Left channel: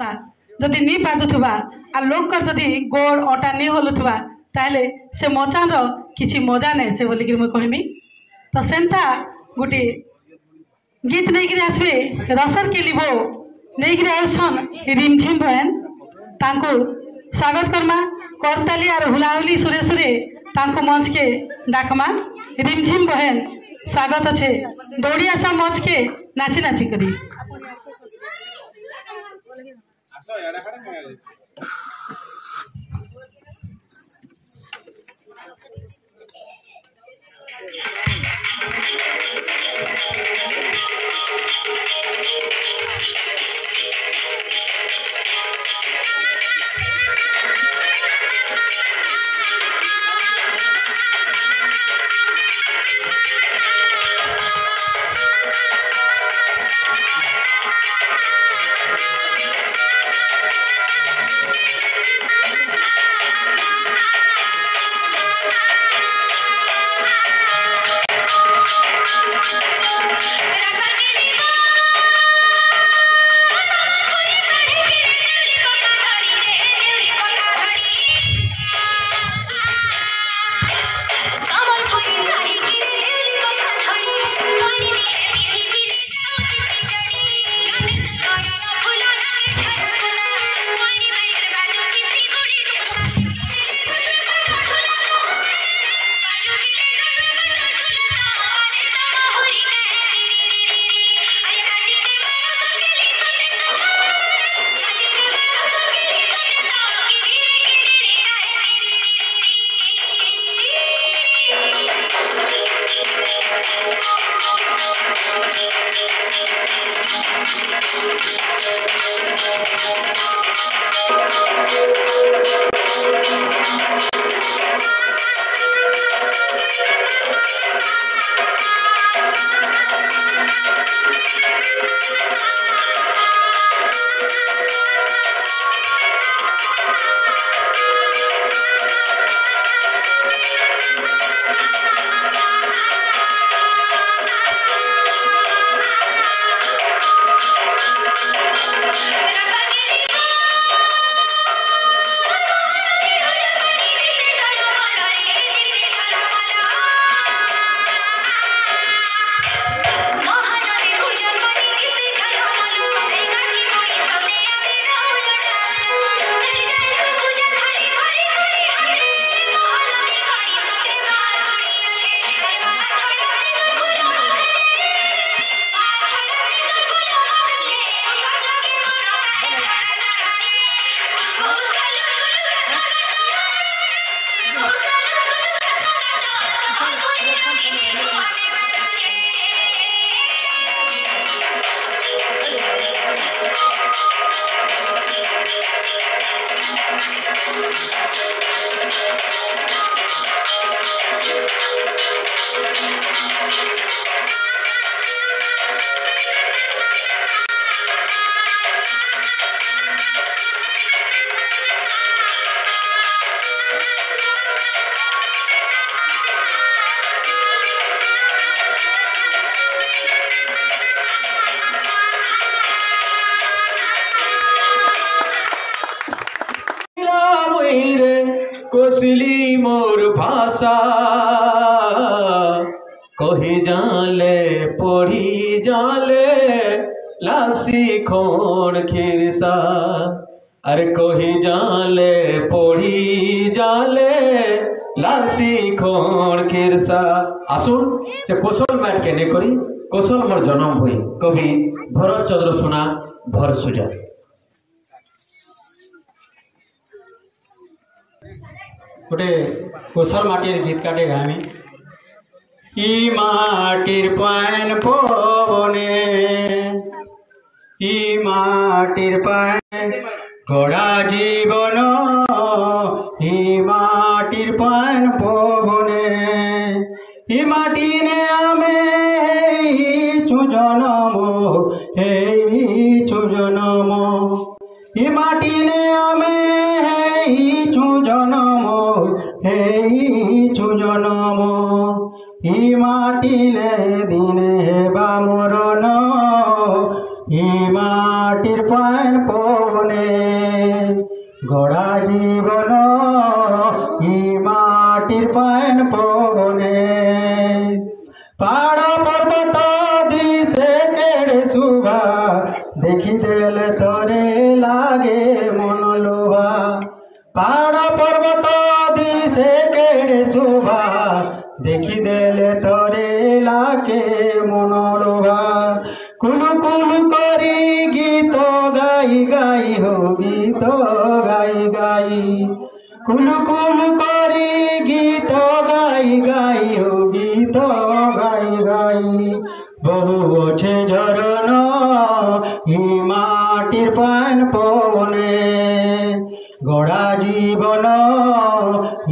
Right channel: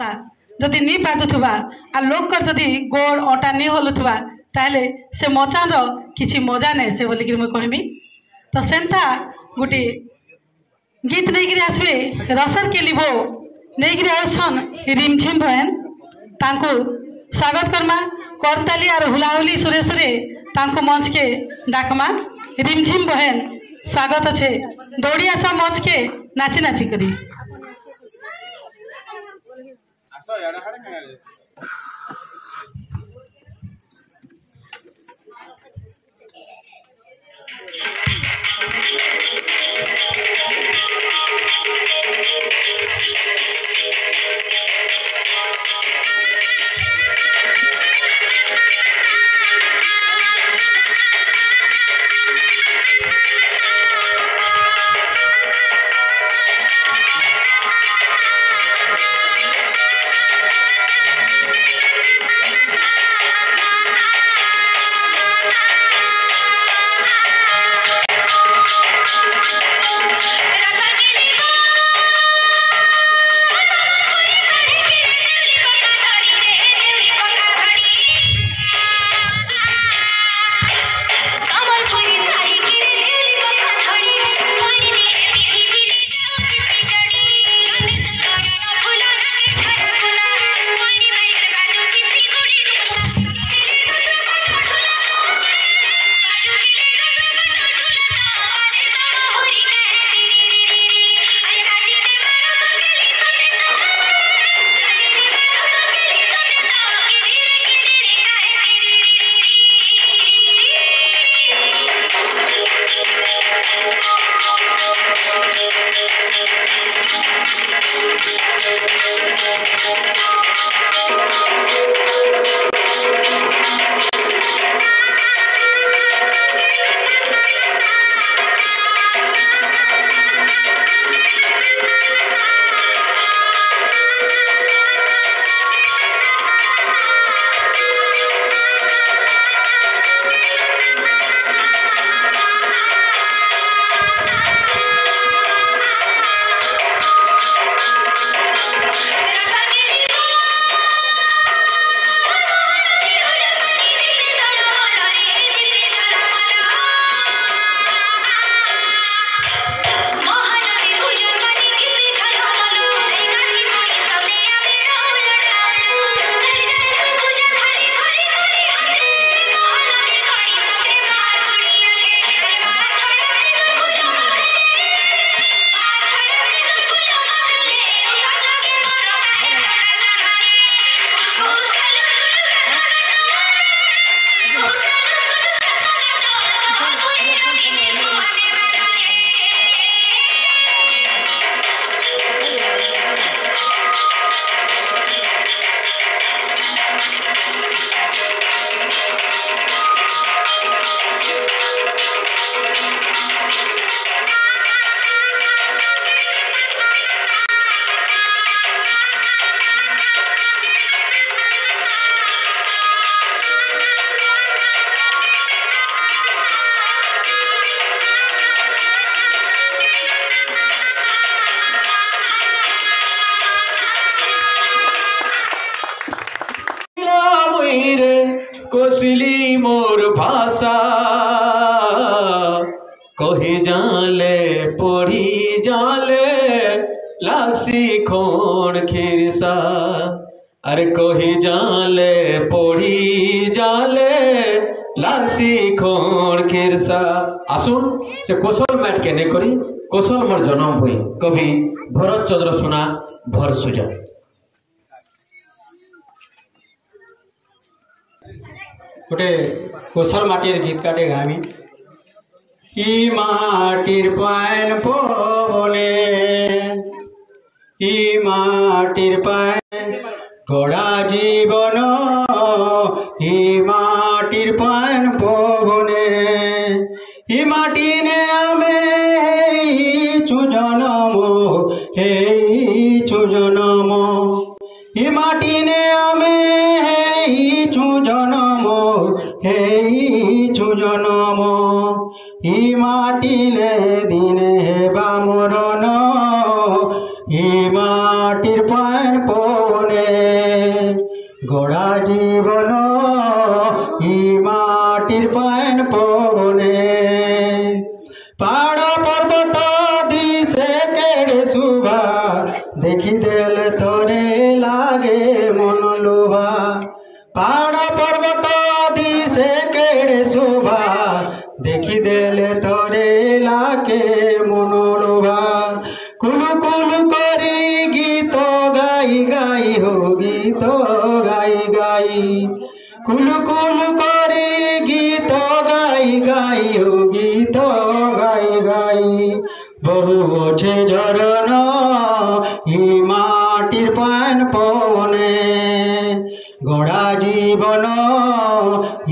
जदि नहीं बाजुवा आ लोक जदि गोड़ अटा नहीं हलुवा ताहले से मचान किसी मजा नहीं से बोलिक मुझे कहमी। तो सेंता गोटे गीत नहीं आसबे रसर के लिबो नहीं आसन रिमझिम बहन तांको स्वागत करमा करताली और हुलाहुली सुरे सुरे तांको मंच के डाकमा। रिमझिम बहन स्वागत अच्छे दौड़ी आसा मंच के नाची नाची करी। कोसली मोर भाषा कही जाले पढ़ी जाले लासी खोण खिरसा अरे कही जाले पढ़ी जाले लासी खोण खिरसा। आसुन से कौशल मैट के करी कौशल मोर जन्म हुई कवि भरत चंद्र सुना भर सुजा। गोटे कोसल माटिर गीत काटे गामी ई माटिर पान पवने ई माटिर पान गड़ा जीवन ई माटिर पान पवने ई माटी ने आमे चुजनम हे चुजनम ई माटी ने आमे चुजनम हे चुजनम ई माटिले दिने हेबा मरण ई माटिर पान पवने গড়া জীবন ই মাটির পান পবনে পাহাড় পর্বত দিশে কেড়ে শুভা দেখি দেলে তোরে লাগে মন লোভা পাহাড় পর্বত দিশে কেড়ে শুভা দেখি দেলে তোরে লাগে মন লোভা কুলু কুলু করে গীত গাই গাই হো গীত গাই গাই কুলু কুলু করে গীত গাই গাই হো গীত গাই গাই বহু আছে ঝরণ ই মাটির পান পবনে গড়া জীবন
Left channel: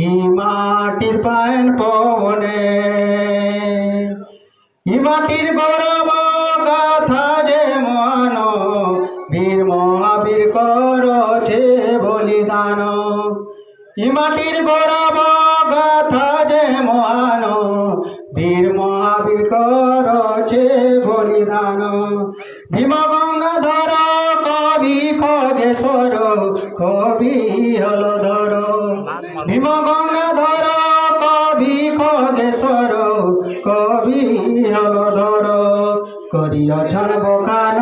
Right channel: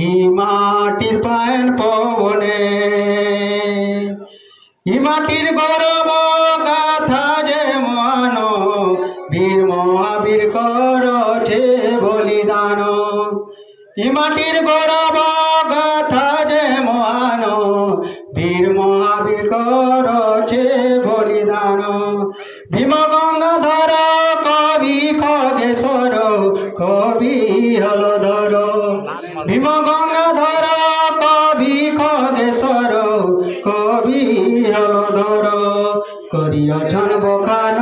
ই মাটির পান পবনে ই মাটির গৌরব গাথা যে মহান বীর মহাবীর করছে বলিদান ই মাটির গৌরব গাথা যে মহান বীর মহাবীর করছে বলিদান ভীম গঙ্গাধর কবি খগেশ্বর কবি হলধর ভীম গঙ্গাধর কবি খগেশ্বর কবি হলধর করিয়াছেন বখান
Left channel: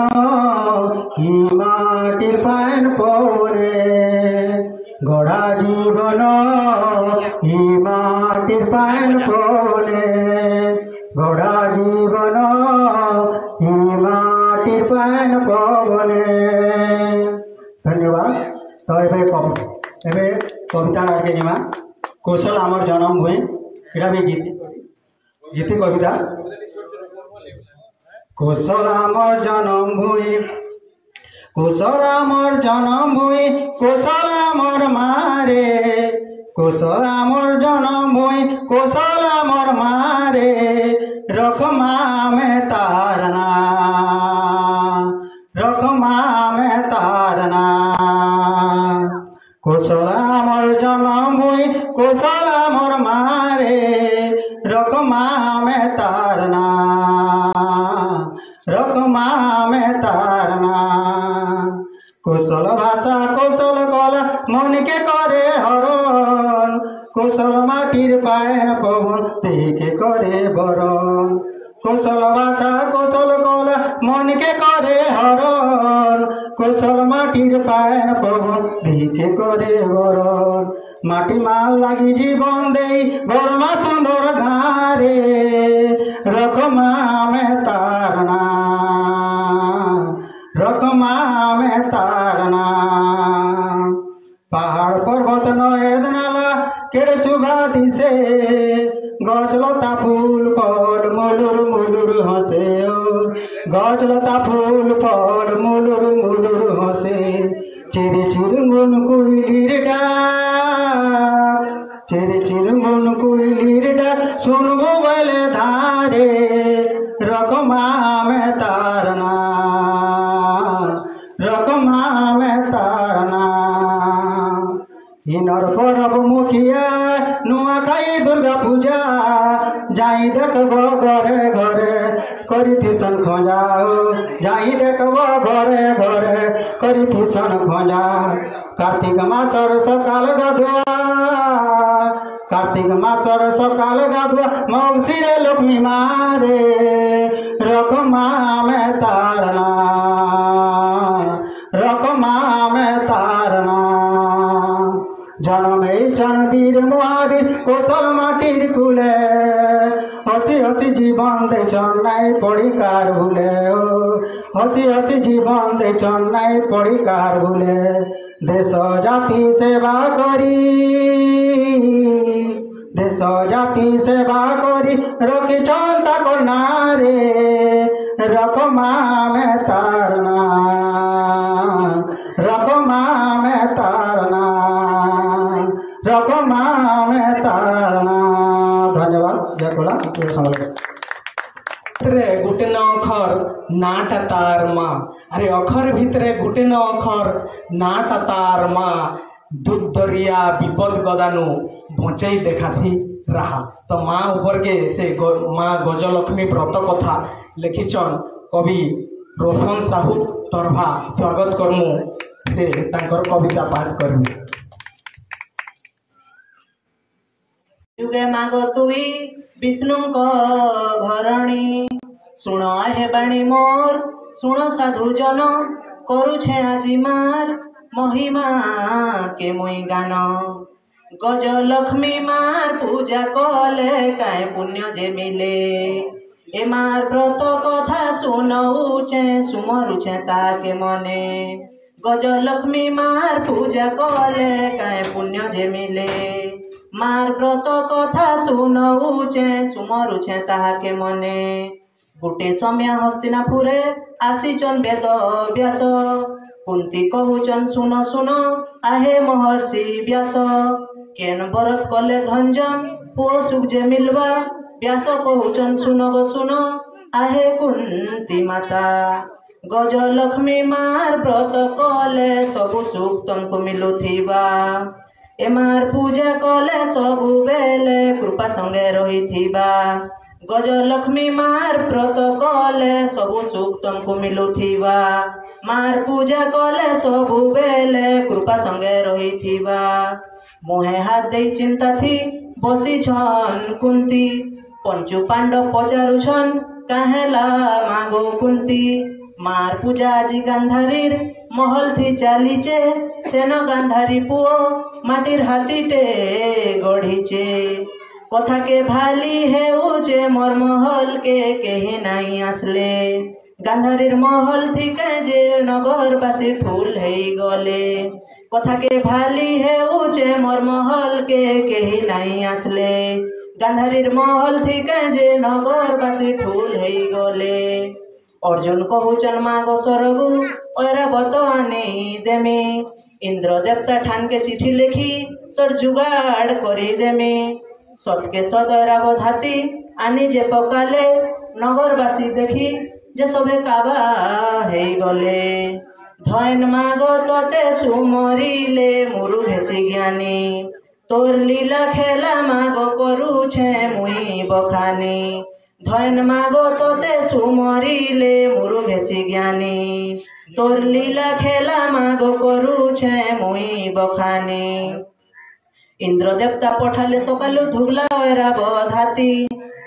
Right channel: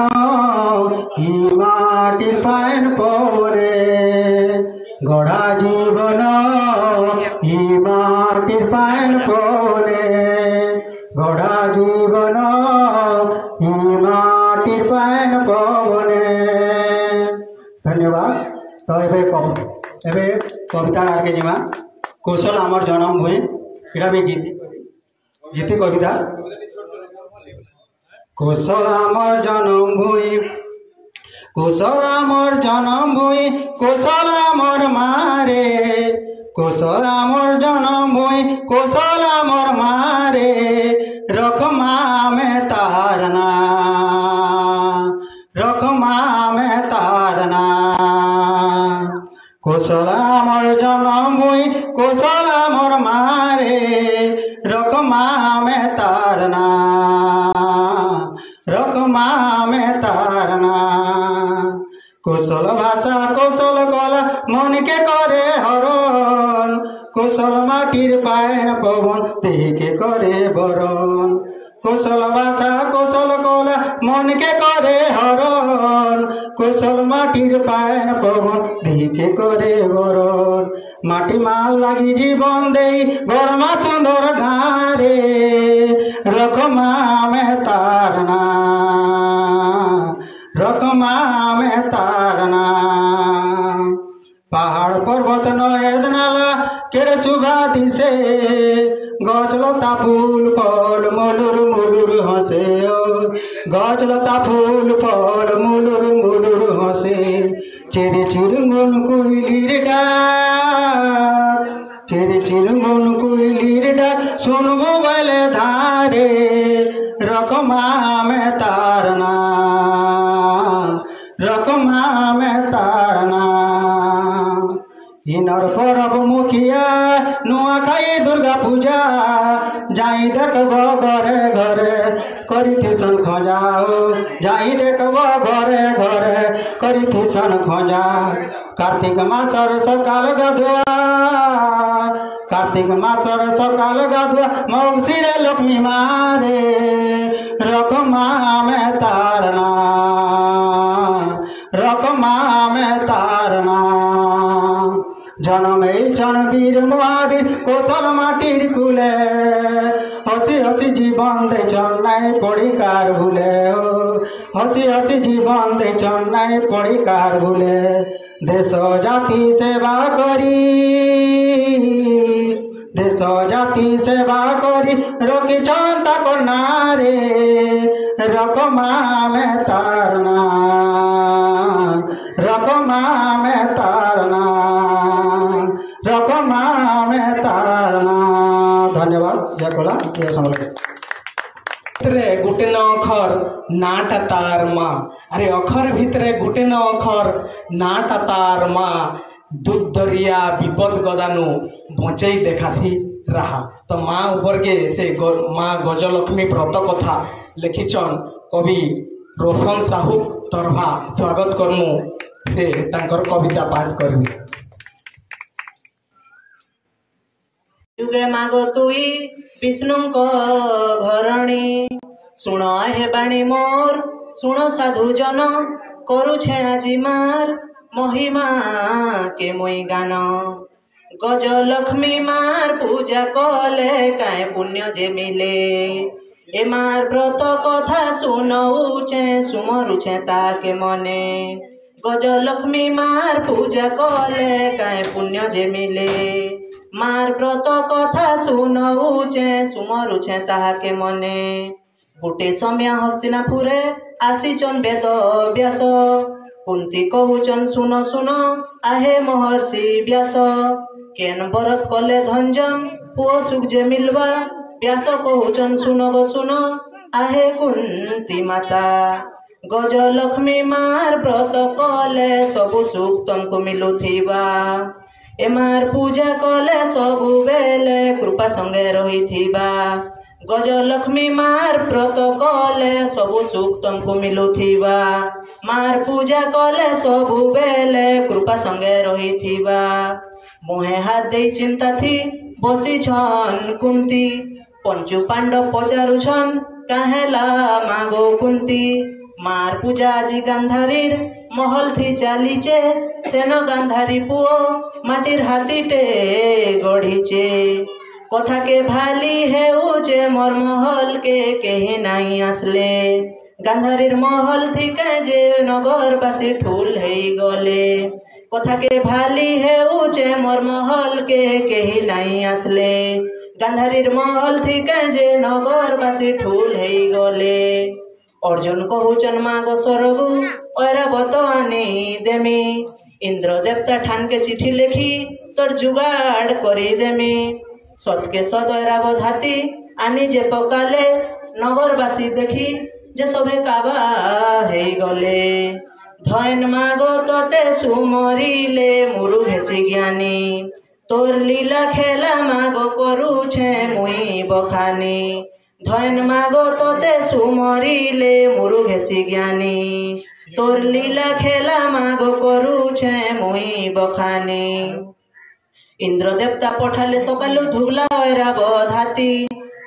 ই মাটির পান পবনে গড়া জীবন ই মাটির পান পবনে গড়া জীবন ই মাটির পান পবনে ধন্যবাদ। তো এবে কবিতা আগে যাবা কৌশল আমার জনম ভূমি এটা বি গীতি কবিতা কৌশল আমার জনম ভূমি কৌশল আমার জনম ভূমি কৌশল আমার মারে কৌশল আমার জনম ভূমি কৌশল আমার মারে রকমা মে তারনা রকমা মে তারনা কৌশল আমার জনম ভূমি কৌশল আমার মারে রকমা মে তারনা রকমা মে তারনা কৌশল ভাষা কৌশল কলা মনকে করে হরণ কৌশল মাটির পায়ের পবন দেহকে করে বরণ কৌশল ভাষা কৌশল কলা মনকে করে হরণ কৌশল মাটির পায়ের পবন দেহকে করে বরণ মাটি মাল লাগি জীবন দেই গরমা সুন্দর ঘারে রকমা মে তারনা রকমা মে তারনা পাহাড় পর্বত নদ নালা কেড়ে চুভা দিছে গছলতা ফুল ফল মুলুর মুলুর হসে গছ লতা ফুল ফল মুলুর মুলুর হসে চিরি চিরুঙ্গুন কুইলির ডাক চিরি চিরুঙ্গুন কুইলির ডাক শুনবো বলে ধারে রকমা মে তারনা রকমা মে তারনা ইনর পরব মুখিয়া নুয়াখাই দুর্গা পূজা যাই দেখব ঘরে ঘরে করিথিসন খোঁজা যাই দেখব ঘরে ঘরে করিথিসন খোঁজা কার্তিক মাসর সকাল গাধুয়া কার্তিক মাসর সকাল গাধুয়া মৌসিরে লক্ষ্মী মারে রকমা মে তারনা রকমা মে তারনা জনমে চন বীর মহাবীর কৌশল মাটির কুলে হসি হসি জীবন দে চন্নাই পড়িকার ভুলে হসি হসি জীবন দে চন্নাই পড়িকার ভুলে দেশ জাতি সেবা করি দেশ জাতি সেবা করি রকি চন্তা কন্যারে রকমা মে তারনা রকমা মে তারনা রকমা মে তারনা। ধন্যবাদ যাকলা এ সময় ভিতরে গোটে ন অক্ষর নাটা তার মা আরে অক্ষর ভিতরে গোটে ন অক্ষর নাটা তার মা দুধ দরিয়া বিপদ গদানু বঁচাই দেখাথি রাহা। তো মা উপরকে সে মা গজলক্ষ্মী ব্রত কথা লিখিছন কবি রোশন সাহু তরভা। স্বাগত করমু। से तांकर कविता पाठ करबे। जुगे माग तुई विष्णु को घरणी सुण हे बाणी मोर सुण साधु जन करुछे আজি मार महिमा के मुई गान गज लक्ष्मी मार पूजा कले काय पुण्य जे मिले ए मार व्रत कथा सुनौचे सुमरुछे ताके मने गज लक्ष्मी मार पूजा कले काय पुण्य जे मिले मार व्रत कथा सुनौचे सुमरुछे ताके मने गोटे समय हस्तिनापुरे आसीचन वेद व्यास कुंती कहूचन सुन सुन आहे महर्षि व्यास केन बरत कले धंजन पुओ सुख जे मिलवा व्यास कहूचन सुन गो सुन आहे कुंती माता गज लक्ष्मी मार व्रत कले सबु सुख तुमको मिलुथिबा एमार पूजा कले सबु बेले कृपा संगे रहिथिबा गज लक्ष्मी मार व्रत कले सबु सुख तुमको मिलुथिबा मार पूजा कले सबु बेले कृपा संगे रहिथिबा मोहे हाथ दे चिंता थी बसी छन कुंती पंचु पांडव पचारुछन काहेला मागो कुंती मार पूजा जी गांधारीर महल थी चालीचे सेन गांधारी पुओ माटिर हाथीटे गढ़ीचे कथा के भाली है उचे मोर महल के कहीं नहीं आसले गांधारीर महल थी जे नगरवासी ठूल है गले कथा के भाली है उचे मोर महल के कहीं नहीं आसले गांधारीर महल थी जे नगरवासी ठूल है गले अर्जुन कहूचन मागो सरगु ऐरावत आने देमी इंद्र देवता ठान के चिठी लिखी तोर जुगाड़ करी देमी सबके सद ऐरावत हाथी आनी जे पकाले नगरवासी देखी जे सभे काबा हे गले धन मागो तोते सुमरिले मुरु घेसी ज्ञानी तोर लीला खेला मागो करू छे मुई बखानी धन मागो तोते सुमरिले मुरु घेसी ज्ञानी तोर लीला खेला मागो करू छे मुई बखानी इंद्र देवता पठाले सकालु धुबला ऐरावत हाथी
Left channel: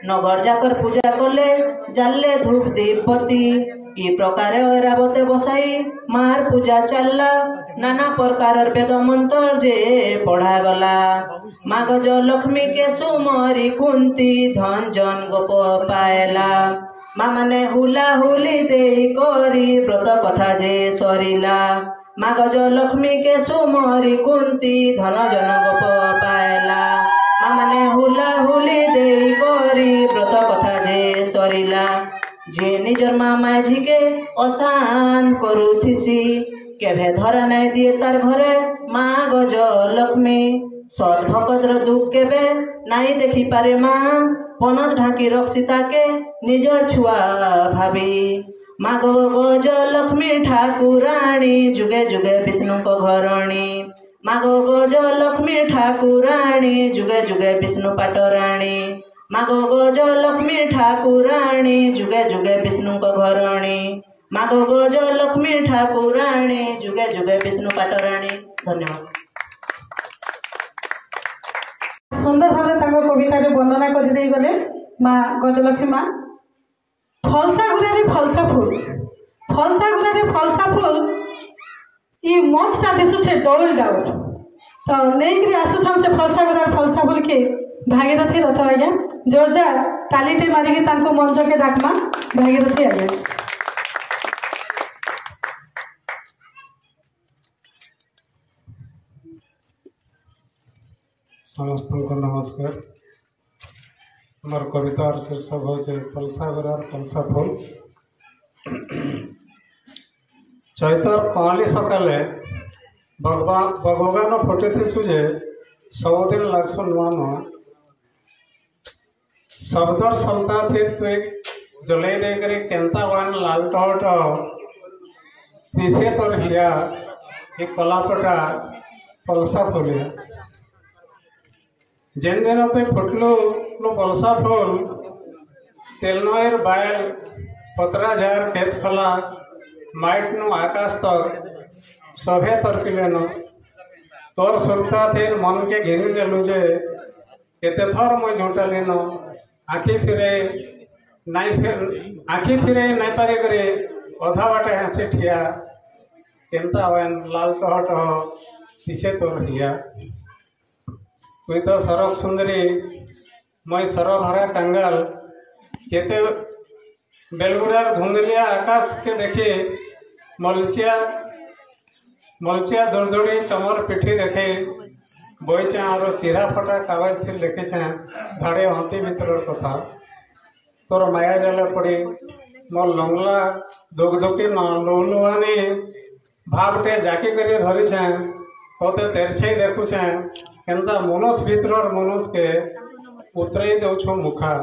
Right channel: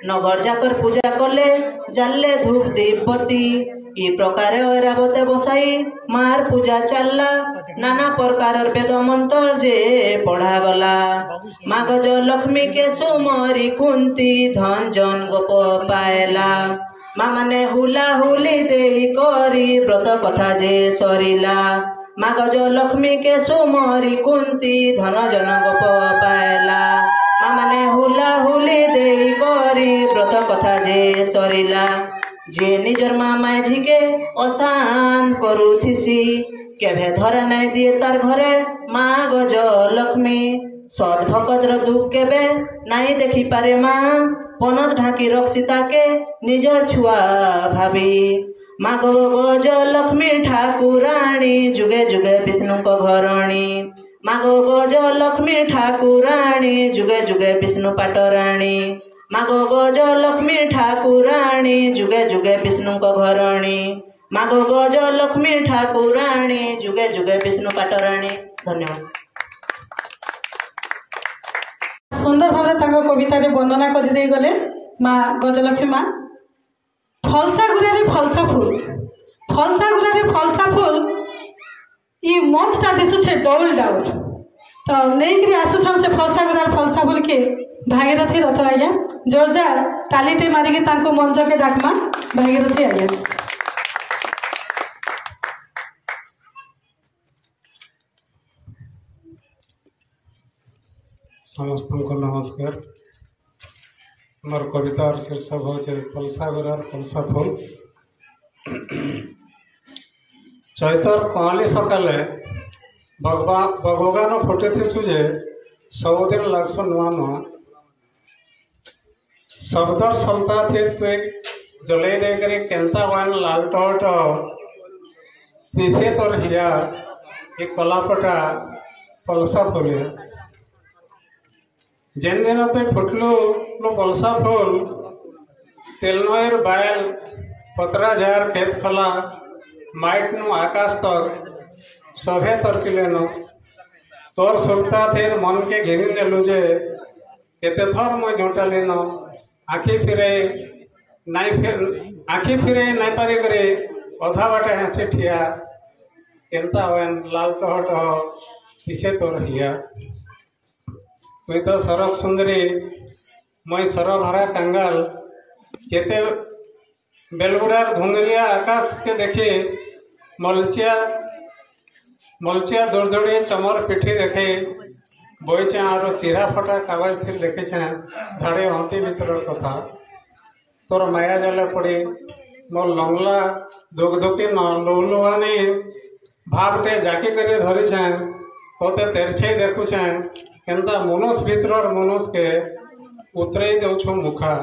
नगर जाकर पूजा कले जाले धूप दीपति ई प्रकार ऐरावते बसाई मार पूजा चलला नाना प्रकार वेद मंत्र जे पढ़ा गला मागज लक्ष्मी के सुमरी कुंती धन जन गोप पाएला माँ माने हुला हुली देई करी व्रत कथा जे सरिला मागज लक्ष्मी के सुमरी कुंती धन जन गोप पाएला माँ माने हुला हुली देई करी व्रत कथा जे सरिला जे निजर माँ माझी के अशांत करुथिसी केभे धरा नहीं दिए तार घरे माँ गज लक्ष्मी सत भकतर दुख केबे नहीं देखी पारे माँ पनत ढाकी रखसी ताके निजर छुआ भाभी माँ गो गज लक्ष्मी ठाकुराणी जुगे जुगे विष्णु को घरणी माँ गो गज लक्ष्मी ठाकुराणी जुगे जुगे विष्णु पाटराणी माँ गो गज लक्ष्मी ठाकुराणी जुगे जुगे विष्णु को घरणी माँ गो गज लक्ष्मी ठाकुराणी जुगे जुगे विष्णु पाटराणी। धन्यवाद। सुंदर भाव कविता वर्णना कर गले माँ गजलक्ष्मी माँ फलसा गुड़े फलसा फूल फलसा फूल ये मंचटा दिशुचे डौल डाउल तो नहीं आसुछन से फलसा गुड़ा फलसा फूल के भागीरथी रथ आज्ञा जोरजार तालीटे मारिकी मंच के डाकमा भागीरथी आज्ञा। समस्त को नमस्कार। मोर कवितार शीर्षक हूँ फलसा गुड़ा फलसा फूल। चैतर पहली सकाले बगबान फुटे थी जे सबुदिन लगस नुआ नुआ शब्द सलता थे तो जलई देकर केन्ता बान लाल टहट तीसे तोर हिया एक कलापटा फलसा फूलिया जेन दिन पे फुटलू फलसा फूल तेलनर बायल पतरा जार खेत खला माइट नु आकाश तक सभे तर्किले न तोर सुरता थे मन के घेरी नेलु जे केते थर मैं झूठाली न आखि फिरे नहीं पारी करे अधा बाटे हंसी ठिया केनता होन लाल टहट किसे तोर हिया तुई तो सरक सुंदरी मैं सर भरा कंगाल केते बेलगुड़ार धुंधलिया आकाश के देखे मलचिया दौड़ दौड़ी चमर पिठी देखे बईचे और चिरा फटा कागज थी देखे धाड़े हंती भर कथा तोर माया जाले पड़ी मोर लंगला दुखदुखी लुलुहानी भावटे जाकी कर धरी कते तेरछे देखुछे केनता मनुष्य भीतर मनुष्य के उतरे दौ मुखा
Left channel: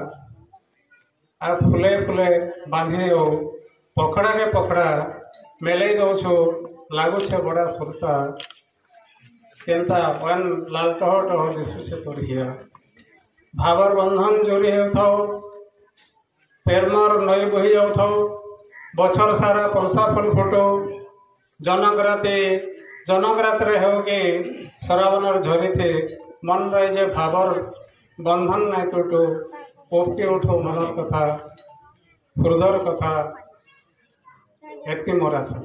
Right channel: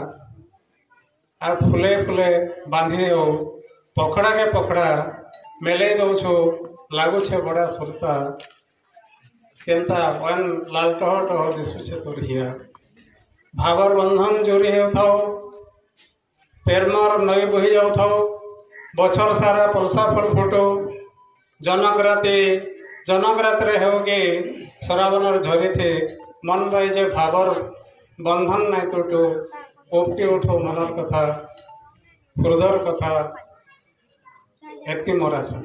आ फुले फुले बांधी दो पकड़ा के पकड़ा मेले दौ लगुचे बड़ा सुरता केनता वन लाल टह टह दिशुचे तोर हिया भावर बंधन जोरी हो पेरमार नई बही जाऊ बचर सारा पलसा फुल फुटो जनक रे होगी श्रावणर झरी थी मन रही जे भावर बंधन नहीं टूटो ओपटी उठो मनर कथा हृदय कथा एतकी मोर आशा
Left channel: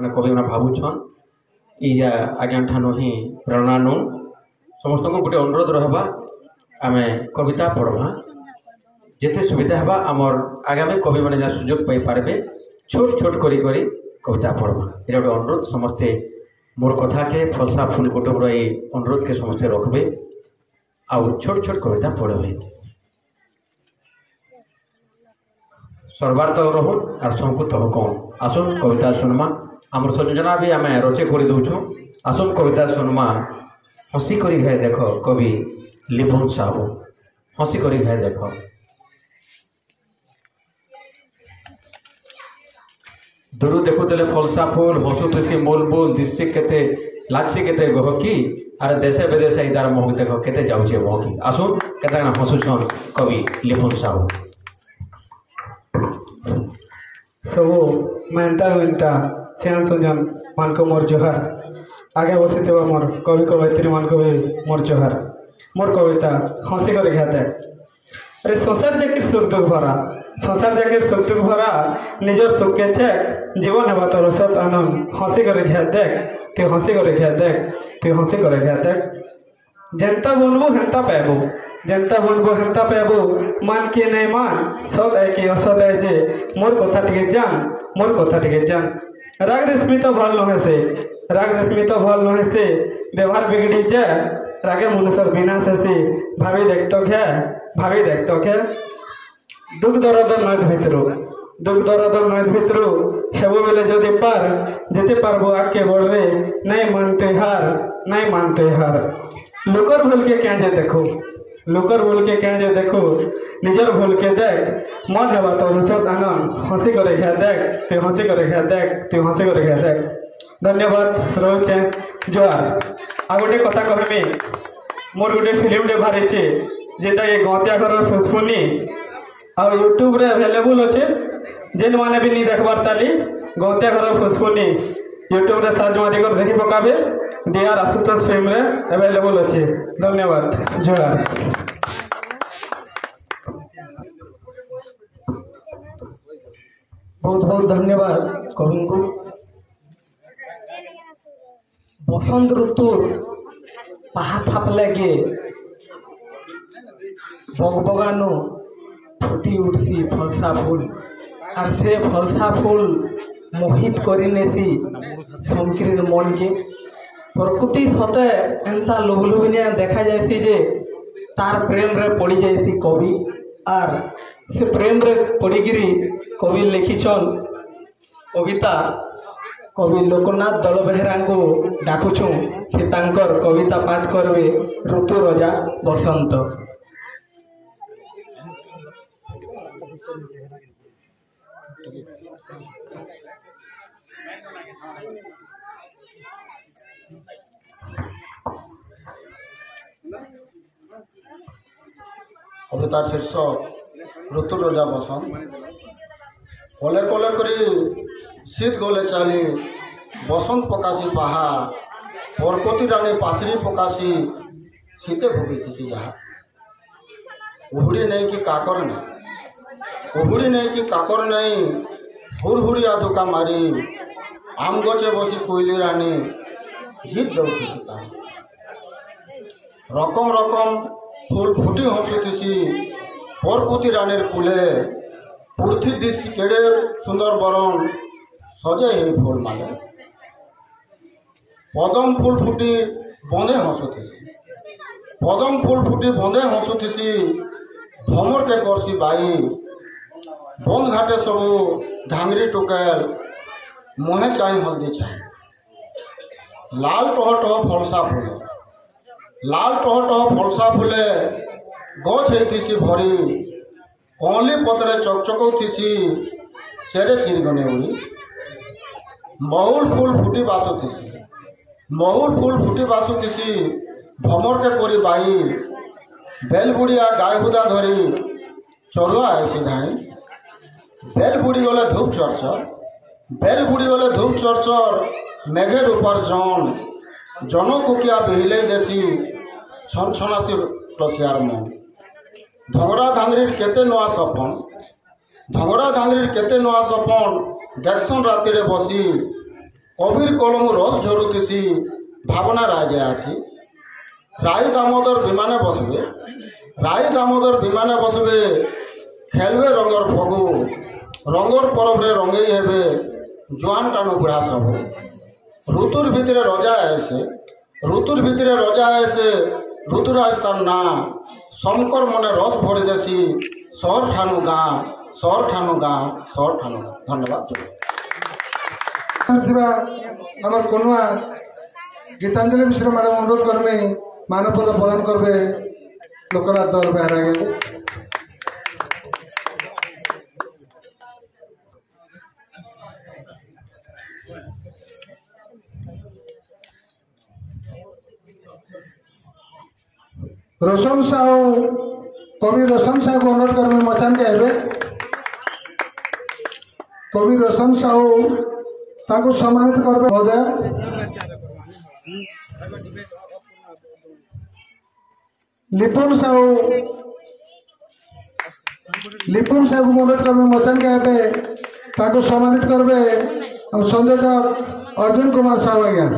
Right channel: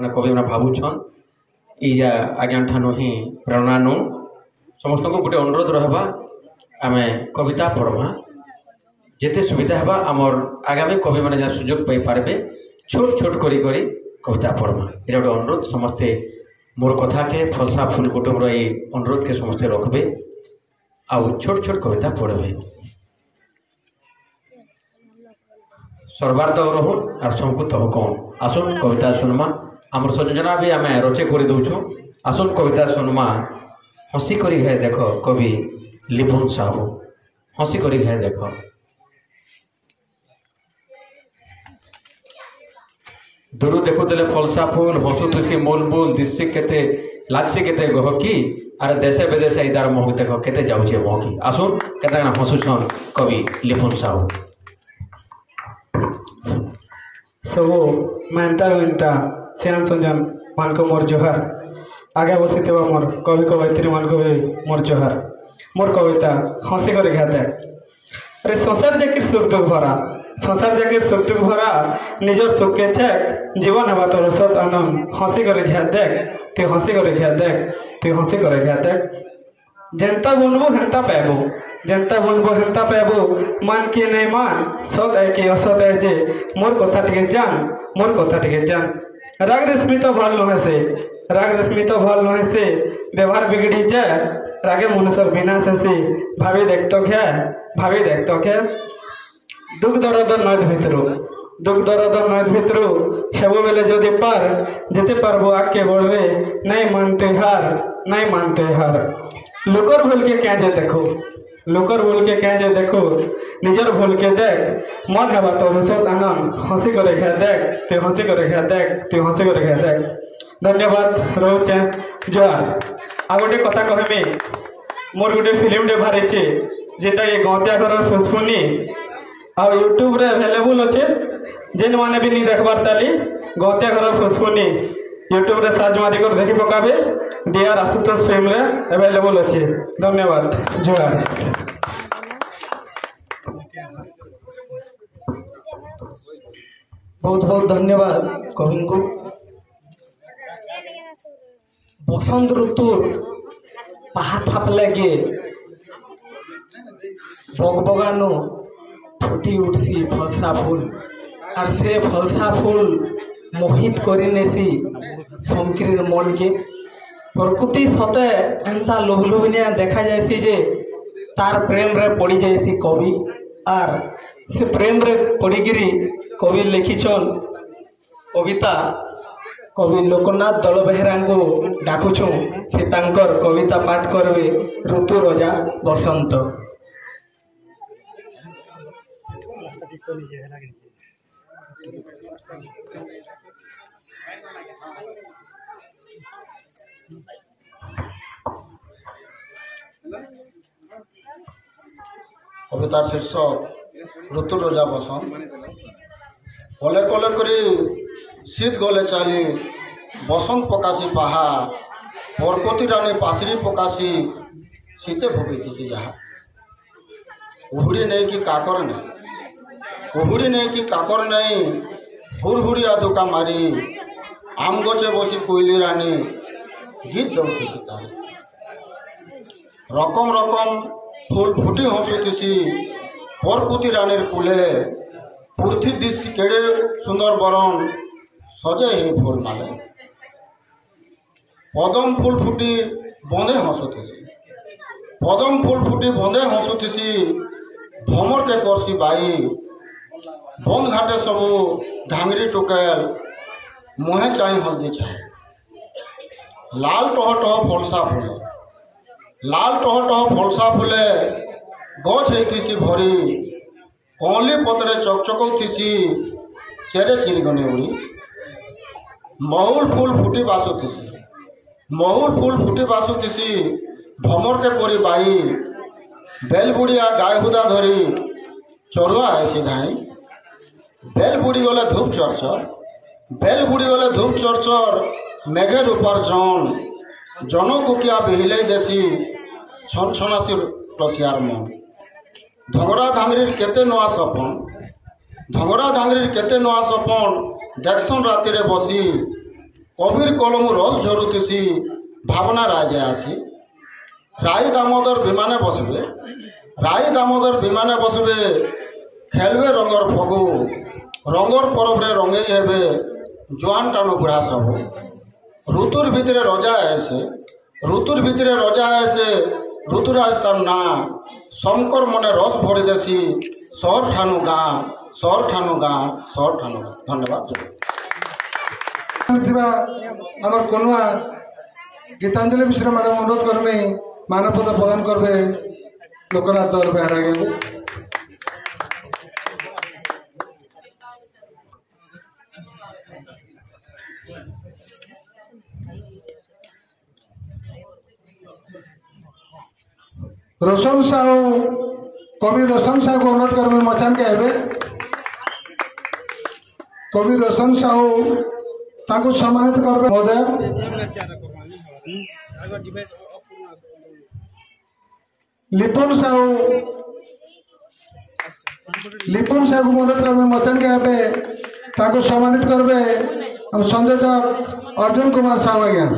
कवि मैंने भावुन या आज्ञा ठानु ही प्रेरणा नु समस्त को गोटे अनुरोध रहा आम कविता पढ़वा जिते सुविधा हवा आमर आगामी कवि मैंने जहाँ सुजोग पाइपारे छोट छोट करी कविता पढ़वा ये गोटे अनुरोध समस्ते मोर कथा के फलसा फूल कुटुम अनुरोध के समस्ते रखबे आउ छोट छोट कविता पढ़बे सर्वार्थ रहू आर सबको तब कम आसन कविता सुनमा आमर संयोजना भी आम रचे कर दौचु आसन कविता सुनमा हसी करी है देख कवि लिभुन साहू हसी करी है देख दूर देखुले फलसा फूल हसुसी मूल बुल दिशी के लागसी के गहकी आर देशे विदेशे इदार महक देख के जाऊे महकी आसुन के हसुछन कवि लिभुन साहू सबू मेहनता मेहनता श्याम संजन मान को मोर जोहार आगे बसी मोर कवि कवयित्री मान को भी मोर जोहार मोर कविता हसी कर घाते अरे संसार जाकर सुख दुख भरा संसार जाकर सुख दुख भरा निजर सुख के चेक जीवन हवा तो रसत आनंद हसी कर घा देख तु हसी कर घा देख तु हसी कर घा देख जनता बुनबो हेंता पाबो जनता बुनबो हेंता पाबो मान किए नहीं मान सत है कि असत है जे मोर कथा टिके जान राग रेशमी तो भल नुहे से राग रेशमी तो भल नुहे से व्यवहार बिगड़ी जाए रागे मनुष्य विनाश से भावी देखत क्या दुख दरद नद भितर हेबो बेले जदि पार जेते पारबो आगे बढ़वे नहीं मानते हार लोकर भूल के क्या जे देखो निजर भूल के देख मन हवा तो रसत आनंद हसी कर घा देख तु हसी कर घा देख धन्यवाद रोचे जोहार आ गोटे कथा कहमी मोर गोटे फिल्म टे बाहरी जेटा ये गौतिया घर फुसफुनी आ यूट्यूब रे अवेलेबल अच्छे जेन माने भी नहीं देखबार ताली गौतिया घर फुसफुनी यूट्यूब रे सर्च मारी कर देखी पकाबे डीआर आशुतोष फिल्म रे अवेलेबल अच्छे धन्यवाद जोहार बहुत बहुत धन्यवाद कवि को बसंत ऋतु पाहा थाप लगे बगबगानु फुटी उठसी फलसा फूल और से फलसा फूल मोहित करिनेसी शंकर मन के प्रकृति सते एंता लोभलोभनिया देखा जायसी जे तार प्रेम रे पड़ी जायसी कवि और से प्रेम रे पड़ीगिरी कवि लिखिछन कविता कवि लोकनाथ दल बेहरा को डाकुछु से तांकर कविता पाठ करबे ऋतु रजा बसंत कवितार शीर्षक ऋतु रजा बसंत कले कले करी শীত গলে চালি বসন্ত পকাশি পাহা পরপতি রানী পাশরি পকাশি শীতে ভুগিছি যাহা উহুড়ি নেই কি কাকর নেই উহুড়ি নেই কি কাকর নেই হুড়হুড়িয়া ধোকা মারি আম গছে বসি কুইলি রানী গীত দৌড়িছি তাহা রকম রকম ফুল ফুটি হসুতিছি পরপতি রানীর কুলে পূর্থি দিছি কেড়ে সুন্দর বরণ সজে হে ফুল মালে পদম ফুল ফুটি বঁধে হসুতিছি পদম ফুল ফুটি বঁধে হসুতিছি ভ্রমরকে করছি বাই বন্ধ ঘাটে সবু ঘাঙরি টুকেল মুহে চাই হলদি চাই লাল টহ টহ ফলসা ফুলে লাল টহ টহ ফলসা ফুলে গছ হইতিছি ভরি কঁলি পত্রে চকচকৌথিছি চেরে চিরিগনে উড়ি মহুল ফুল ফুটি বাসুথিছি মহুল ফুল ফুটি বাসুথিছি ভ্রমরকে করি বাই বেলগুড়িয়া গায়ে হুদা ধরি চড়ুয়া আইসি ধাই বেলগুড়ি গলে ধূপ চরচর বেলগুড়ি গলে ধূপ চরচর মেঘের উপার্জন জনকুকিয়া বিহিলেই দেশি ছনছনাসি রসিয়ার মন ধংরা ধাংরির কেতে নয়া সপন ধংরা ধাংরির কেতে নয়া সপন দেখছন রাতিরে বসি কবির কলম রস ঝরুতিছি ভাবনা রাজে আসি রায় দামোদর বিমানে বসবে রায় দামোদর বিমানে বসবে খেলবে রঙর ফগু রঙর পরবরে রঙেই হেবে জোয়ান টানু বুড়া সব ঋতুর ভিতরে রজা এসে ঋতুর ভিতরে রজা এসে ঋতুরাজ তার না শঙ্কর মনে রস ভরি দেশি শহর ঠানু গাঁ শহর ঠানু গাঁ শহর ঠানু গাঁ ধন্যবাদ আমার কন্যা গীতাঞ্জলি মিশ্র ম্যাডাম অনুরোধ করবে মানবপদ প্রদান করবে লোকনাথ দৌড় বেহারাগে रोशन साहू कवि रोशन साहू को अनुरोध करने मचान के आए कवि रोशन साहू ताको सम्मानित करबे महोदय लिपुन साहू को अनुरोध करबे मचान के आए ताको सम्मानित करबे संदेश अर्जुन कुमार साहू आज्ञा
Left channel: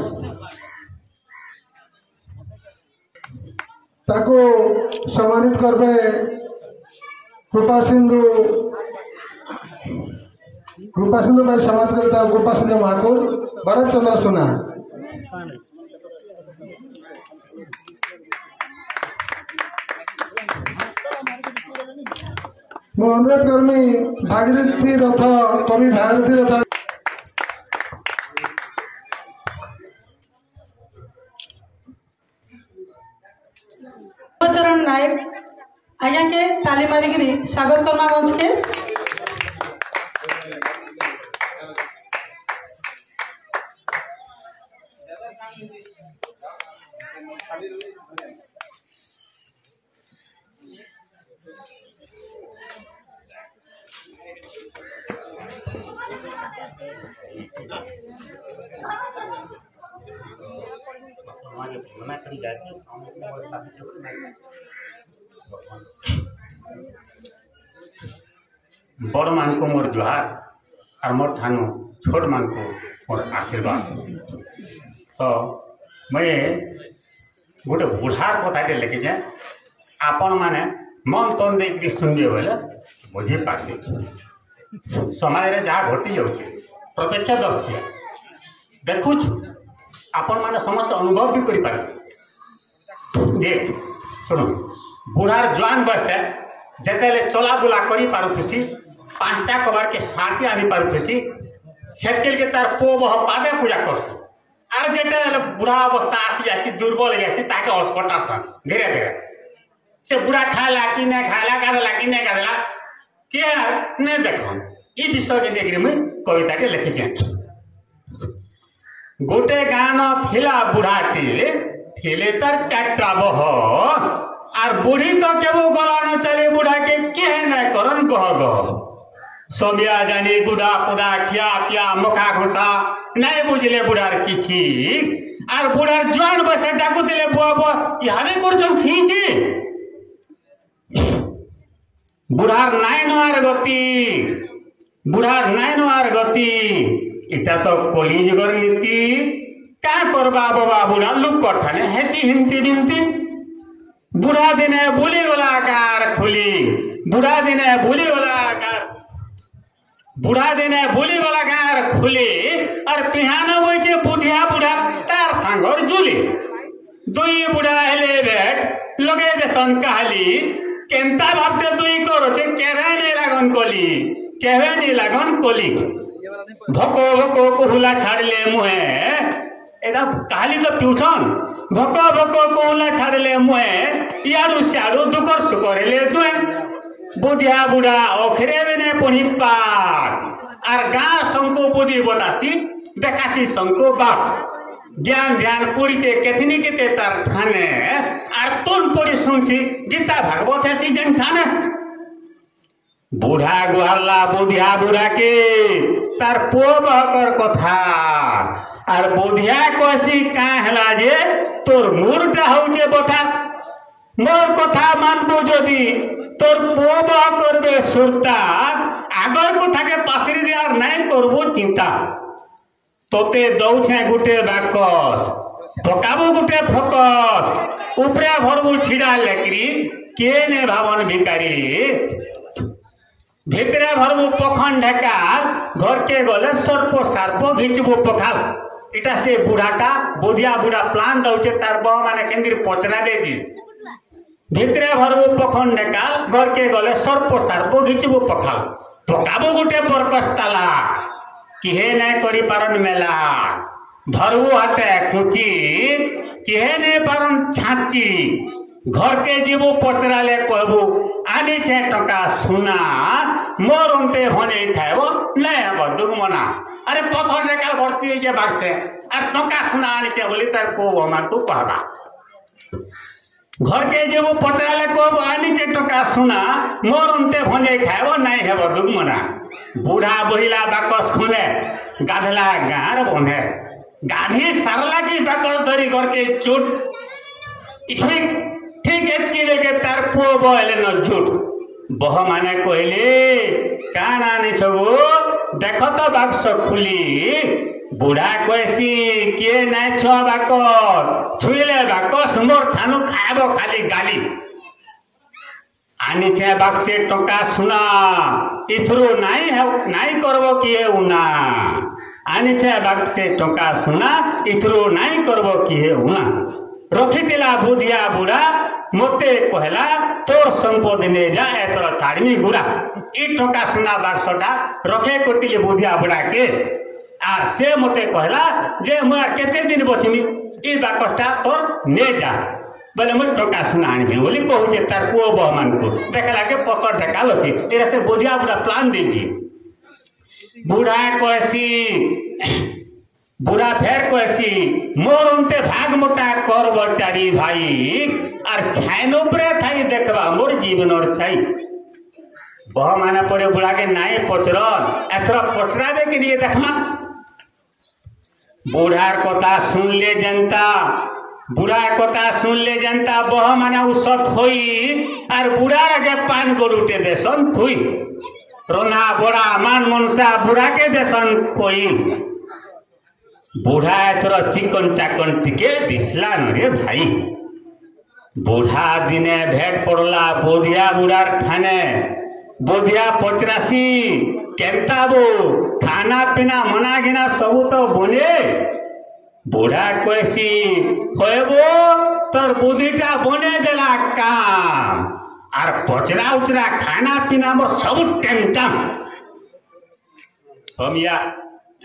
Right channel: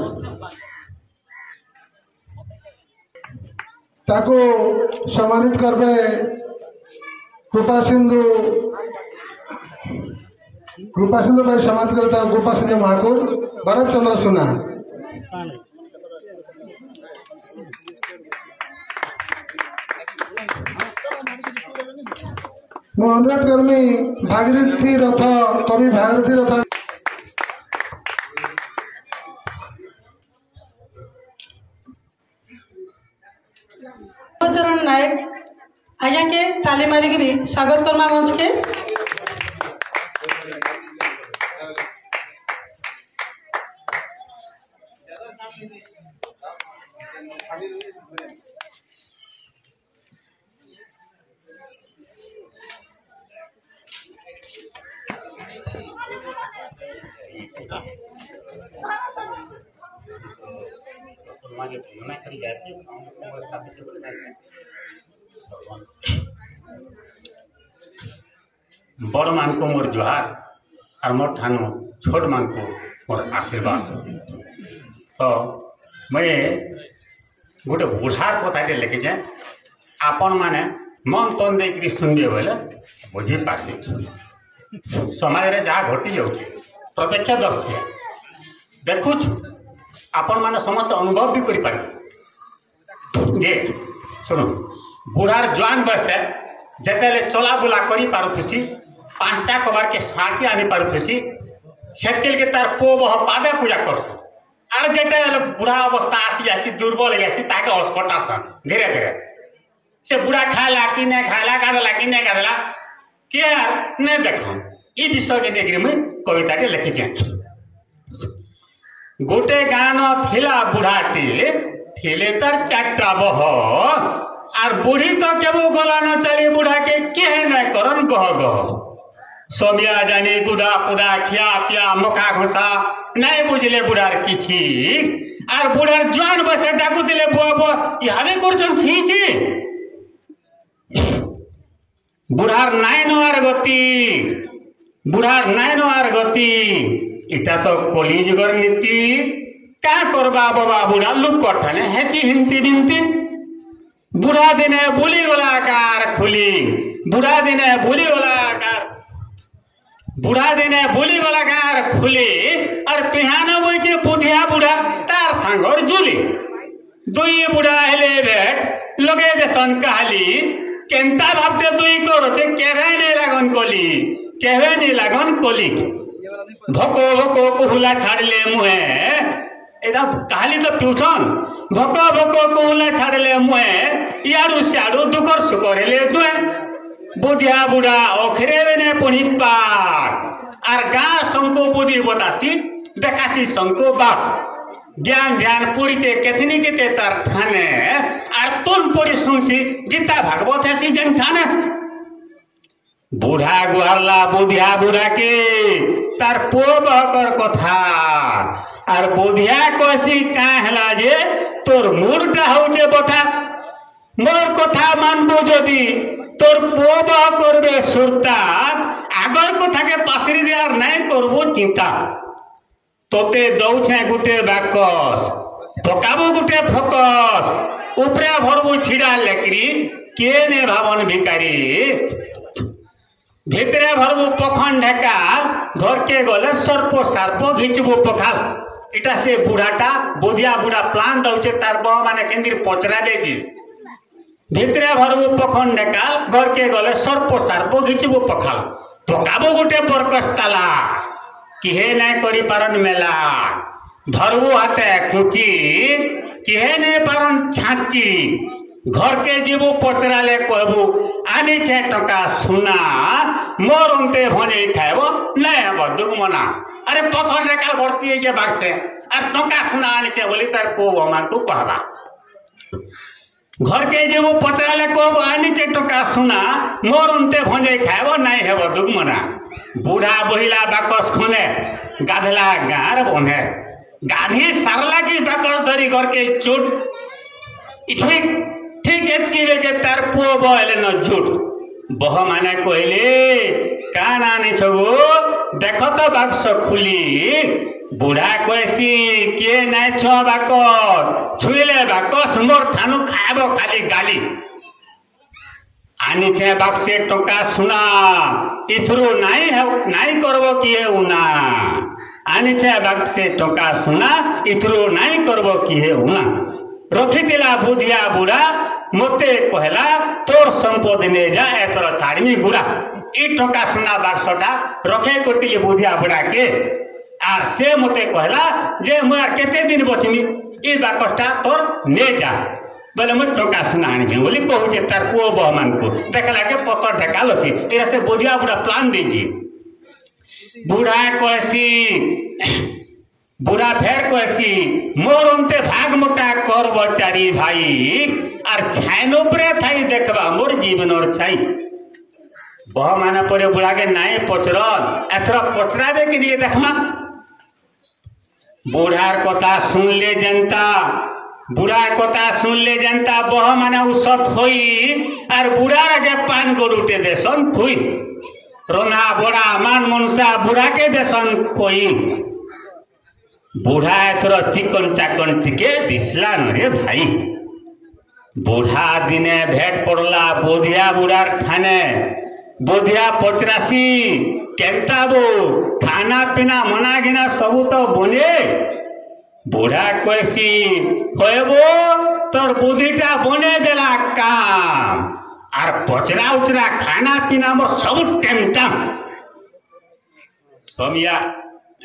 ताको सम्मानित करबे कृपा सिंधु भाई सम्मानित करता कृपा सिंधु महाकुर भरत चंद्र सुना मु अनुरोध करमी भागीरथी रथ कवि भागीरथी रथ चरण नायक आज्ञा के ताली मारिकी स्वागत करमा मंच के बड़ मान को मोर जुहार और मोर ठानु छोट मान को मोर आशीर्वाद। तो मैं गोटे बुढ़ार कथाटे लिखिचे आपण मैंने मन तन दे सुनबे बोले बुझी पार्बे समाज रे जहाँ घटी जाऊँगी प्रत्यक्षदर्शी देखुच आपण मैंने समस्त अनुभव भी करि पारे जे सुनो बुढ़ार जवान बसे जेतेले चला बुला करि पारुथि पांचटा कबाड़ के साथी आनी पारुथि सेतिल के तार पो बह पादे पूजा करस आर जेते बुढ़ा अवस्था आसी आसी दुर्बल गेसी ताके अस्पताल सन धीरे धीरे से बुढ़ा खाला कि नहीं खाला गादला कि नहीं गादला के नहीं देखो ई विषय के देखिए मैं कविता के लिखी गोटे गान थिला बुढ़ाटी थिले तार चारटा बह आर बुढ़ी तो केबो गला न चले बुढ़ा के किए नहीं करन गह गह समिया जानी गुदा पुदा खिया पिया मका घोषा नहीं बुझले बुढ़ार किछि आर बुढ़ार जवान बसे डाकू दिले बुआ बुआ इहाने करछन फीची बुढ़ार नाई नोआर गति बुढ़ार नाई नोआर गति इटा तो कली जुगर नीति क्या करबा बाबा बुढ़ा लुक कठाने हेसी हिमती दिमती बुढ़ा दिने बुली गला कार खुली बुढ़ा दिने बुली गला कार बुढ़ा दिने बुली गला कार खुली और पिहाना होइछे बुढ़िया बुढ़ा तार सांगर जुली दुई बुढ़ा हेले बेट लगे देसन कहली केंता भाबते दुई करछे केवे नै लागन कली केवे नै लागन कली भको भको कुहुला छाड़ले मुहे एदा कहली तो ट्यूशन भको भको कुहुला छाड़ले मुहे यारू सियारू दुकर सुकर हेले दुए बुढ़िया बुढ़ा ओखरे ने पढ़ी पार आर गाँ संको बुद्धि बतासी देखासी संको बाप ज्ञान ध्यान पुरीचे केतनी केते तार ठाने आर तुल पड़ी सुनसी गीता भागवत हेसी जन ठाने बुढ़ा गुहारला बुढ़िया बुढ़ा के तार पो बहकर कथा आर बुढ़िया कसी का हला जे तोर मुरटा होचे बथा मोर कथा मानबो जदि तोर पो बह करबे सुरता आगर कथा के पासरी दियार नहीं करबो चिंता तोते दौछे गुटे बाकस पकाबो गुटे फकस उपरे भरबो छिड़ा लेकरी के ने भावन भिकारी भितरे भरबो पखन ढेका घर के गले सर्प सार्प घिचबो पखाल इटा से बुढ़ाटा बुढ़िया बुढ़ा प्लान दौचे तार बह माने केंद्र पचरा देजी भितरे भरबो पखन ढेका घर के गले सर्प सार्प घिचबो पखाल पकाबो गुटे बरकस ताला किहे नहीं करी पारन मेला धरबो हाथे कुची किहे नहीं पारन छाची घर के जीवो पचराले कहबो आनी छे टका सुना मोर उनते होने खाइबो नहीं हबो दुगमना अरे पथर रेखा भर्ती है जे बाक्से आ टका सुना आनी छे बोली तार को बमा तू कहबा घर के जीवो पचराले कहबो आनी छे टका सुना मोर उनते होने खाइबो नहीं हबो दुगमना बुढ़ा बहिला बाकस खने गाधला गार बने गाधी सारला की बाकस धरी करके चोट ठीक ठीक एतकी बेके तार पुओ बहले न झूठ बह माने कहले कान आने छगो देख तो बाक्स खुली बुढ़ा कहसी के नाय छ बाकस छुइले बाकस मोर ठानु खाबो खाली गाली आनी छे बाक्से टका सुना इथरो नाई करबो किए उना आनी छे बाक्से टका सुना इथरो नाई करबो किए उना रखी दिला बुढ़िया बुढ़ा मोते कहला तोर संपत्ति ने जा एतर छाड़मी गुड़ा ई टका सुना बाक्सटा रखे कोटिले बुढ़िया बुढ़ा के आ से मोते कहला जे मोर केते दिन बचमी ई बाक्सटा तोर ने जा बोले मुझे टका सुना आनी बोली कहूचे तार पुओ बह मान को देखला के पत्थर ढेकाल थी तेरा से बुढ़िया बुढ़ा प्लान दीजिए बुढ़ा कहसी बुढ़ा फेर कहसी मोर उनते भाग मोटा कर बचारी भाई आर छाइनो परे थाई देखबा मोर जीवन और छाई बह माने परे बुढ़ा के नाई पचरल एथरा पचराबे के लिए देखना बुढ़ार कथा सुन ले जनता बुढ़ा कथा सुन ले जनता बह माने उसत होई और बुढ़ा के पान गरुटे देसन थुई रोना बड़ा मान मनसा बुढ़ा के देसन कोई बुढ़ा एथर चिकन चाकन टिके दिसला न रे भाई बुढ़ा दिने भेट पड़ला बोधिया बुढ़ार ठाने बोधिया पचरासी केंता बो खाना पीना मना घिना सबू तो बने बुढ़ा कहसी कहबो तोर बुद्धिटा बने देला काम आर पचरा उचरा खाना पीना मोर सब टेमटाम समिया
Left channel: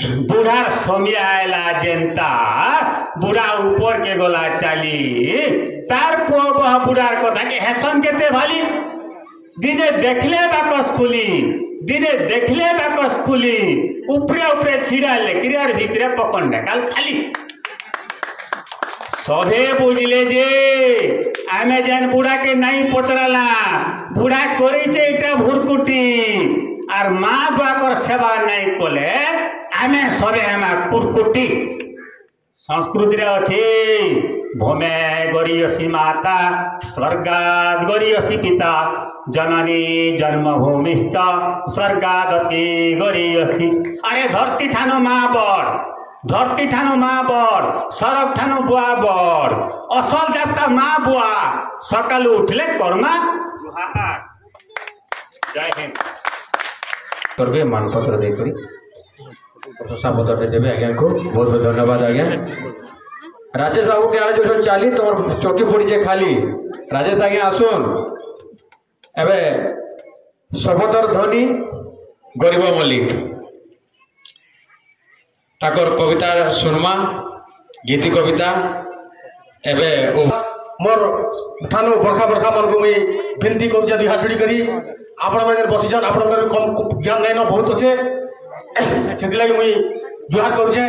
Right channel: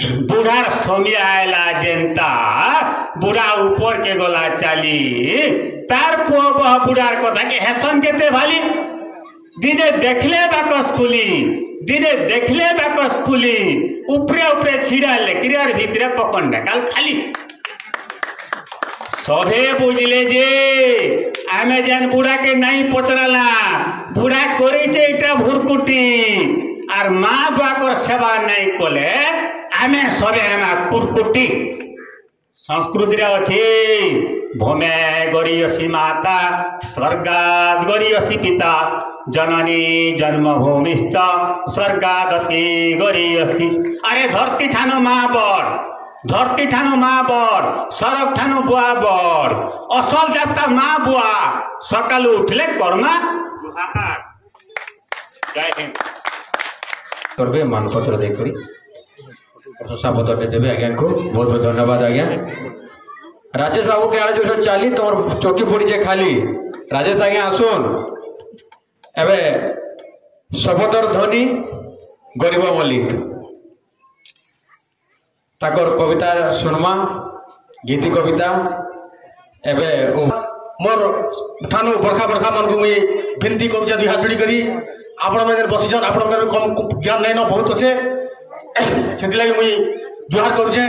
बुढ़ार समिया आयला जनता बुढ़ा ऊपर के गोला चाली तार पुओ बह बुढ़ार कथा के हेसन केते भाली दिने देखले बाकस खुली दिने देखले बाकस खुली उपरे उपरे छिड़ा लेकिन यार भीतरे पकड़ ढकाल खाली सभे बुझले जे आमे जान बुढ़ा के नहीं पचराला बुढ़ा करिचे इटा भुरकुटी आर माँ बुआ सेवा नहीं कले आमे सबे कुटकुटी संस्कृति अच्छी भूमे गरीयसी माता स्वर्गाद गरीयसी पिता जननी जन्मभूमिश्च स्वर्गादपि गरीयसी। अरे धरती ठानो माँ बड़ धरती ठानो माँ बड़ सरक ठानो बुआ बड़ असल जाता माँ बुआ सकालू उठले कर्मा जुहार। जय हिंद। करबे मानपत्र देकरी प्रशंसा पत्र देवे आज्ञा को बहुत बहुत धन्यवाद आज्ञा। राजेश बाबू के आड़े जो चली तो चौकी पड़ी जे खाली राजेश आज्ञा आसुन एबे सबतर ध्वनि गरीब मल्लिक ताकर कविता सुनमा गीति कविता एबे मोर ठानु बरखा बरखा मन को मुई विनती करूँ दुई हाथ जोड़ी करी आपण मैंने बसीछन आपण मैंने कम ज्ञान नहीं न बहुत अच्छे से मुई जुहार करुचे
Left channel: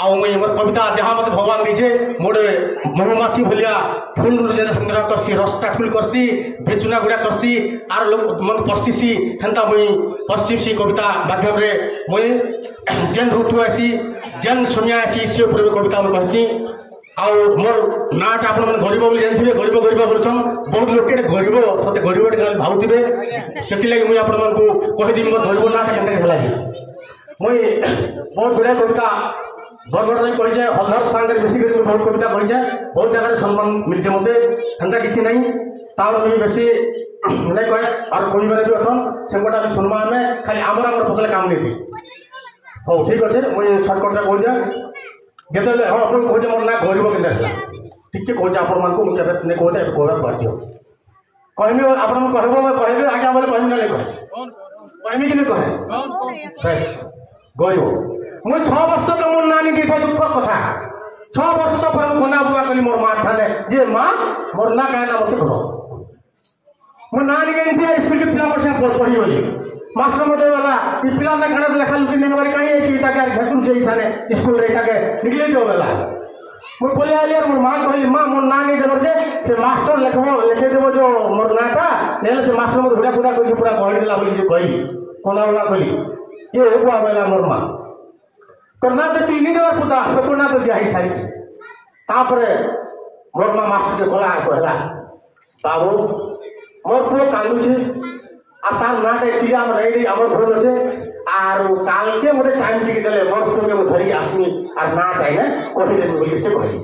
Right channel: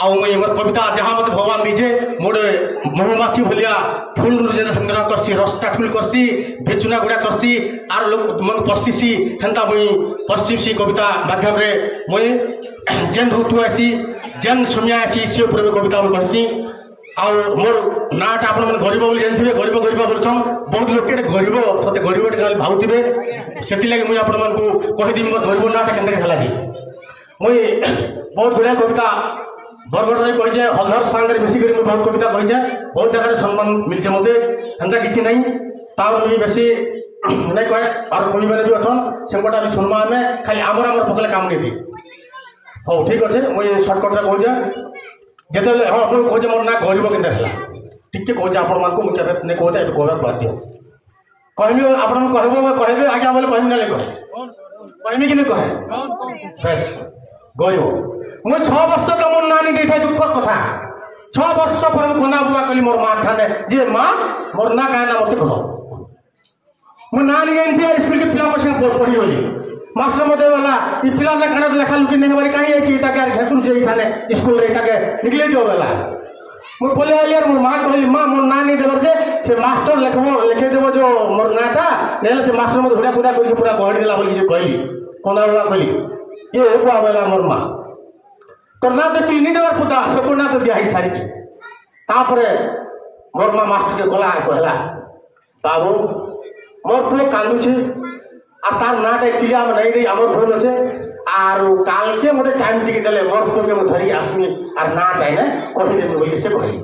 आ मुई मोर कविता जहाँ मत भगवान दीजे मोड़े महुमाछी भलिया फूल संग्रह करसी रसटा फुल करसी बेचुना गुड़ा करसी आर लोग मन पशि हेन्ता मुई पश्चिम कविता माध्यम रे मुई जेन ऋतु आसी जेन समय आसी से ऊपर कविता मुई कहसी आउ मोर नाटा आप गरीब बोली जानते गरीब गरीब बोलछन बहुत लोग गरीब सते गरीब खाली भावुवे से मुझे आपको कहीदेवी मो गरीब नाटा के मुई बहुत गुड़ाए कविता बरगढ़ कही हलधर सांगे मिसिक बहुत कविता कही बहुत जगह सम्मान मिलते मत एंता कि नहीं तार मुझे बेसी नहीं कहे और कोई मैंने भी अच्छन से भी सुनमा आम खाली आमर आमर पकड़े काम नहीं हो ठीक अच्छे मुझे सर्टकट कहे जिते हाँ आप कहे मोर ना गरीब के टिके कहे आपण मुझे नहीं कहते कहना बाध्य कहमी आप कहे आगे बोले कहमी ना कहे कहमी कि नहीं कहे बेस गरीब मुझे 6 वर्ष तो मोर नानी दी था दुख कथा 6 वर्ष पर खाना बुआ कली मोर माँ ठाने जे माँ मोर ना कहना मत कह मो नानी गई स्कूल के पिला संगे पढ़ी गली मास्टर मत वाला ये पिला खाना लेखा लुकी नहीं मारी कहीं घेसुन से ठाने स्कूल रे निकले दियो वाला मुझे बोले वाली यार मोर माँ कहली माँ मोर नानी देवर से मास्टर लिखे देव जो मोर नाटा नहीं से मास्टर मत घुड़ा घुड़ा कर पूरा गहड़ी देला बोली कहली कोना बुआ कहली ये बुआ बोला मोर माँ करना तो चिन्ह देवर पुता से कोना तो दिया सारी तापरे मोर माँ मास्टर के गला कहला बाबू मोर पुओ कांदुछे आ तार नाट एक्चुअली आम नहीं रही आमर भूल अच्छे आर काल के गोटे टाइम टिके देले मोर पुओ के धरी आसमी आर नाट आइले कही देबे बोली से कहली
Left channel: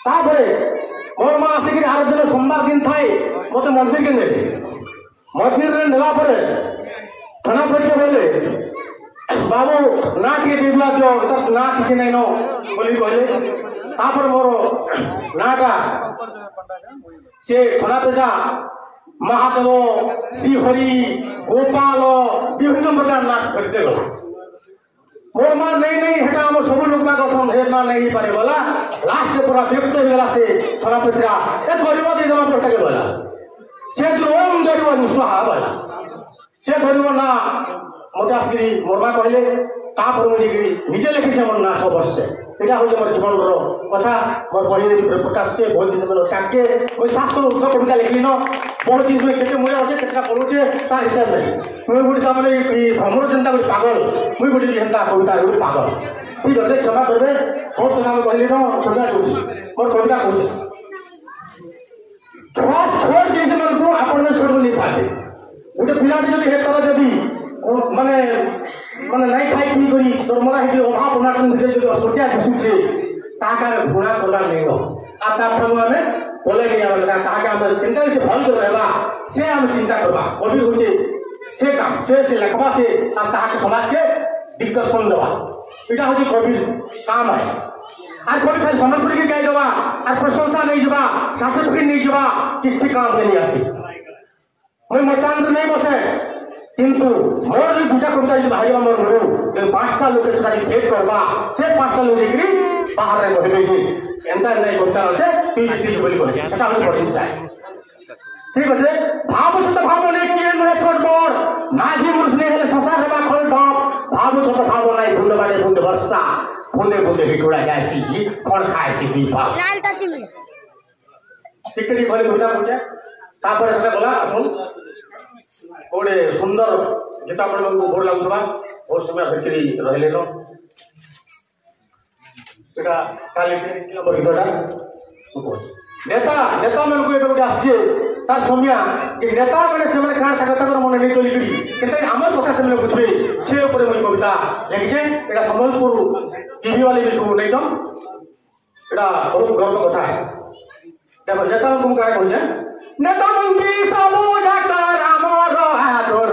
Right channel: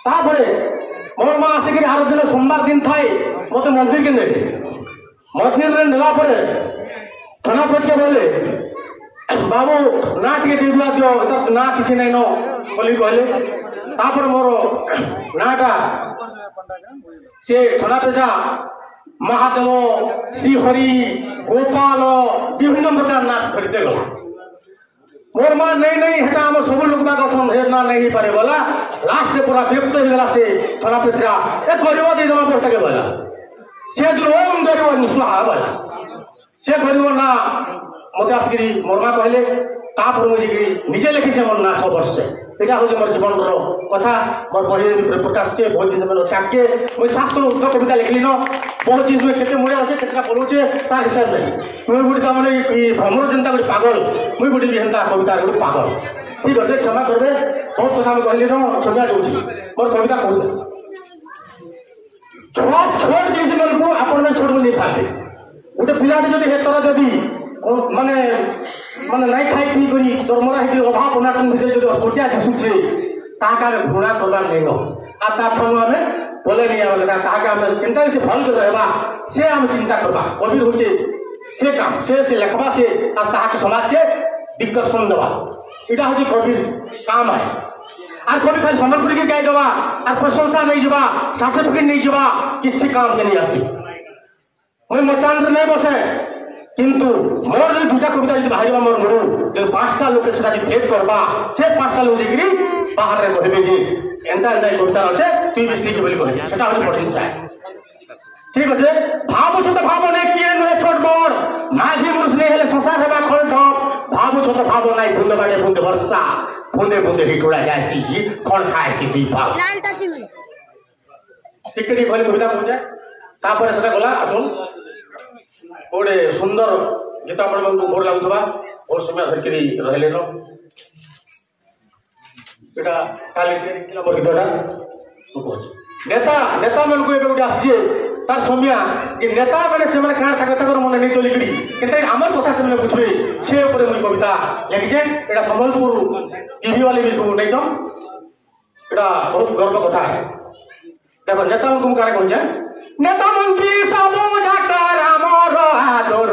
तापरे मोर माँ आसिक आर दिन सोमवार दिन थाए मत मंदिर के नेले मंदिर रे नेला परे थाना पहुंचे बोले बाबू ना टे दिला दियो ना किसी नहीं नो बोली कहले तापर मोर नाटा से थाना पे जा महादेव श्रीहरि गोपाल विभिन्न प्रकार नाच खरीदे गला मोर माँ नहीं हेटा आम सब लोग कथन हे ना नहीं पारे गला लास्ट में पूरा विरक्त हो गला से थाना पे एक गरीब दे देवा पड़ता के गला से ओम गरीब निस्वाहा गला से गरीब ना मत आसकरी मोर माँ कहले तापर मुझे निजे लिखी मोर ना 6 वर्ष यहाँ हूँ मोर जीवन कथा मोर बही प्रकाश के बहुत दिन चाके मुझे 700 उत्तर कविता लिखली न बहुत जिन केते मजा अच्छे केतना पढ़ुचे तार हिसाब नहीं मुझे गोटे तमें भ्रमर चिंता गोटे पागल मुझे गोटे हेन्ता कविता गोटे पागल ठीक अच्छे क्षमा करबे बहुत कथा कहली न संज्ञा दूसरी मोर कविता कहते छोट जिन मन को आप छोड़ नहीं पाते गोटे पिलाटी जब हे तर जदि माने माने नहीं खाई पी करी दरमरा हे अभाव अनाटन भितर जो असुचिया दिशुचे ताका घृणा करला नहीं नो आ ता फल में बोले नहीं आवे ताका हम चिंता से भल कर रहबा से हम चिंता करबा कबीर होते से काम से लेखबा से आ ताका समाज के दिक्कत सुन देबा इटा होती कबीर काम है आ कबीर खाली समर्पण के गाय देबा आ प्रशंसा नहीं जबा सर्टिफिकेट नहीं जबा किसी काम के नहीं आसी मैं मचान नहीं बसे किंतु मोर जो दूटा कविता जो बाहर मोर मरु जो 5टा लोक से भेट करबा से 5टा लोक देखि बाहर रे कहबे जे एंता नहीं कविता আছে তুই বিসি বলি কহে এটা হলো পড়তে চাই ঠিক আছে ভাবু ছোট ভাব নাই কি নহে ছোট বড় মাঝি মুরস নেই হলে সংসার হেবা খল ঠক ভাবু ছোট ভাব নাই বুন্দে বাড়ে বুন্দে বর্ষা বুন্দে বুন্দে হিটোড়া যাসি কোন খাইছি দুই ভাব লাল তাতিমি টিকটি বলি কবিতা কইছে তারপরে সেটা গলা আসুন गोटे सुंदर गीता मन को भोर लगुवा और समय धरकरी रहले न एटा काले के मोर गीतटा नेता नेता मन को एबे आसी तार समिया कि नेता माने से माने कान ताकत कर मन नहीं चली गड़ी किंतु हमर कथा से बुझबे छे ऊपर मन कविता लिखिजे एटा संबलपुर टीवी वाले भी सुन नहीं छम एटा बहुत गर्व कथा है देखो नेता को कारे कहजे नेता मंत्री सब जाकर हमर आदर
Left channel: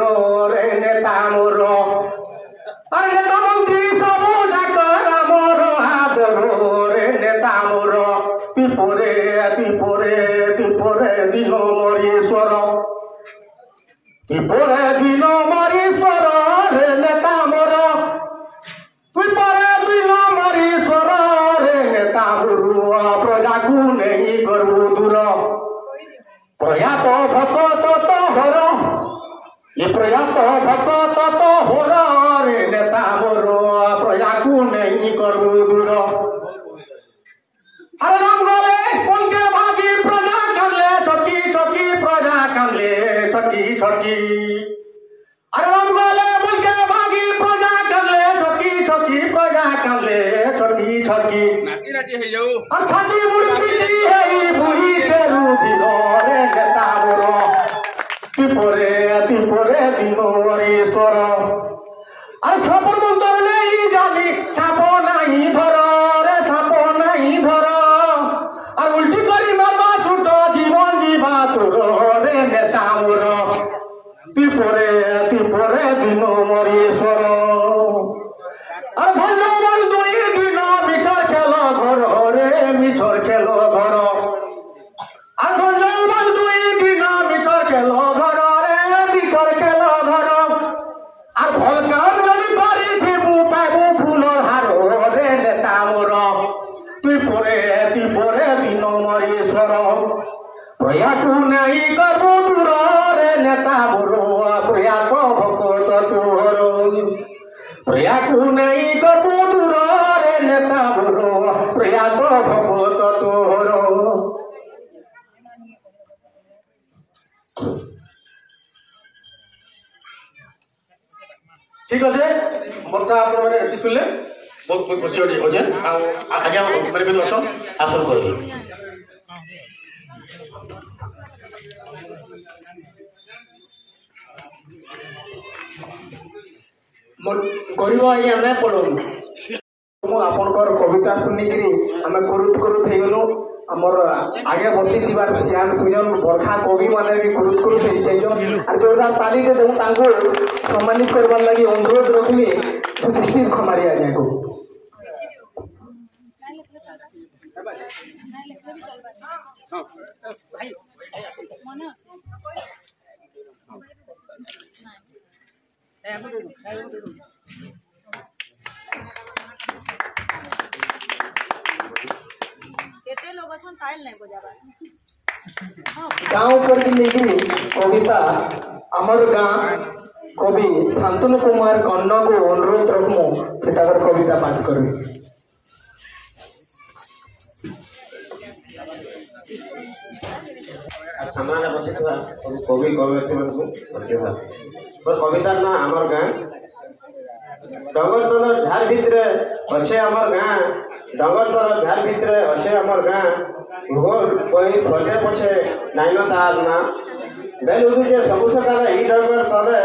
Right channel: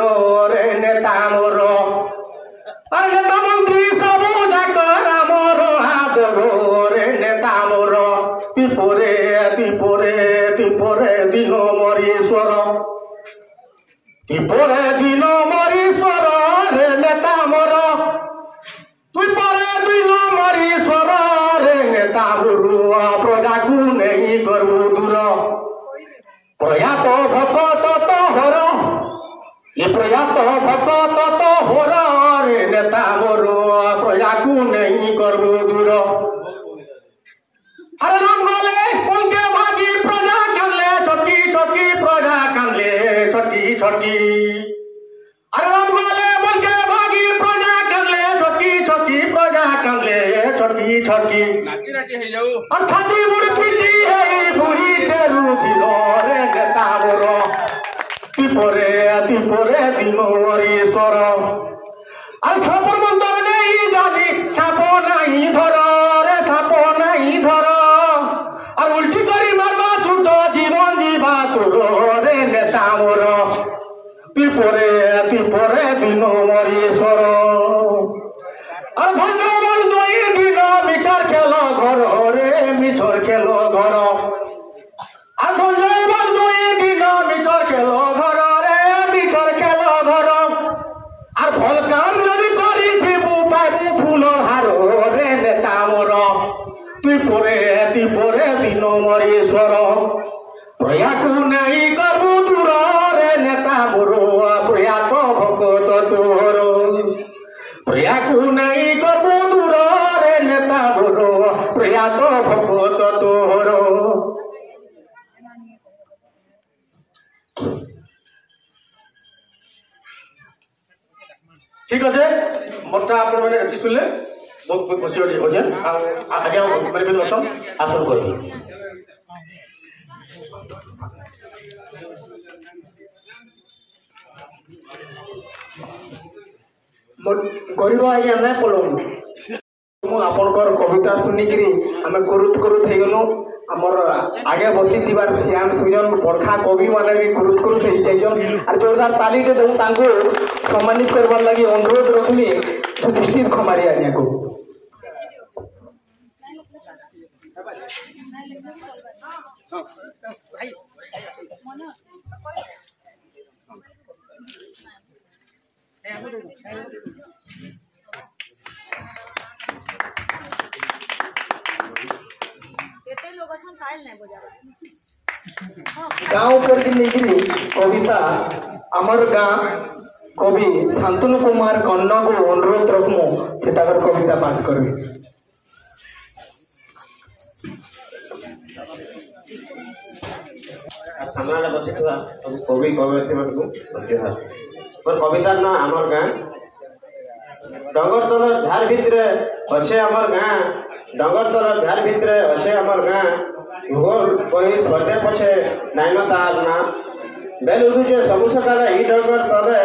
रे नेता मोर अरे नेता मंत्री सब जाकर हमर आदर रे नेता मोर पिपोरे पिपोरे पिपोरे दिल मरीश्वर पिपोरे दिल मरीश्वर रे नेता मोर पिपोरे दिल मरीश्वर रे नेता मोर प्रजा को नहीं करू दूर प्रयात भक्त तो हर ये प्रयात भक्त तो हर रे नेता मोर प्रजा को नहीं करू दूर अरे राम बोले उनके भागी प्रजा कमले छोटी छोटी प्रजा कमले छोटी छोटी अरे राम बोले उनके भागी प्रजा कमले छोटी छोटी प्रजा कमले छोटी छोटी छाती मुड़ी पीती है भूई चेरू दिलो रे नेता मोर तिपोरे तिपोरे दिलो ईश्वर अरे सब मंदर नहीं जानी छाप नहीं धर रे छाप नहीं धर उल्टी करी मारवा छूट जीवन जीवा तोर रे नेता मोर तिपोरे तिपोरे दिन मरीश्वर और भगवान दुई दिन मिछर खेल घर रे मिछर खेल घर और भगवान दुई दिन मिछर खेल घर रे मिछर खेल घर और भल काम जदि करी थिबु पाबु फूलर हार रे नेता मोर तिपोरे तिपोरे दिन मरीश्वर प्रयास नहीं करबू दूर रे नेता मोर प्रयास भगत तोहर प्रयास नहीं करबू दूर रे नेता मोर प्रयास भगत तोहर ठीक আছে মত আপন মানে এতি শুনলে बहुत बहुत खुशी होजे आगे मेरे भी दोस्तों आसन करिए गरीब आज्ञा नहीं पड़ो आपनकर कविता शुनिकी आम कुरुत कुरुत हो गलु आमर आगे बसी श्याम सुजन बरखा कवि मैंने भी कुरुत कुरुत हो जाइछन और जोरदार ताली दे दूँ सम्मानित करवार लगी अनुरोध रखमी दृष्टि खमारी आज्ञा को गाँव पर कविता आमर गाँ कवि शांतनु कुमार गंड को अनुरोध रखमु से कविता पाठ करबी सामने बसी कवि कवियत्री धन्यवाद मोर कविता ना आमर गाँ डगर तल झार भितर अच्छे आमर गाँ डगर तल झार भितर अच्छे आमर गाँ घोर कही पदे पछे नाइन तार ना बेल उदुचे सबु सकाल ई डगर तले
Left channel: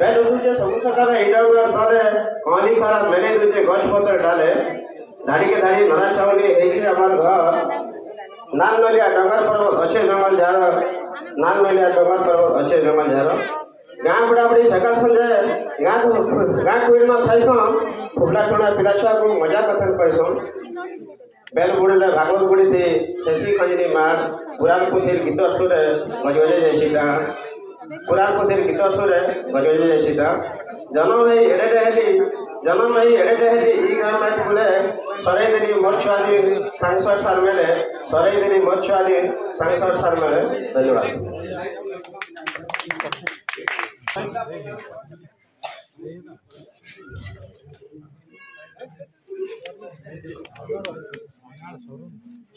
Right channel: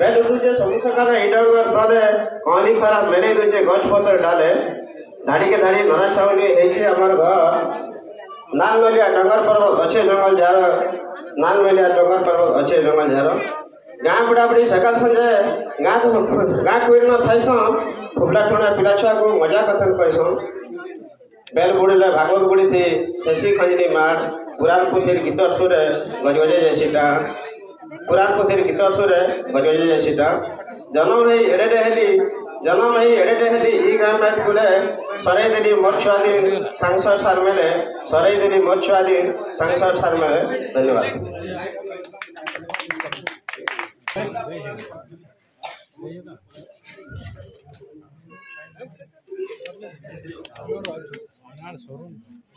बेल उदुचे सबु सकाल ई डगर तले पानी खरा मेले दुचे गछ पत्र डाले धाड़ी के धाड़ी नरा छावनी हेछे आमर घर नाल नलिया डगर पर्वत अच्छे जंगल जार नाल नलिया डगर पर्वत अच्छे जंगल जार गाँ बुढ़ा बुढ़ी सकाल संजे गाँ कोई न थाइसन फुबला टुना पिला छुआ को मजा कथन कहसन बेल बुड़े भागवत बुड़ी थी ऐसी खजनी मार पुराण पुथिर गीत सुरे गजगजे जैसीटा पुराण पुथिर गीत सुरे गजगजे जैसीटा जन्म है एड़े हेली जन्म है एड़े हेली ई गाँ माइट बुले सराई देनी मोर छुआदी 67 साल मेले सराई देनी मोर छुआदी 67 साल मेले धन्यवाद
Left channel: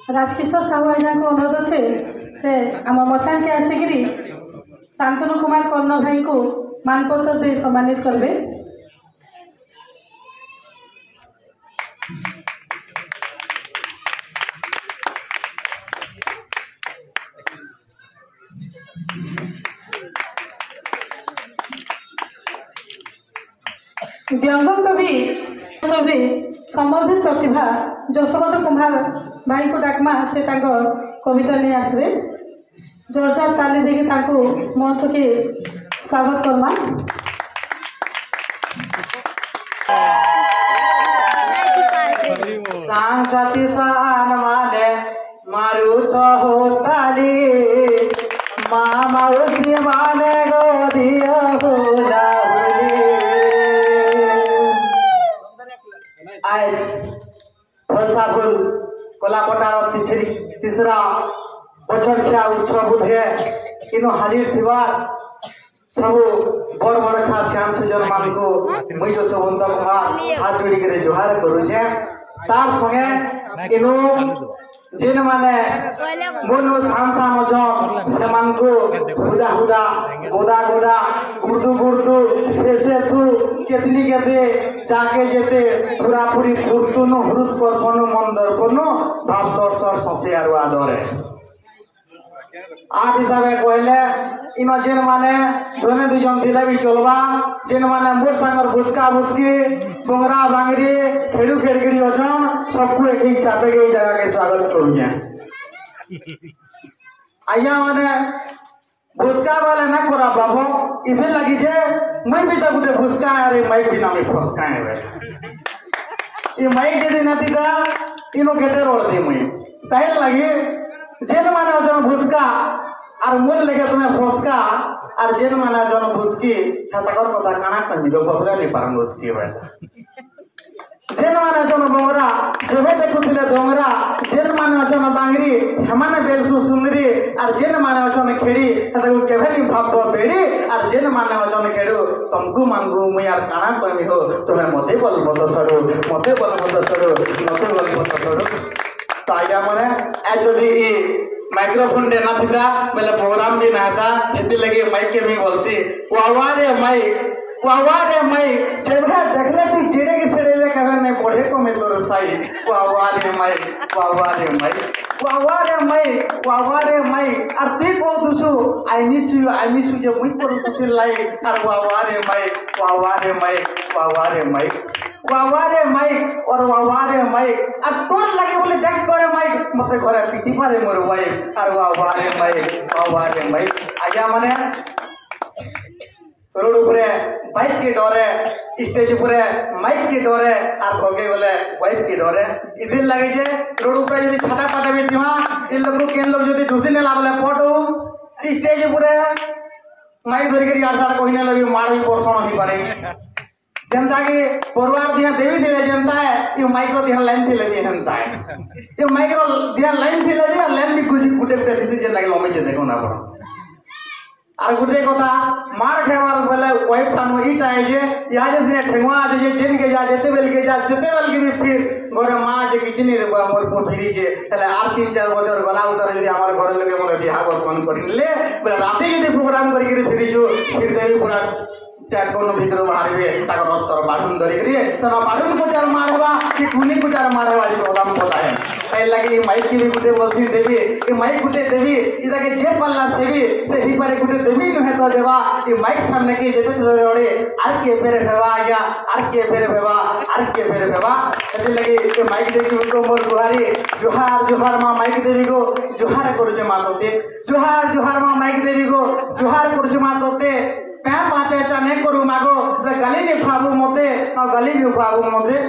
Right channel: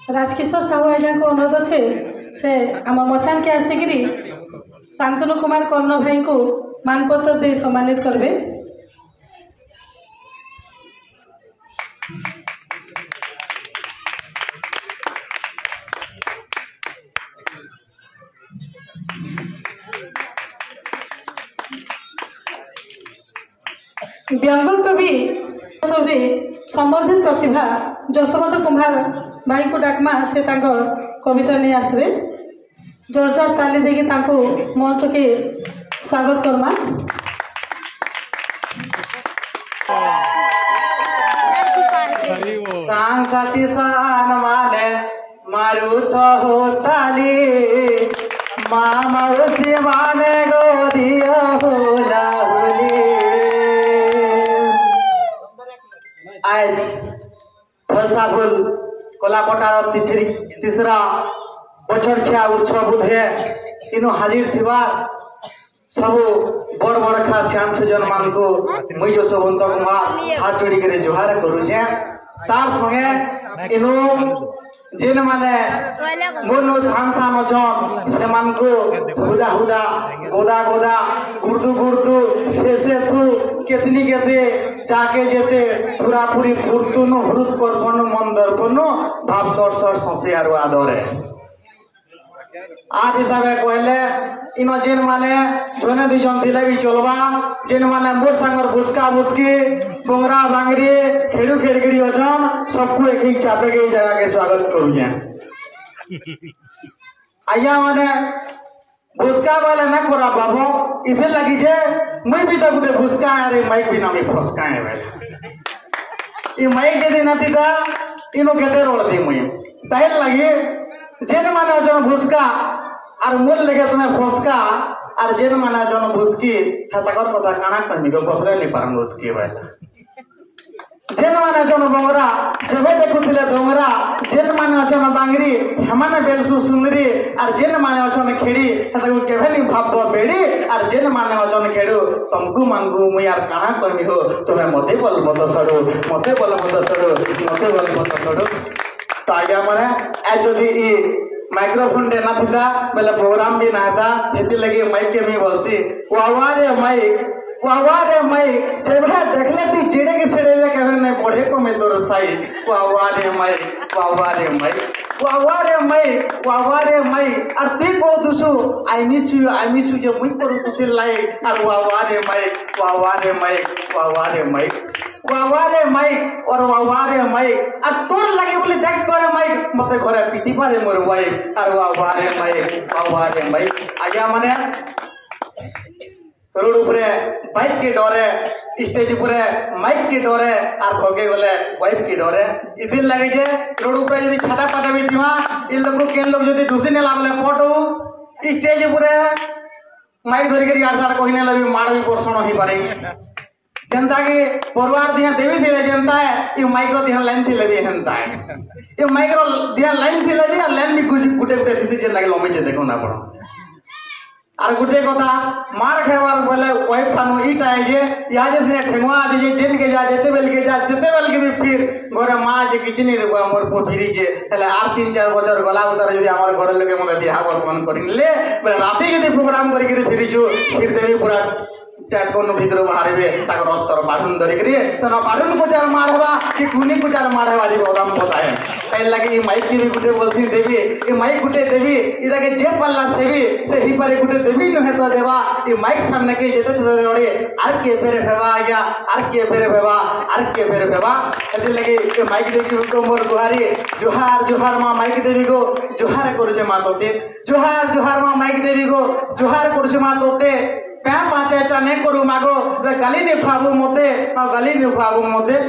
राजकिशोर साहू आज्ञा को अनुरोध अच्छे से आम मचान के आसिक शांतनु कुमार कर्ण भाई को मानपत्र दे सम्मानित करबे। व्यंग कवि संबंधित प्रतिभा जशोवंत कुमार भाई को डाकमा से कविता नहीं आसवे। जोरदार ताली देके मंच के स्वागत करमा। सांग साथी सान माने मारू तो हो ताली माउसी माने गोदिया हो आज फलसाफुल कलापटार तीसरा बछर छा उत्सव बुधे इनो हाजिर थिबा सबु बड़ बड़ खा श्याम सुजन मान को मुई जशोवंत कुमार हाथ जोड़ी करे जुहार करूछे। तार संगे इनो जिन माने मोनो सांसा मजन से मान को हुदा हुदा गोदा गोदा गुर्दू गुर्दू से तू केतनी केते जाके जेते पूरा पूरी फुर्तुन हृद करपनु मन दर्पनु भाव सर सर संसे आरो आदरे आज हिसाबे कहले इनो जेन माने जने दुजन दिले भी चलबा जेन माने मोर संगर बुसका बुसकी बोंगरा बांगरी खेड़ू खेड़गिरी अजन सबको एक ही चापे के जगह के स्वागत करूँ। आया माने बुसका वाले न करा बाबू इसे लगी जे मैं भी तो गुटे बुसका अरे माइक भी ना मैं फसका है भाई ये माइक के दिन आती का इनो केते रोड दी मैं ताइल लगी जेन माने जन भुसका और मूल लेके तुम्हें फसका और जेन माने जन भुसकी छाताकर कथा काना करनी को बसरे नहीं पारन भुसकी भाई जेन माने जन बोंगरा जेबे देखुथिले डोंगरा जेन माने जन बांगरी हेमाने बेलसु सुंदरी और जेन माने जन खेड़ी तते केभेली भाब बेड़ी और जेन माने जन खेड़ू तुमको मांगू मुई यार काना करनी हो तुम्हें मते बोल मत सडो मते बोल मत सडो मते बोल मत सडो। तो आया माने ए जदी ई माइक्रोफोन देना थिला बेले प्रोग्राम जी ना था एति लगे माइक के भी बोलसी वावा रे माइक जेबे देखले तू जेड़े के सेड़े रे कहवे ने पढ़े को में तोर साई वावा रे माइक वावा रे माइक वावा रे माइक वावा रे माइक और ते को दुसु आई मिस यू जो मुई पर तुसे लाई और वावा रे माइक वावा रे माइक वावा रे माइक वावा रे माइक और वावा रे माइक और तोर लगे बोले देख करे माइक मते घरे पिटी पारे मोर वाइफ और वावा रे माइक आया माने रोड उपरे बाइक के डरे स्टेज उपरे माइक के डरे और भगे बोले वाइफ के डरे इदिन लगे जे रोड उपरे यदि छाटा पाटा भी दिवा इन लोग के लोग यदि दूसरी ने लावले फोटो स्टेज उपरे माइक धरि के आसार कहिने लगे मार भी पोषण ही पारे जनता के परिवार दिया देवी दिले जनता है ये माइक्रो दिया लाइन थी लगी जनता है ये माइक्रो दिया लाइन थी लगी लाइन भी कुछ गुटे पे डिसीजन लगे लोमे जे देखो ना पड़ो और गुटे कथा मार खेवार बोले वाइफ थानो इट आए जे या जसने ठेंगवा आज जे जिन के जा जेते बेल के भी फिर गोरा मां जे किचनी रे हमर को फिरी जे तले 8-3-4 बছর गला उतर यदि हमर घर लगे मोके बियाह बर्तन करिले बोले राती यदि प्रोग्राम करी के फिरी जो फिर देवी पूरा टैकोन भीतर मारबे ताक रस्तर बाढुन धरि करी तन बाढुन को चार मारवा कि कुनी को चार मारवा जे प्रोग्राम होता है ए लगी माइक की गुटे बोलसी देवी ए माइक गुटे देवी इदा के जे पल्ला सेवी से ही पारे गुटे देवी न हेता देवा ए माइक सामने के जेते जोड़े आर के फेरे फेवा आया आर के फेरे फेवा ऐसे लगी ए माइक देवी को मोर दुहारी जोहार मां माइक देवी को जोहार करजे मातोते जोहार मां माइक देवी को जोहार करजे मातोते पैर पाचे चाने करू मागो गली ने फाबू मोते और गली ने फाबू मोते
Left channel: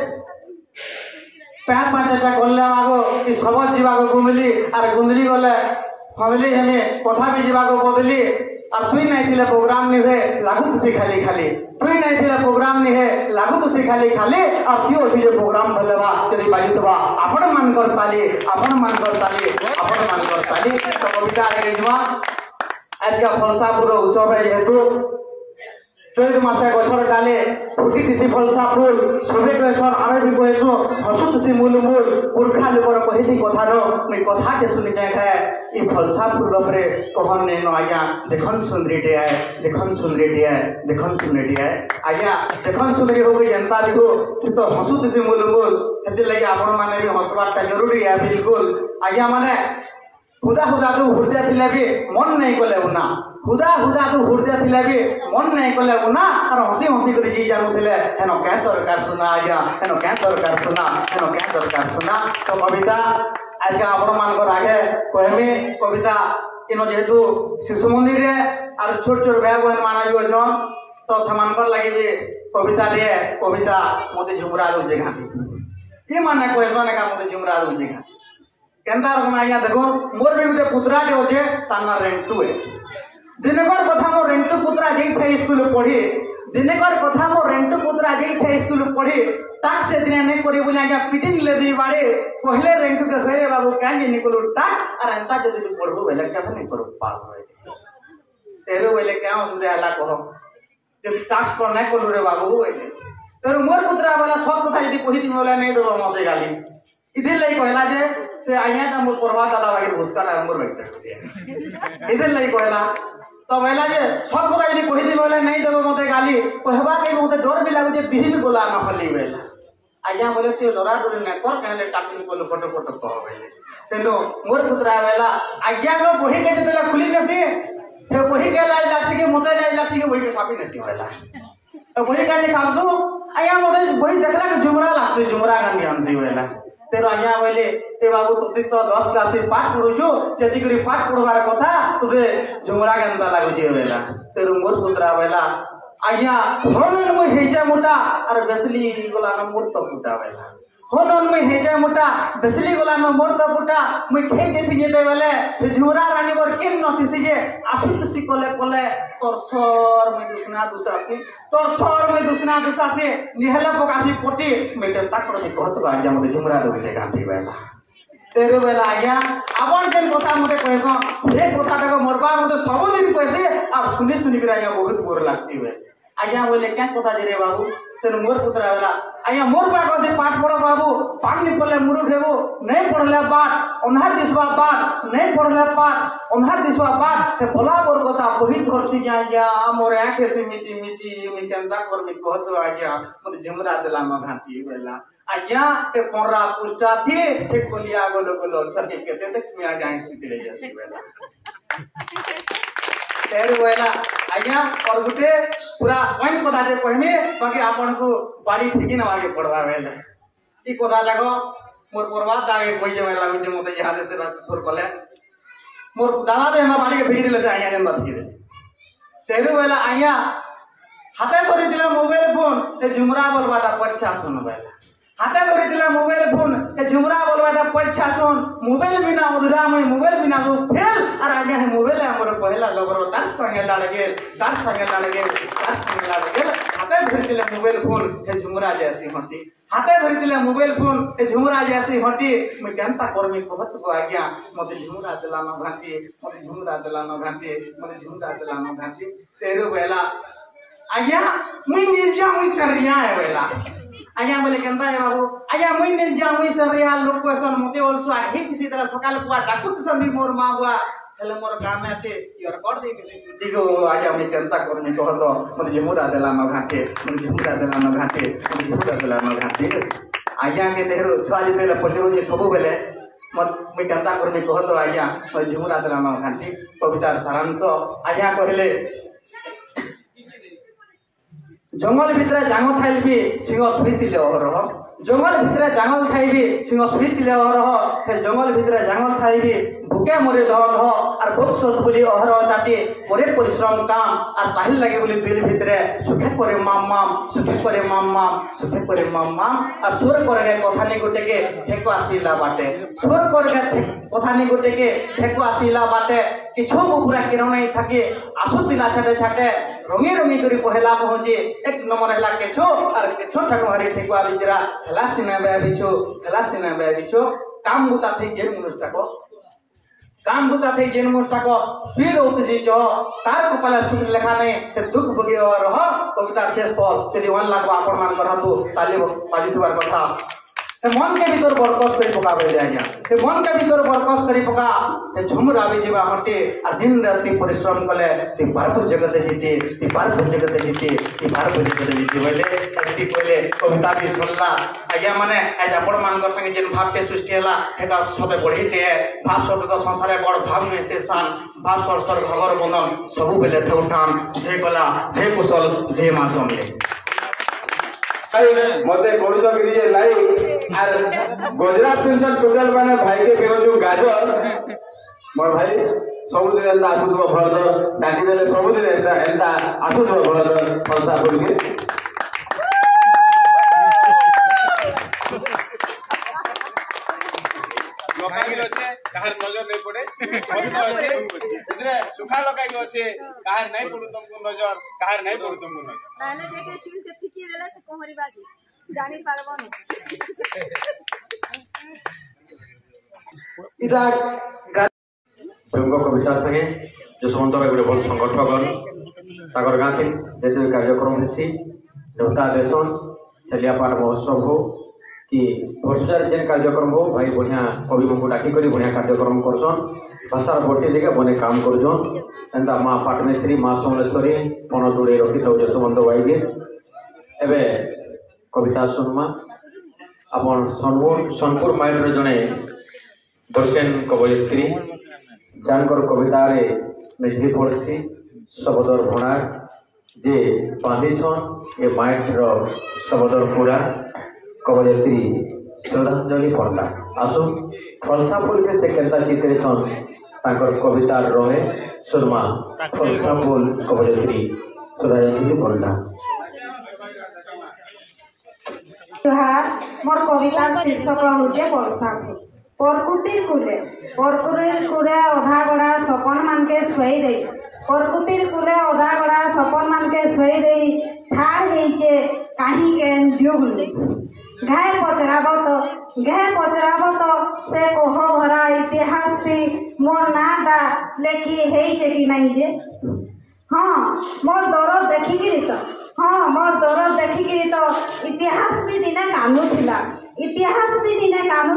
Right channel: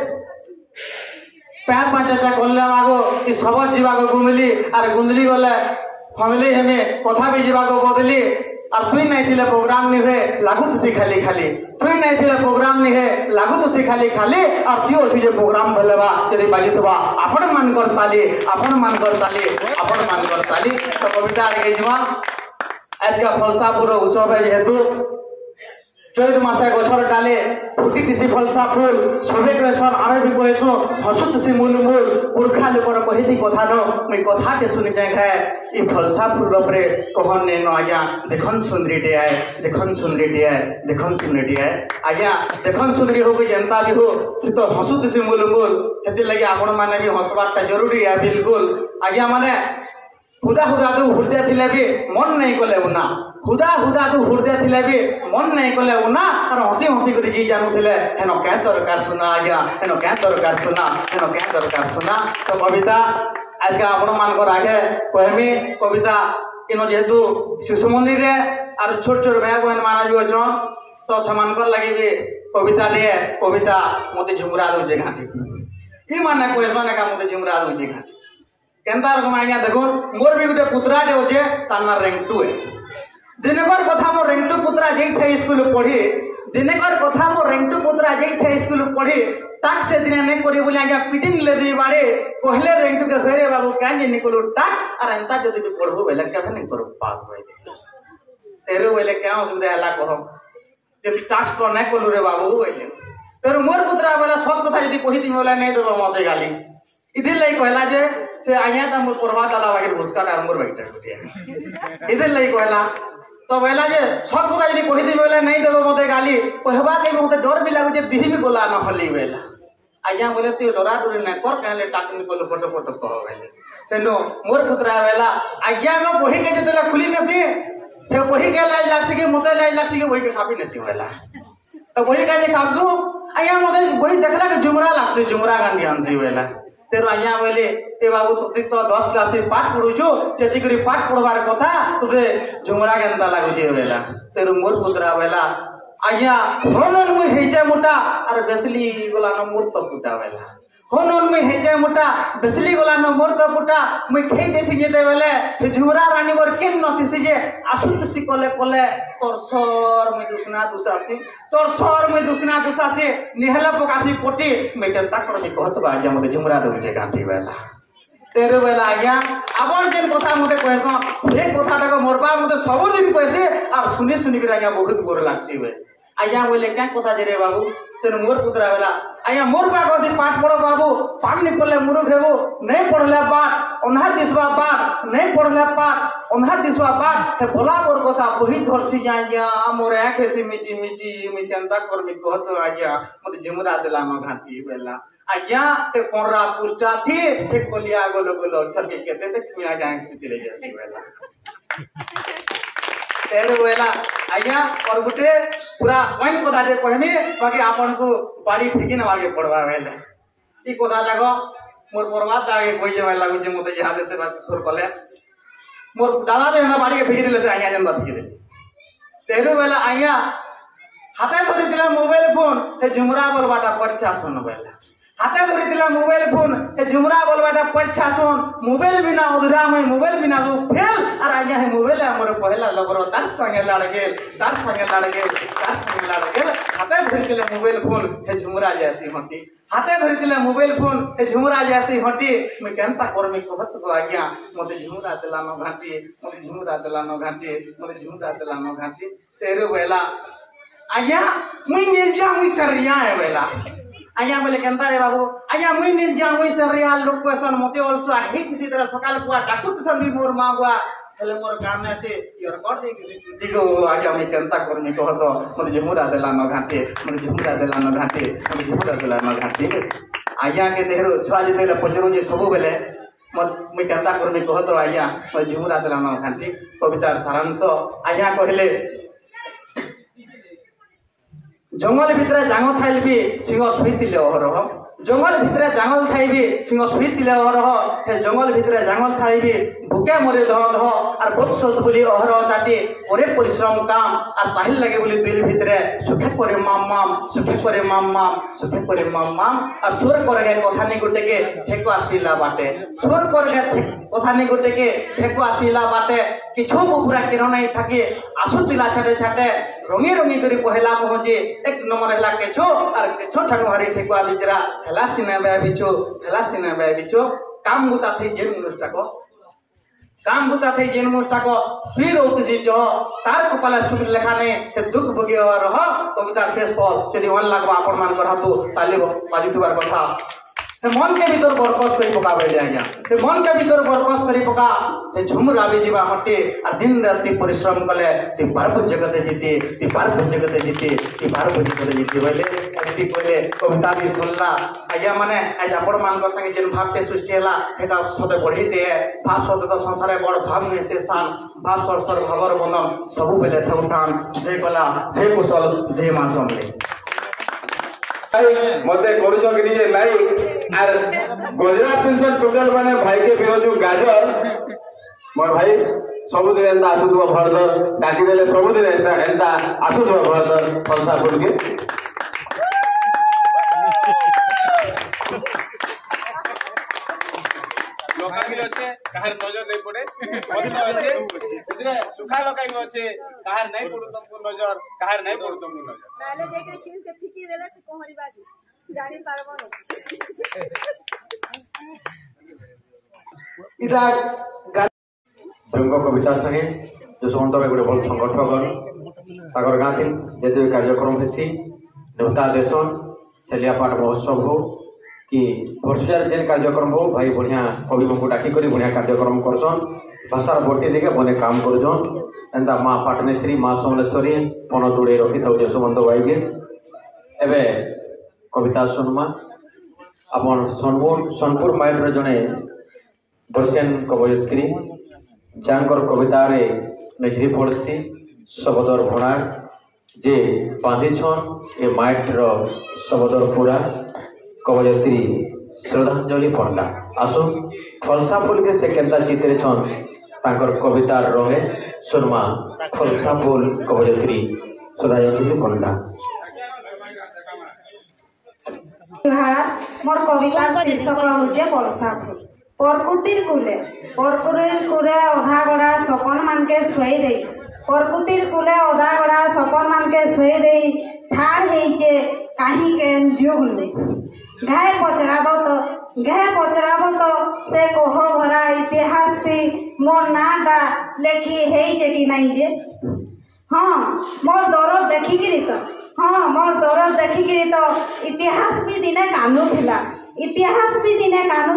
पैर पाचे चा कोल्ले मागो कि सबज जीवा को गुंदली और गुंदली गले फैमिली हमें कथा भी जीवा को बदली और तुई नहीं थिले प्रोग्राम नहीं है लागू तो खाली तुई नहीं थिले प्रोग्राम नहीं है लागू तो खाली और थियो भी जो प्रोग्राम भलेबा यदि बाजी तबा आपण मान कर ताली तो कविता आगे जमा आज का फलसापुर उत्सव है जेहेतु চৈত মাসে গছর ডালে ফুটিটিছি ফলসা ফুল সবে কয়েসন আমি বি কয়েছু হসুতিছি মূল মূল পুরখা লোকর কহিদি কথা ন মুই কথাকে শুনি যাই হ্যাঁ এই ফলসা ফুল উপরে কহন নেন আজ্ঞা দেখুন সুন্দরীটি আয় দেখুন সুন্দরীটি আয় দেখুন সুন্দরীটি আয় আজ্ঞা দেখুন সুন্দরী হোক যেন্তা ବି ହଉ ସେ ତ ହସୁଥିସି ମୂଲ ମୂଲ ସେଥିଲାଗି ଆପଣମାନେ ବି ହସବାରଟା ଜରୁରୀ ଏ ବିଲକୁଲ ଆଜ୍ଞା ମାନେ हुदा हुदा तू हृदय थिले भी मन नहीं कले उना हुदा हुदा तू हृदय थिले भी मन नहीं कले उना और हसी हसी कर जी जानू थिले हेनो क्या दरकार सुना आज्ञा हेनो क्या दरकार सुना हेनो क्या दरकार सुना तो कविता आज का आपण मानकर आगे कहमी कविता इनो जेतु शिशु मंदिर रे और छोट छोट भाई बहन माना जो जन तो समानकर लगी भी कविता रे कविता मते झुमरा दो जगह ये माने कोई माने का मते झुमरा दो जगह केंता रकम आज्ञा देखो मोर भी गोटे पुत्राटे अच्छे तार ना रेंटू है दिनकर कथा मो रेंटू पुत्रा जाई थे स्कूल पढ़ी दिनकर कथा मो रेंटू पुत्रा जाई थे स्कूल पढ़ी टाक से दिन नहीं करी बोले आज्ञा पिटिन ले दी बाड़े कहले रेंटू के हेरे बाबू काहे जे निकलो टाक और एंता जदी भी पढ़बो बेले के नहीं करो पास होई तेरे बेले क्या सुनदे हला कहो जब टास्क तो नहीं करू रे बाबू बोले तेरे मोर पुत्रा वाला सब कथा यदि कहि दी बोले नहीं देबो मते गाली इधर लई कहला जे से आया ता मुझ परवा दादा वाके भूसका ना मोर बैठा कुटिया इधर लई कहला तो कहला जे सब पता यदि कहि दी बोले नहीं देबो मते गाली कहबा के मते डर भी लागो जे दिहिन गोला न हली बेला आज्ञा बोले तू डरा डर न कर कहले टाकिन को फोटो फोटो कह बेले सेनो मोर पुत्रा बेला आज्ञा नो बही के जतले खुली नसी से बही के लाई लासी के मते लाई लासी के बही के खापी नसी बेला तो बही का जे खाजू आज्ञा मते बही देखला के जुमरा लागसे जुमरा गान ज्ञान से बेला तेरो आज्ञा बोले ए बाबू तुती तो 10 क्लास रे पाठ पढुछु जेति करी पाठ पढवार कथा तुते झुमरा गेंदा लागु जे बेला तेरो मोर पुत्रा बेला आज्ञा होनन मु हेजे मोटा अरे बेसली गोला न मोर तो फुटा बेला होनन मु हेजे मोटा बेसली गोला न मोर तो फुटा मु खे देसी जेते बेले झुमरा रानी बर केन नथिसी जे आसुतसी कोले कोले तोर सर में दुसना दुसासी निहला पकासी पोटी मेटन तक पर में कहत बा आज्ञा मते झुमरा दो जे गांठी बेला तेरे बेला आज्ञा आपण जेन कथा मते कहसो हे कथाटा को मोरबा मते सब दिन कहसे आ सुनी सुनी के आज्ञा बहुत बोर लागसी बे आज्ञा बोले क्या कथा जे रे बाबू से मोर पुत्रा बेला आज्ञा मोर बा को से पाठ पढ़ो बाबू पाठ नहीं पढ़ले मुरुख हेबो नहीं पढ़ले पाठ ओनहर दिसबा पाठ नहीं पढ़ले पाठ ओनहर दिसबा पाठ हे भोला मोर को सा वही धरसी आज्ञा मोर आंखे से मिटी मिटी मी केंदा कर मी कहत आज्ञा मते झुमरा देला न घाटी बेला आज्ञा ते कोरा पुष्टा थी ते कोलिया गोलो गोलो थर के केते ते मी आज्ञा ले जासी बेला तेरे बेला आज्ञा और गुटे पूरा पॉइंट कथा जे कहमी बाकी आपन को बाड़ी फेकी न मारे पड़वा बेला ई कथा देखो मोर बर्बाद दागे कोई जे लागु जे मते याद से सुर कले मोर दादा रे हम बाड़ी के फेकी दिले से आज्ञा जंदा फेकी दे तेरे बेला आज्ञा हाथे धरि दिला मोबाइल फोन ते झुमरा बोलबाटा परीक्षा सुन बेला हाथे धरि दिला मोबाइल फोन ते झुमरा बोलबाटा परीक्षा सुन मोबाइल बिना उधरा में मोबाइल बिना वो फेल और आज्ञा है मोबाइल हमर पहला लगरो तार संगे लागे हाथे धरि दिला मोबाइल फोन ते झुमरा जैसी होती हाथे धरि दिला मोबाइल फोन ते झुमरा जैसी होती मैं केनता करमी कहत को आज्ञा मते झुमरा देला न घाटी मते झुमरा देला न घाटी मते झुमरा देला न घाटी तेरे बेला आज्ञा मुई नील जा मुई सरिया है बेला आज्ञा बोले केनता रे बाबू आज्ञा मुई नील जा मुई सरिया लोक कोसन मते ओलसुआ हे किसी तरह सकाल पुआ डाकुत सभी मोर मां बुआ हेले मोर गाम में ते योर कर दे किसी दिगो आज्ञा मैं केनता करनी कहत मते झुमरा देला न घाटी मते झुमरा देला न घाटी मते झुमरा देला न घाटी आज्ञा के तेरो छुआ जेते पजरो जे सब बेले मैं केनता करनी कहत आज्ञा मते झुमरा देला न घाटी कवितार सारांश आज्ञा कहले जंगल भितरे जांग खाइल भी सिंह सुईतिले अहरह जंगल भितरे जांग खाइबी सिंह सुईतिले अहरह हे जंगल भितरे जांग खाइबी भूखे मरे दह दह और बहुत सोच बोली अहरह चाटी करे परिश्रम काम और ताहिल लगे बोली दिल भितरे सुखे करे माम माम सुखे करे माम माम सुखे करे माम माम और सुर करे कथानी गुटे के ठेकुआ सीला बाटे सुर करे कथानी गुटे के ठेकुआ सीला बाटे किछु पूरा किरण नहीं थके आसु दिला छाटे छाटे रंगी रंगी करी पहला पहुंचे एक नंबर हला केछो और केछो ठकमारी ठेकुआ बिचरा हला सिने बे बिचो काम मुता थी जेर मुनुष्टा को काम बुता थे जेन मोस्टा को फिर होते जी जो तार को पला सुन लेखा ने ते दुख भोगी और हो कविता शेष पद यदि 1 लाख आपण मान करहबो ताली बाजी तुवार कथा से मन के भीतर बरकस करी पका बे आज्ञा से मन के भीतर बरकस करी पका से झुमुर आबे जीवा मटे आ दिन राति परिश्रम कले ती भारत जगत जीते ती भारत जगत जीते ती भारत जगत जीते बोले एति बोले कविता भी सुनला आज्ञा माने आज आपण मान को संगे जेन भाव के सृष्टि हला हेटा सते बढ़ी से भाव सते तो संसार बड़ भाव में से सान भाव सर भगर बंधन सब बेले थौठान जे कला जे कुशल जे मा समले मते करूछ कि जे लाइक आर गुजरात पेंशन टोटल माने भाई के बेहजु गाजर मोर भाई सब दिन एंदा आसुथबो भरद डाकी देले सब दिन एंदा आसुथबो भरद फलसा बोल के लोकाई अच्छे कहार नजर नहीं पड़े मत अच्छे इतने सुखा लोकाई अच्छे कहार नहीं पड़ू तुमको नजर कहार नहीं पड़ू तुमको नजर पहले देख के चिन से फिकी देला से कोहरी बाजी जानी पारबो न इरा तुमको कविता संगे जो समस्त में गोटे बड़ संगठन ताकर गाँ थी जेते कार्यक्रम हेसी देवता देशन चलिया पाठ महोत्सव हो कि वर्षार जेन कार्यक्रम हो भाई बढ़िया कवि को डाकी करी बढ़िया कार्यक्रम करछन भाषार बोटी लेके बने काम करछन एंदा माँ पाटनेश्वरी माँ समलेश्वरी पन जोड़े रखी था यशवंत भाई के एबे कविता सुनमा अपन सोनपुर माइंड जड़े बसेन कवयित्री जानकर कविता रे मेझरी पड़सी शबदर भुणार जे बांधिछन ए माइंड रो शबदर पूरा कवयित्री श्रद्धांजलि पंडा आसु फलसा फूल के से केंता चित्रे छन ताकर कविता रहे सुरमा फलसा फूल कवयित्री श्रद्धांजलि पंडा मोर कविता शीर्षक होचे फलसा फूल परकुतिर कुले अधा गड़ा सपन मान के सोई दे परकुतिर कुले अधा गड़ा सपन मान के सोई दे ठार हेचे काहे के जुगले घाय पचराब तो से कोह भरा इतिहास थी मोर नाटा लेखी हेचे कि नहीं जे हाँ मोर दरद देखिकी तो हाँ मोर दरद देखिकी तो इतिहास भी दिने कानू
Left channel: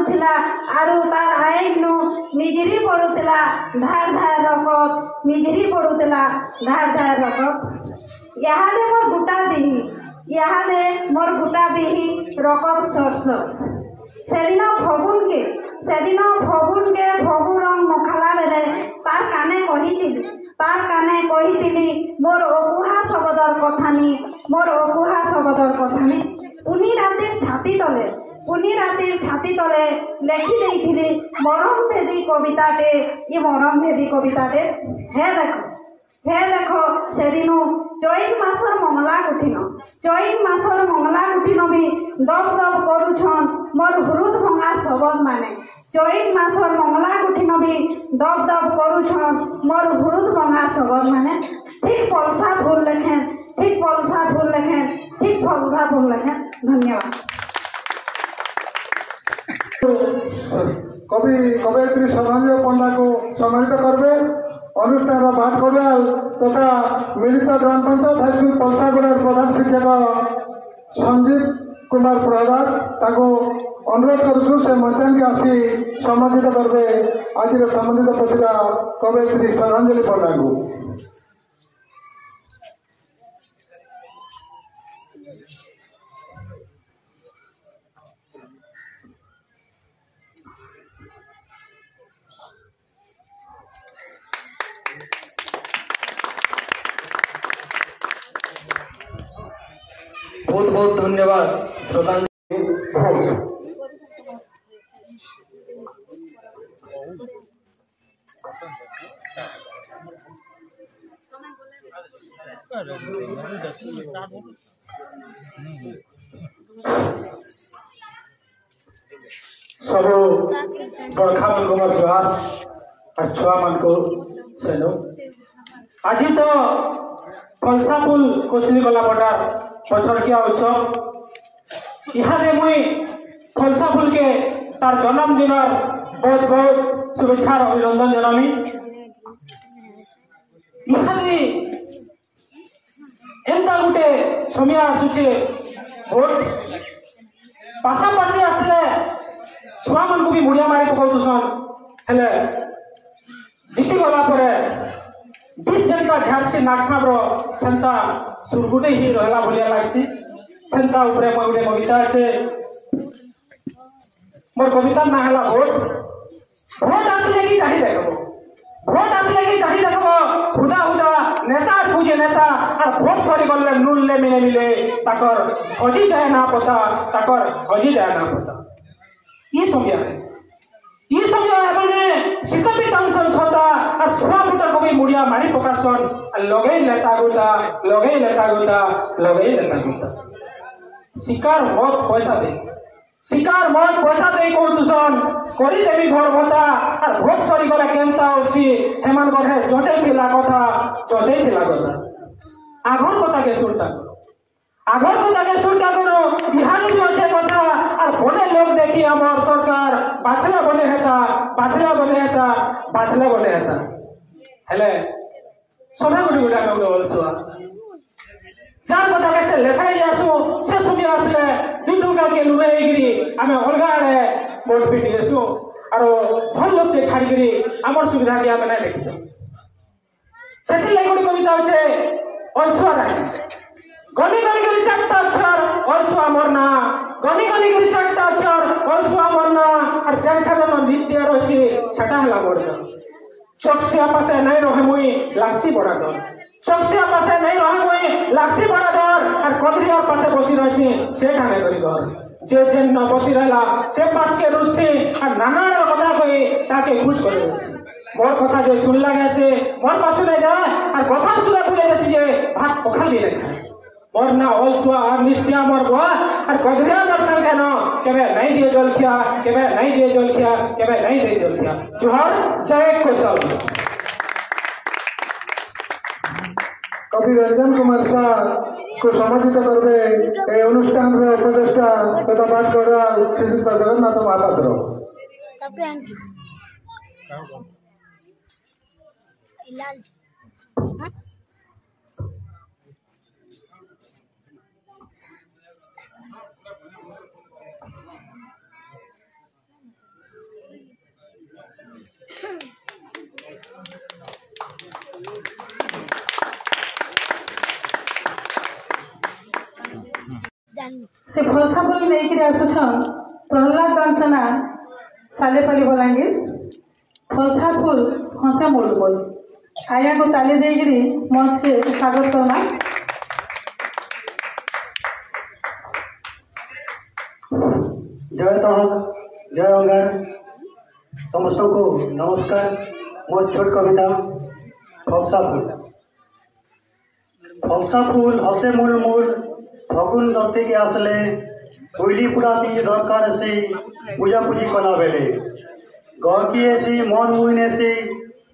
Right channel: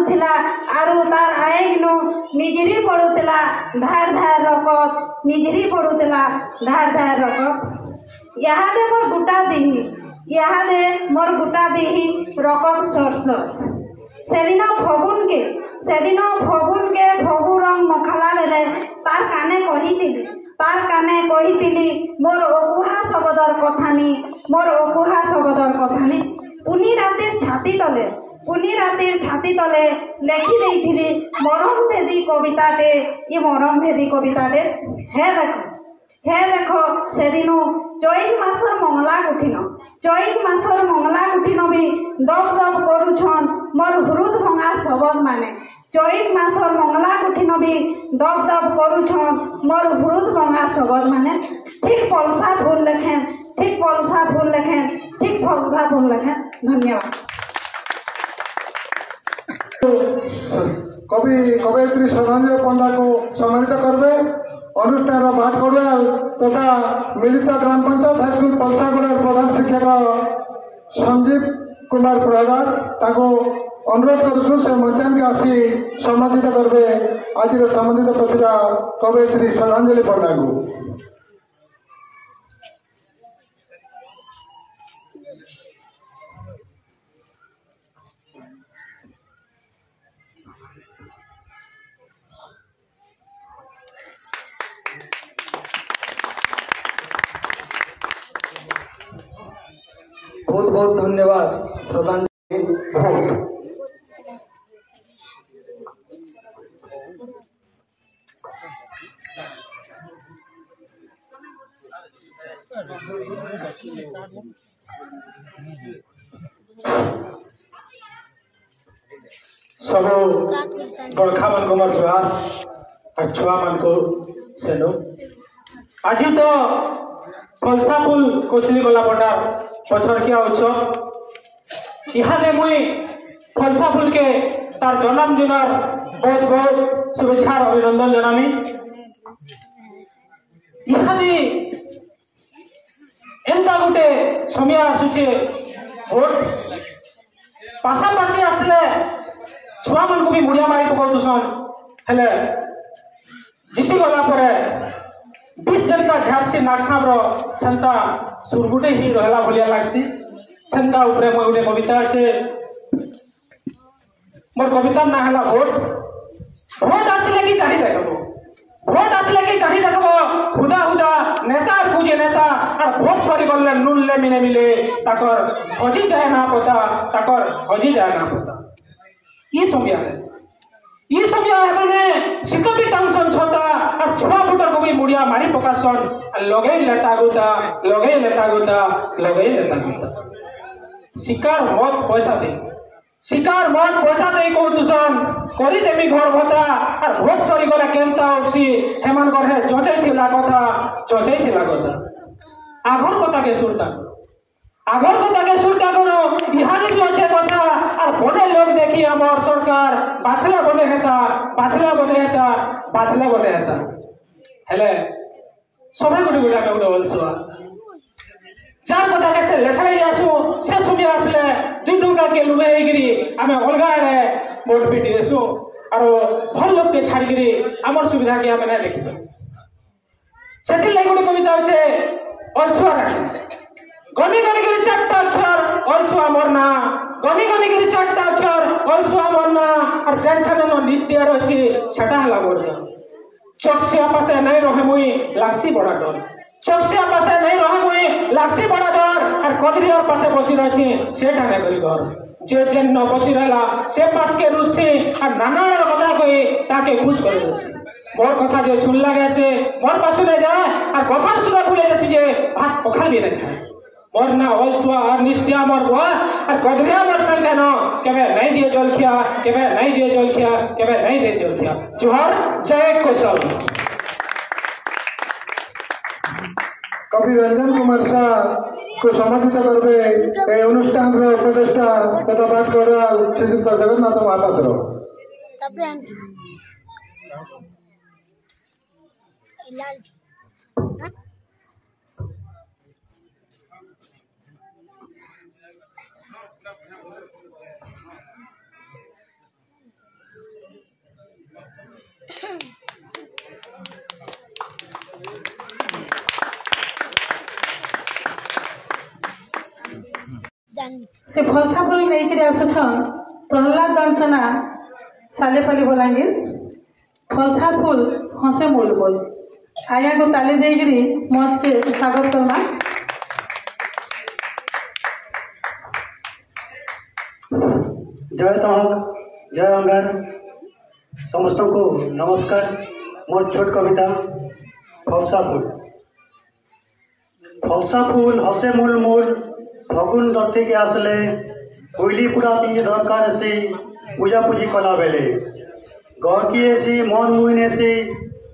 थिला आरु तार आएनु निजरी पड़ुला धार धार रकत निजरी पड़ुला धार धार रकत यादे मोर गुटा दिही रकत सरस सेदिन फगुन के भगु रंग मखला बेले तार काने कहितिली मोर अकुहा शब्दर कथानी उनी रातिर छाती तले लेखी देइथिली मरम भेदी कविताटे हे देखो सेदिनु चैत मासर मंगला कुठिन भी दब दब करुछन मोर हृद भंगा शब्द माने चैत मासर मंगला कुठिन भी दब दब करुछन मोर हृद भंगा शब्द माने ठीक फलसा फूल लेखें ठीक फलसा फूल लेखें धन्यवाद कवयित्री श्रद्धांजलि पंडा को सम्मानित करबे अनुष्ठान भाटकोड़ा तथा मिलिता ग्राम पंचायत हाईस्कूल पलसागुड़ा प्रधान शिक्षक संजीव कुमार प्रधान ताको अनुरोध करूँ से मंचान के आसी सम्मानित करबे आज सम्मानित प्रतिभा कवयित्री श्रद्धांजलि पंडा को बहुत बहुत धन्यवाद प्रधान सब बड़खा मान को जुहार और छुआ मान को सेनो आज तो फलसा फूल कोचली गला बटा पछड़ के उत्सव यहाँ मुई फलसा फूल के तार जन्मदिन बहुत बहुत शुभेच्छा अभिनंदन जनामी इहादी एंता गोटे समय आसुचे भोट पाशापाशी आसले छुआ मन को भी मुड़िया मारी पकाउछन हेले जीती गला परे 20 जनता झारसी नागसाब्र सेंता सुरगुटे ही रहला भलिया लागसी सेंता ऊपर मोर गोटे कविता আছে मोर कविता ना हला भोट आसले कि चाही देखबो भोट आसले कि चाही देखबो खुदा खुदा नेता खुजे नेता और भोट सरी गले नुल्ले मिले मिले ताकर हजी जाए ना पता ताकर हजी जाए ना पता ये समय बोले सिकटी टाउन छता और छोड़ा फुटा को भी मुड़िया मारी पकासन लगे लेता गुता शिकार मत पैसा दे को दूषण करी देवी घर भत्ता और भोट सरी गले केनता होसी हेमान गरे जचे थिला कथा आगर कथा के सुरता करो बिहारी जचे कथा और बने लोग देखी हमर सरकार बाछला बने हेता हेले सबे गुडी गुडा करो अलसुआ चार कथा के से लेछाई आसु से सुमी आसले दुई टुका के लुबे गिरी हमें अलगा रे मोट पिटी देसु और भल लोग के छाड़ी गिरी हमर सुविधा के हमें देखितो सेठी लाइगुडी कविता होचे अलसुआ राखी गनी गिरी चारटा अक्षर अलसुआ मरना गनी गिरी चारटा अक्षर अलसुआ मरना और जेठानो निस्तिया रसी छटा हला मरना चौकसिया पासे नहीं रहे मुई लासी बड़ा डर चौकसिया पासे नहीं रहे मुई लासी बड़ा डर और कदरी और पासे बसी रही से ठाने करी घर जे जेन न बसी रहला से पास के रुसी और नाना कथा कही ताके खुश करे रसी मोर कथा जे सुन लगे से मोर पाछे नहीं जाए और कथा सुना खुले रसी जे भात पखाली नहीं खाए मोर ना अलसुआ और निस्तिया मोर बुआ और कदरिया मोर संगे न केबे नहीं दिए जलखिया केबे नहीं दे जलखिया जोहर जय कौशल कवि रंजन कुमार शाह को सम्मानित करबे ए अनुष्ठान रे उपदेष्टा तथा बात करबा श्रीयुक्त जगन्नाथ महापात्र तापरे लाल हां से फलसा फल नहीं कि आसुछ प्रहलाद दानसेना सालेपल्ली बलांगीर फलसा फूल हसे मूल बोल आया को ताली देगिरी मंच के स्वागत करना जय तहक जय अगान समस्त को नमस्कार मोर छोट कविता फलसा फूल हसे मूल मूल फगुन दत्ती के आसले कोईली पूरा भी दरकार से पूजा पूजी कला बेले गहकी एसी मन मुइन एसी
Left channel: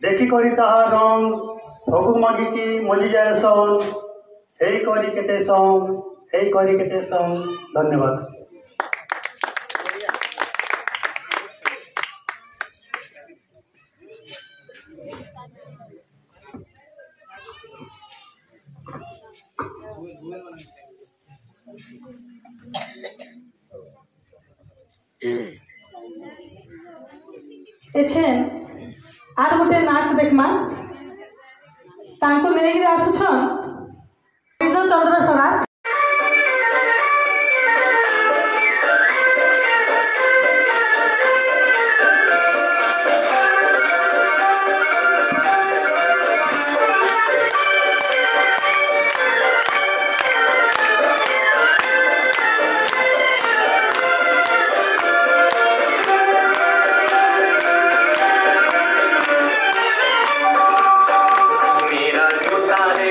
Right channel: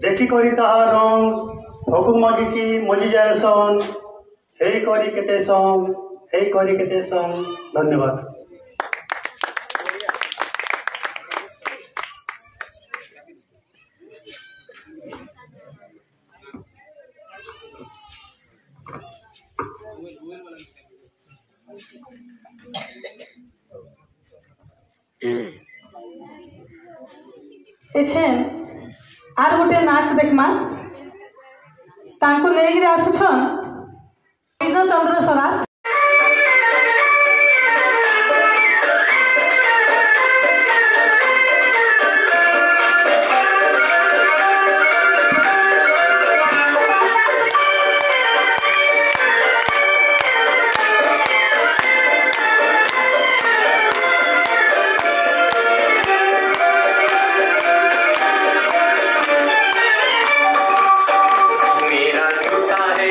देखी करी ताहा रंग फगु मागिकी मजी जाए सन हेई करी केते सन धन्यवाद एठेन आर गोटे नाच देखमा तांको लेगिरी आसुछन चंद्र सरा मेरा छोटा है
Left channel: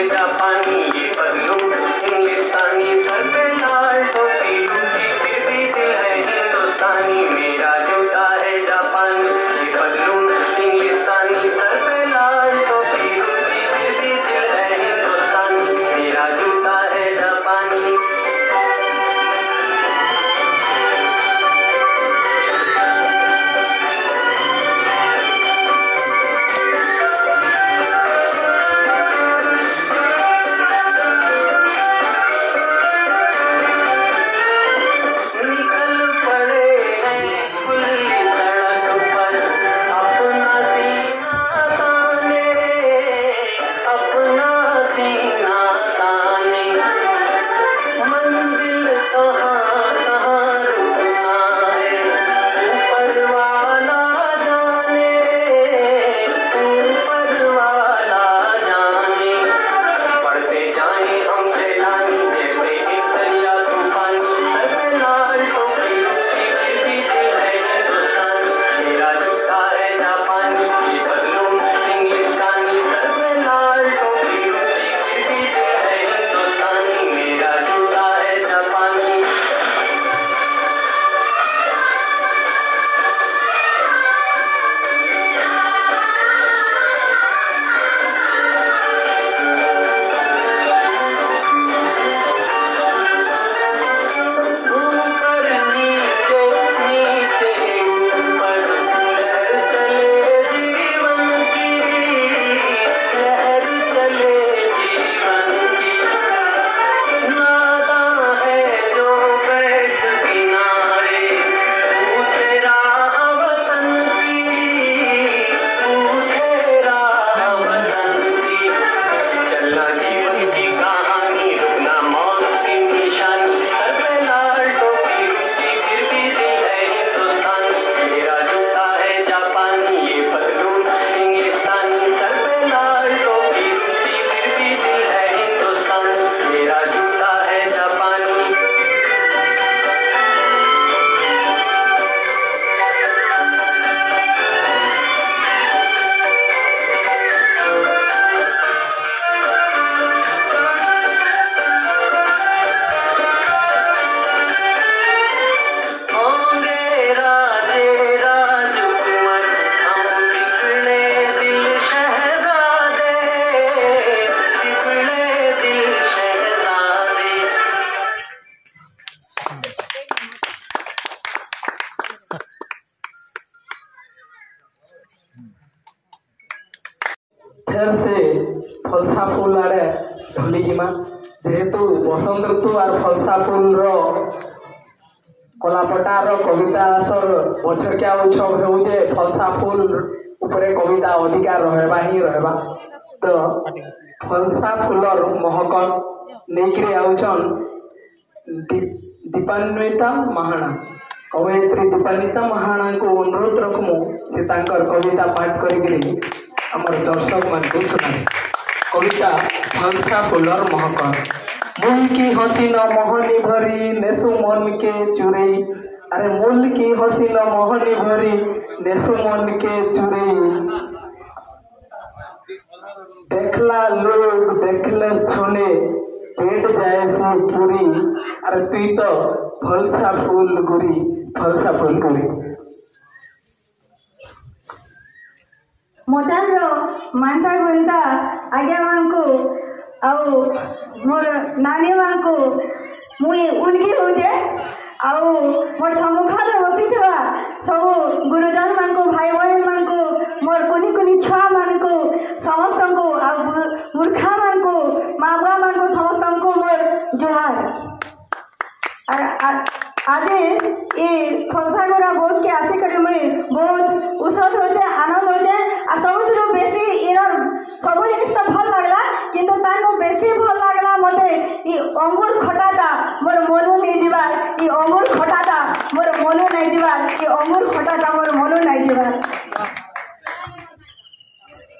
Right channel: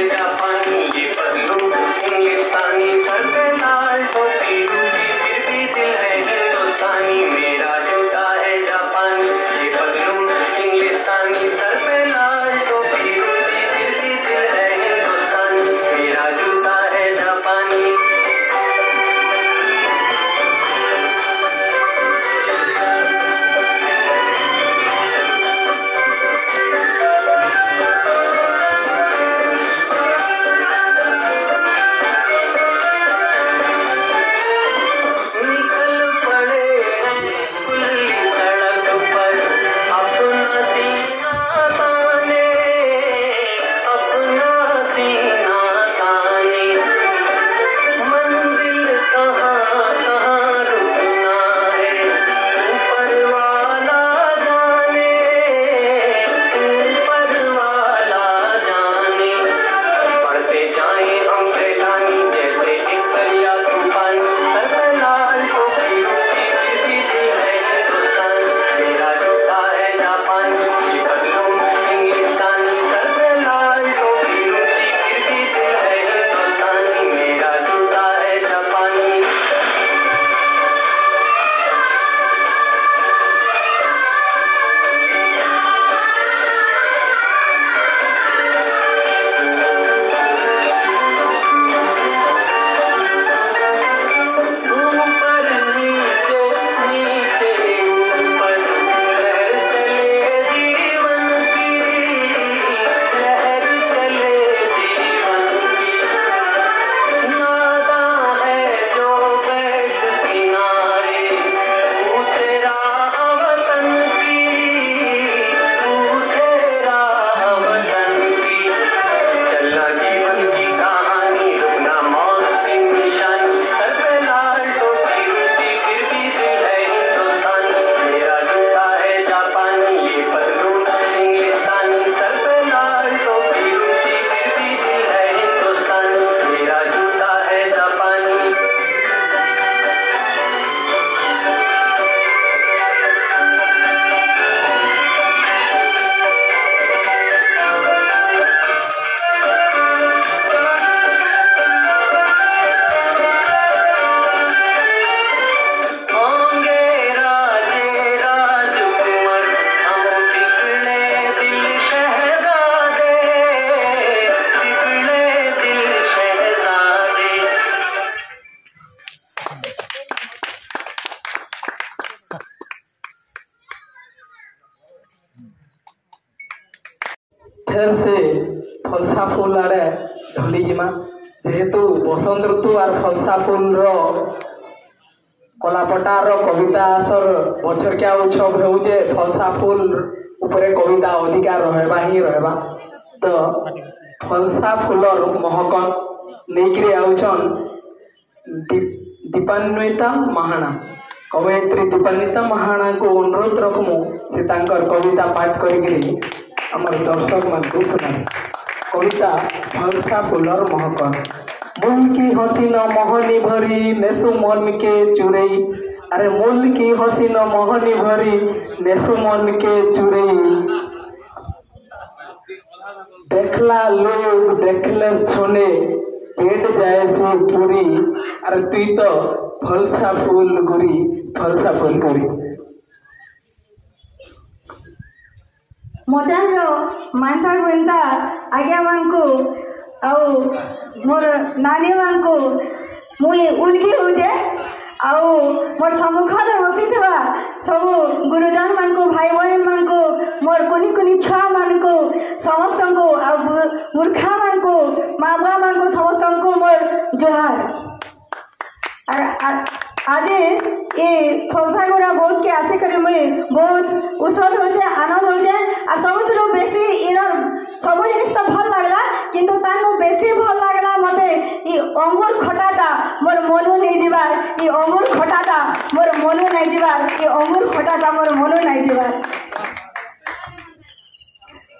फेर से फलसा फूल आड़े ढली जिमा जेहेतु बसंत ऋतु और फलसा फूल कलापटार कविता आसर बछरकिया उत्सव होचे फलसा फूल उपरे कविता अधिका रहबा ही रहबा तो फलसा फूलर महक लेकिरे आउछन दीपान्विता महाना कवयित्री दीपान्विता महाना को अनुरोध रखमु से तांकर कविता पाठ करिकरी हमर दर्शक मन को सुनाई कविता फलसा फूलर महक मूल की हसीन मोहनी भरी नेसु मन के चुरई अरे मूल की हसीन मोहनी भरी नेसु मन के चुरई देखला लोग देखले छुने पेट जाए से पूरी अरे तुई तो फलसा फूल गुरी फलसा फूल गुरी मोचान मानसा गोविंदा आज्ञा मानकु आउ मोर नानी मानकु मुई उल्गी होजे आउ मोर सम्मुखरे बसिथिबा सब गुरुजन मानकु भाई बहन मानकु मोर कुनी कुनी छुआ मानकु समस्तंकु आउ मूर्खा मानकु माँ बुआ मानकु समस्तंकु मोर जोहार आज ये फलसा गुड़ा बहुत के आसे करे मुई बहुत उसद होचे आनंद होचे और सबुठु बेसी इनर सब जिनिस तो भल लागला किंतु तानु बेसी भल लागला मते ई अंगूर खटाटा मोर मनु नै जिबार ई अंगूर खटाटा मोर मनु नै जिबार ई अंगूर खटाटा मोर मनु नै जिबार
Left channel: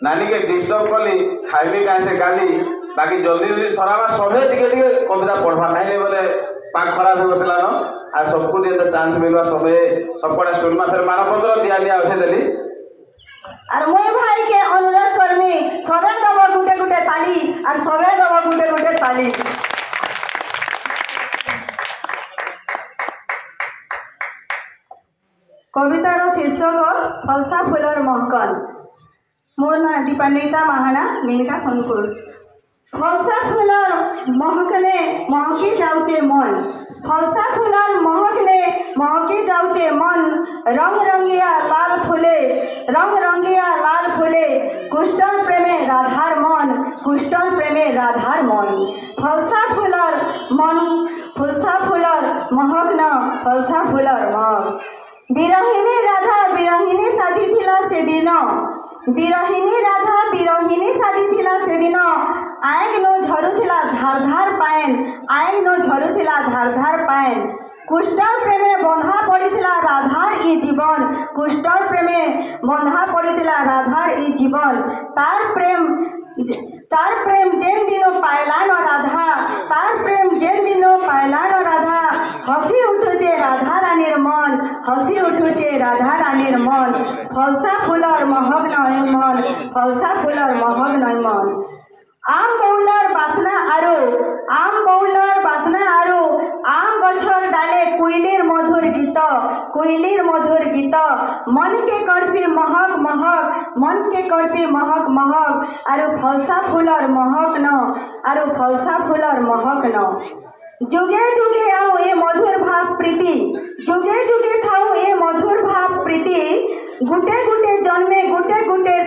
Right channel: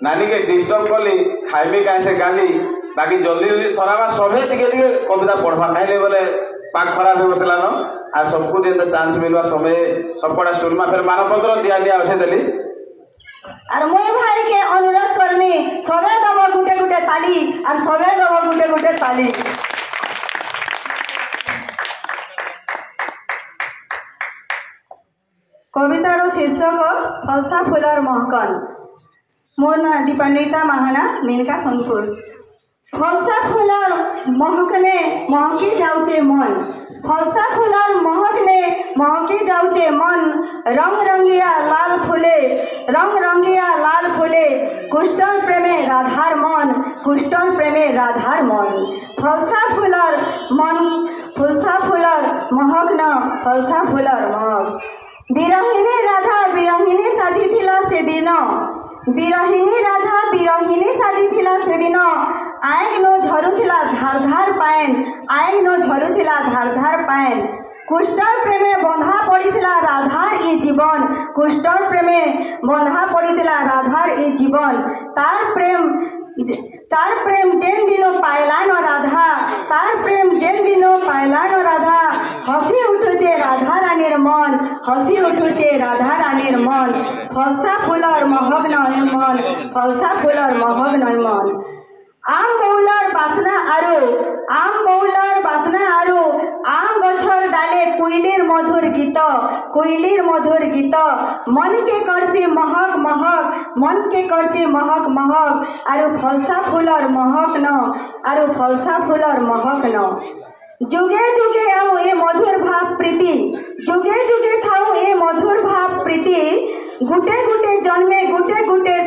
नानी के डिस्टर्ब कली खाइबे का से गाली बाकी जल्दी जल्दी सरावा सबे टिके टिके कविता पढ़वा कहले बोले पाक खराब हो बसला न आ सबको जे चांस मिलवा सबे सबकोडा सुलमा फिर मानपत्र दिया दिया उसे देली और मुई भाई के अनुरोध करमी सबे दबो गुटे गुटे ताली और सबे दबो गुटे गुटे ताली कवितार शीर्षक फलसा फूलर महकन मोर ना दीपान्विता महाना मेनका सोनपुर फलसा फूलर महकने महकी जाउचे मन फलसा फूलर महकने महकी जाउचे मन रंग रंगिया लाल फूले कुष्टन प्रेमे राधार मन कुष्टन प्रेमे राधार मन फलसा फूलर महक न फलसा फूलर महक बिरहिनी राधा बिरहिनी साजिथिला से दिन बिरहिनी राधा बिरहिनी साजिथिला से दिन आइन नो झरुथिला धार धार पाएन आइन नो झरुथिला धार धार पाएन कुष्टन प्रेमे बंधा पड़िथिला राधार ई जीवन कुष्टन प्रेमे बंधा पड़िथिला राधार ई जीवन तार प्रेम जेन दिनो पायला न राधा तार प्रेम जेन दिनो पायला न राधा हसी उठुचे राधा रानीर मन हसी उठुचे राधा रानीर मन फलसा फूलर महक नय मन फलसा फूलर महक नय मन आम बौलर बासना आरो आम गछर डाले कोइलीर मधुर गीत मन के करसी महक महक मन के करसी महक महक आरो फलसा फूलर महक न आरो फलसा फूलर महक न जुगे जुगे आओ ए मधुर भाव प्रीति जुगे जुगे थाओ ए मधुर भाव प्रीति गुटे गुटे जन्मे गुटे गुटे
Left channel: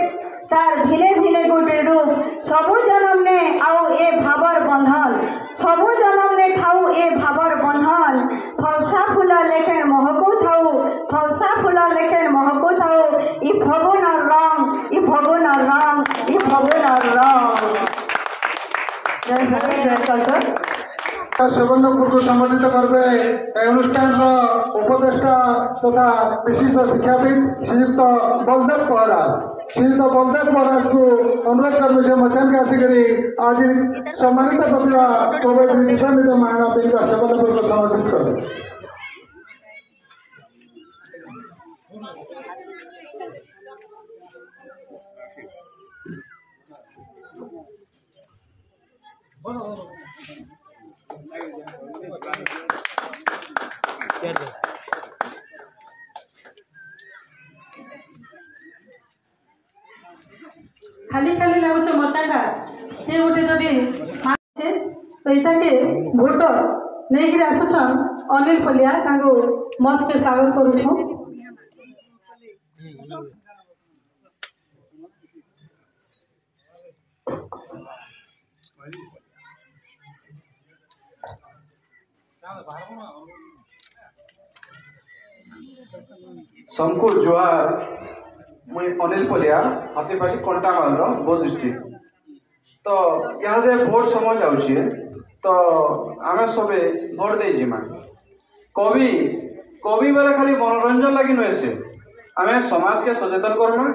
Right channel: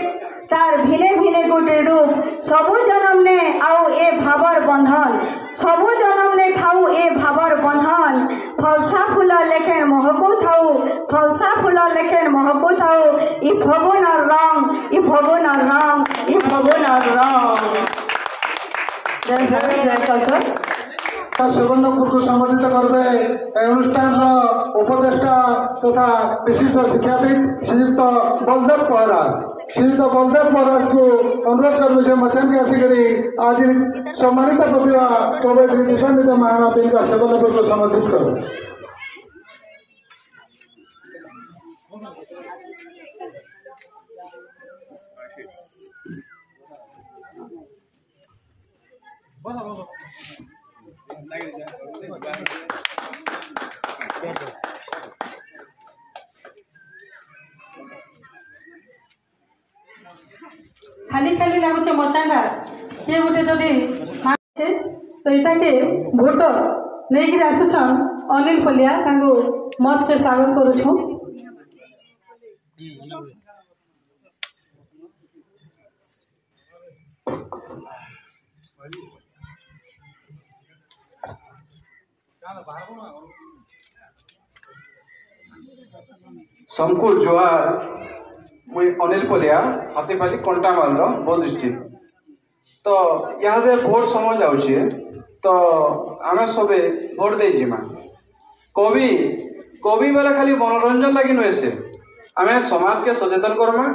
तार भिने भिने गुटे रूप सबु जन्म ने आओ ए भावर बंधन सबु जन्म ने थाऊ ए भावर बंधन फलसा फूल लेखेन महकू थाऊ फलसा फूल लेखेन महकू थाऊ इ फगुन रंग इ फगुन रंग इ फगुन रंग जय सुवर्णपुर को सम्मानित करबे अनुष्ठान उपदेष्टा तथा विशिष्ट शिक्षाविद श्रीयुक्त बलदेव महाराज को अनुरोध करबे से मचान के आसिकरी आज सम्मानित प्रतिभा कवि दीपान्विता महाना का सुवर्णपुर को सम्मानित करबे खाली खाली लगुच मचाटा ये गोटे जदि तो यहाँ के भोट नहीं कि आसुछन अनिल पलिया मंच के स्वागत करूँ। सबको जुहार मुई अनिल पलिया हाथीपाली कंटामाल बौद्ध डिस्ट्रिक्ट तो यहाँ भोट समय जाऊे तो आम सबे भोट दे जिमा कवि कवि बेला खाली मनोरंजन लगी नुहे से आम समाज के सचेतन करमा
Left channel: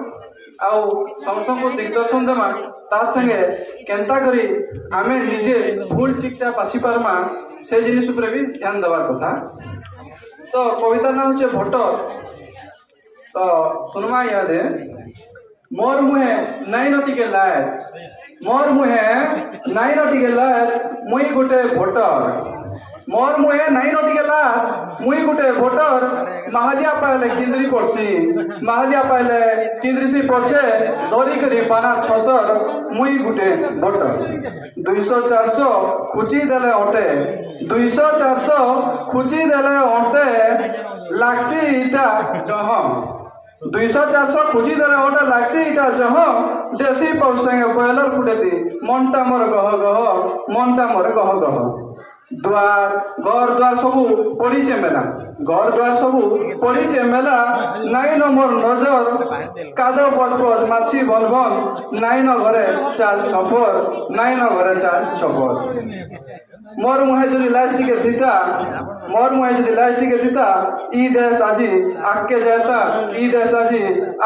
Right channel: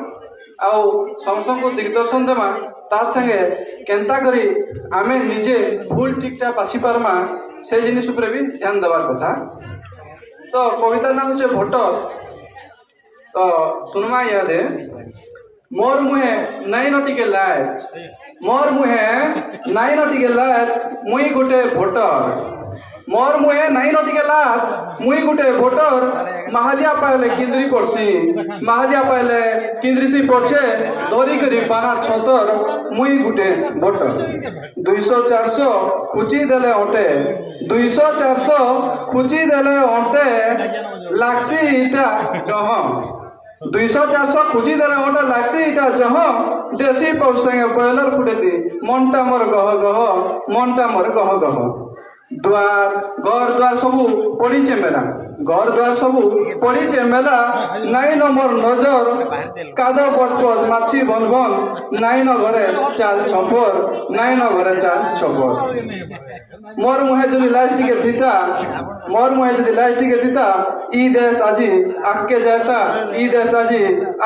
आउ समस्त को दिग्दर्शन देमा ता संगे केंता करी आमे निजे भूल ठीकटा बाछी पारमा से जिनिस उपरे भी ध्यान देवार कथा तो कविता ना होचे भोटर तो सुनमा यादे मोर मुहे नाई नटिके लायक मोर मुहे नाई नटिके लायक मुई गुटे भोटर मोर मुहे नाई नटिके लायक मुई गुटे भोटर महाजिया पाइले किंद्री पड़सी महाजिया पाइले किंद्री से पछे दरी करी पाना छतर मुई गुटे भोटर 200-400 खुची देले ओटे 200-400 खुची देले ओटे लाक्सी इटा जह 200-400 खुची देले ओटे लाक्सी इटा जह देसी पौसंगे बयलर फुटेती मनटा मोर गह गह मनटा मोर गह गह द्वार घर द्वार सबू पड़ीचे मेला घर द्वार सबू पड़ीचे मेला नाई न मोर नजर काद पचपच माछी बन बन नाई न घरे चाल छपर नाई न घरे चाल छपर मोर मुहे जदि लास्ट के दीता मोर मुहे जदि लास्ट के दीता ई देश आजी आके जाता ई देश आजी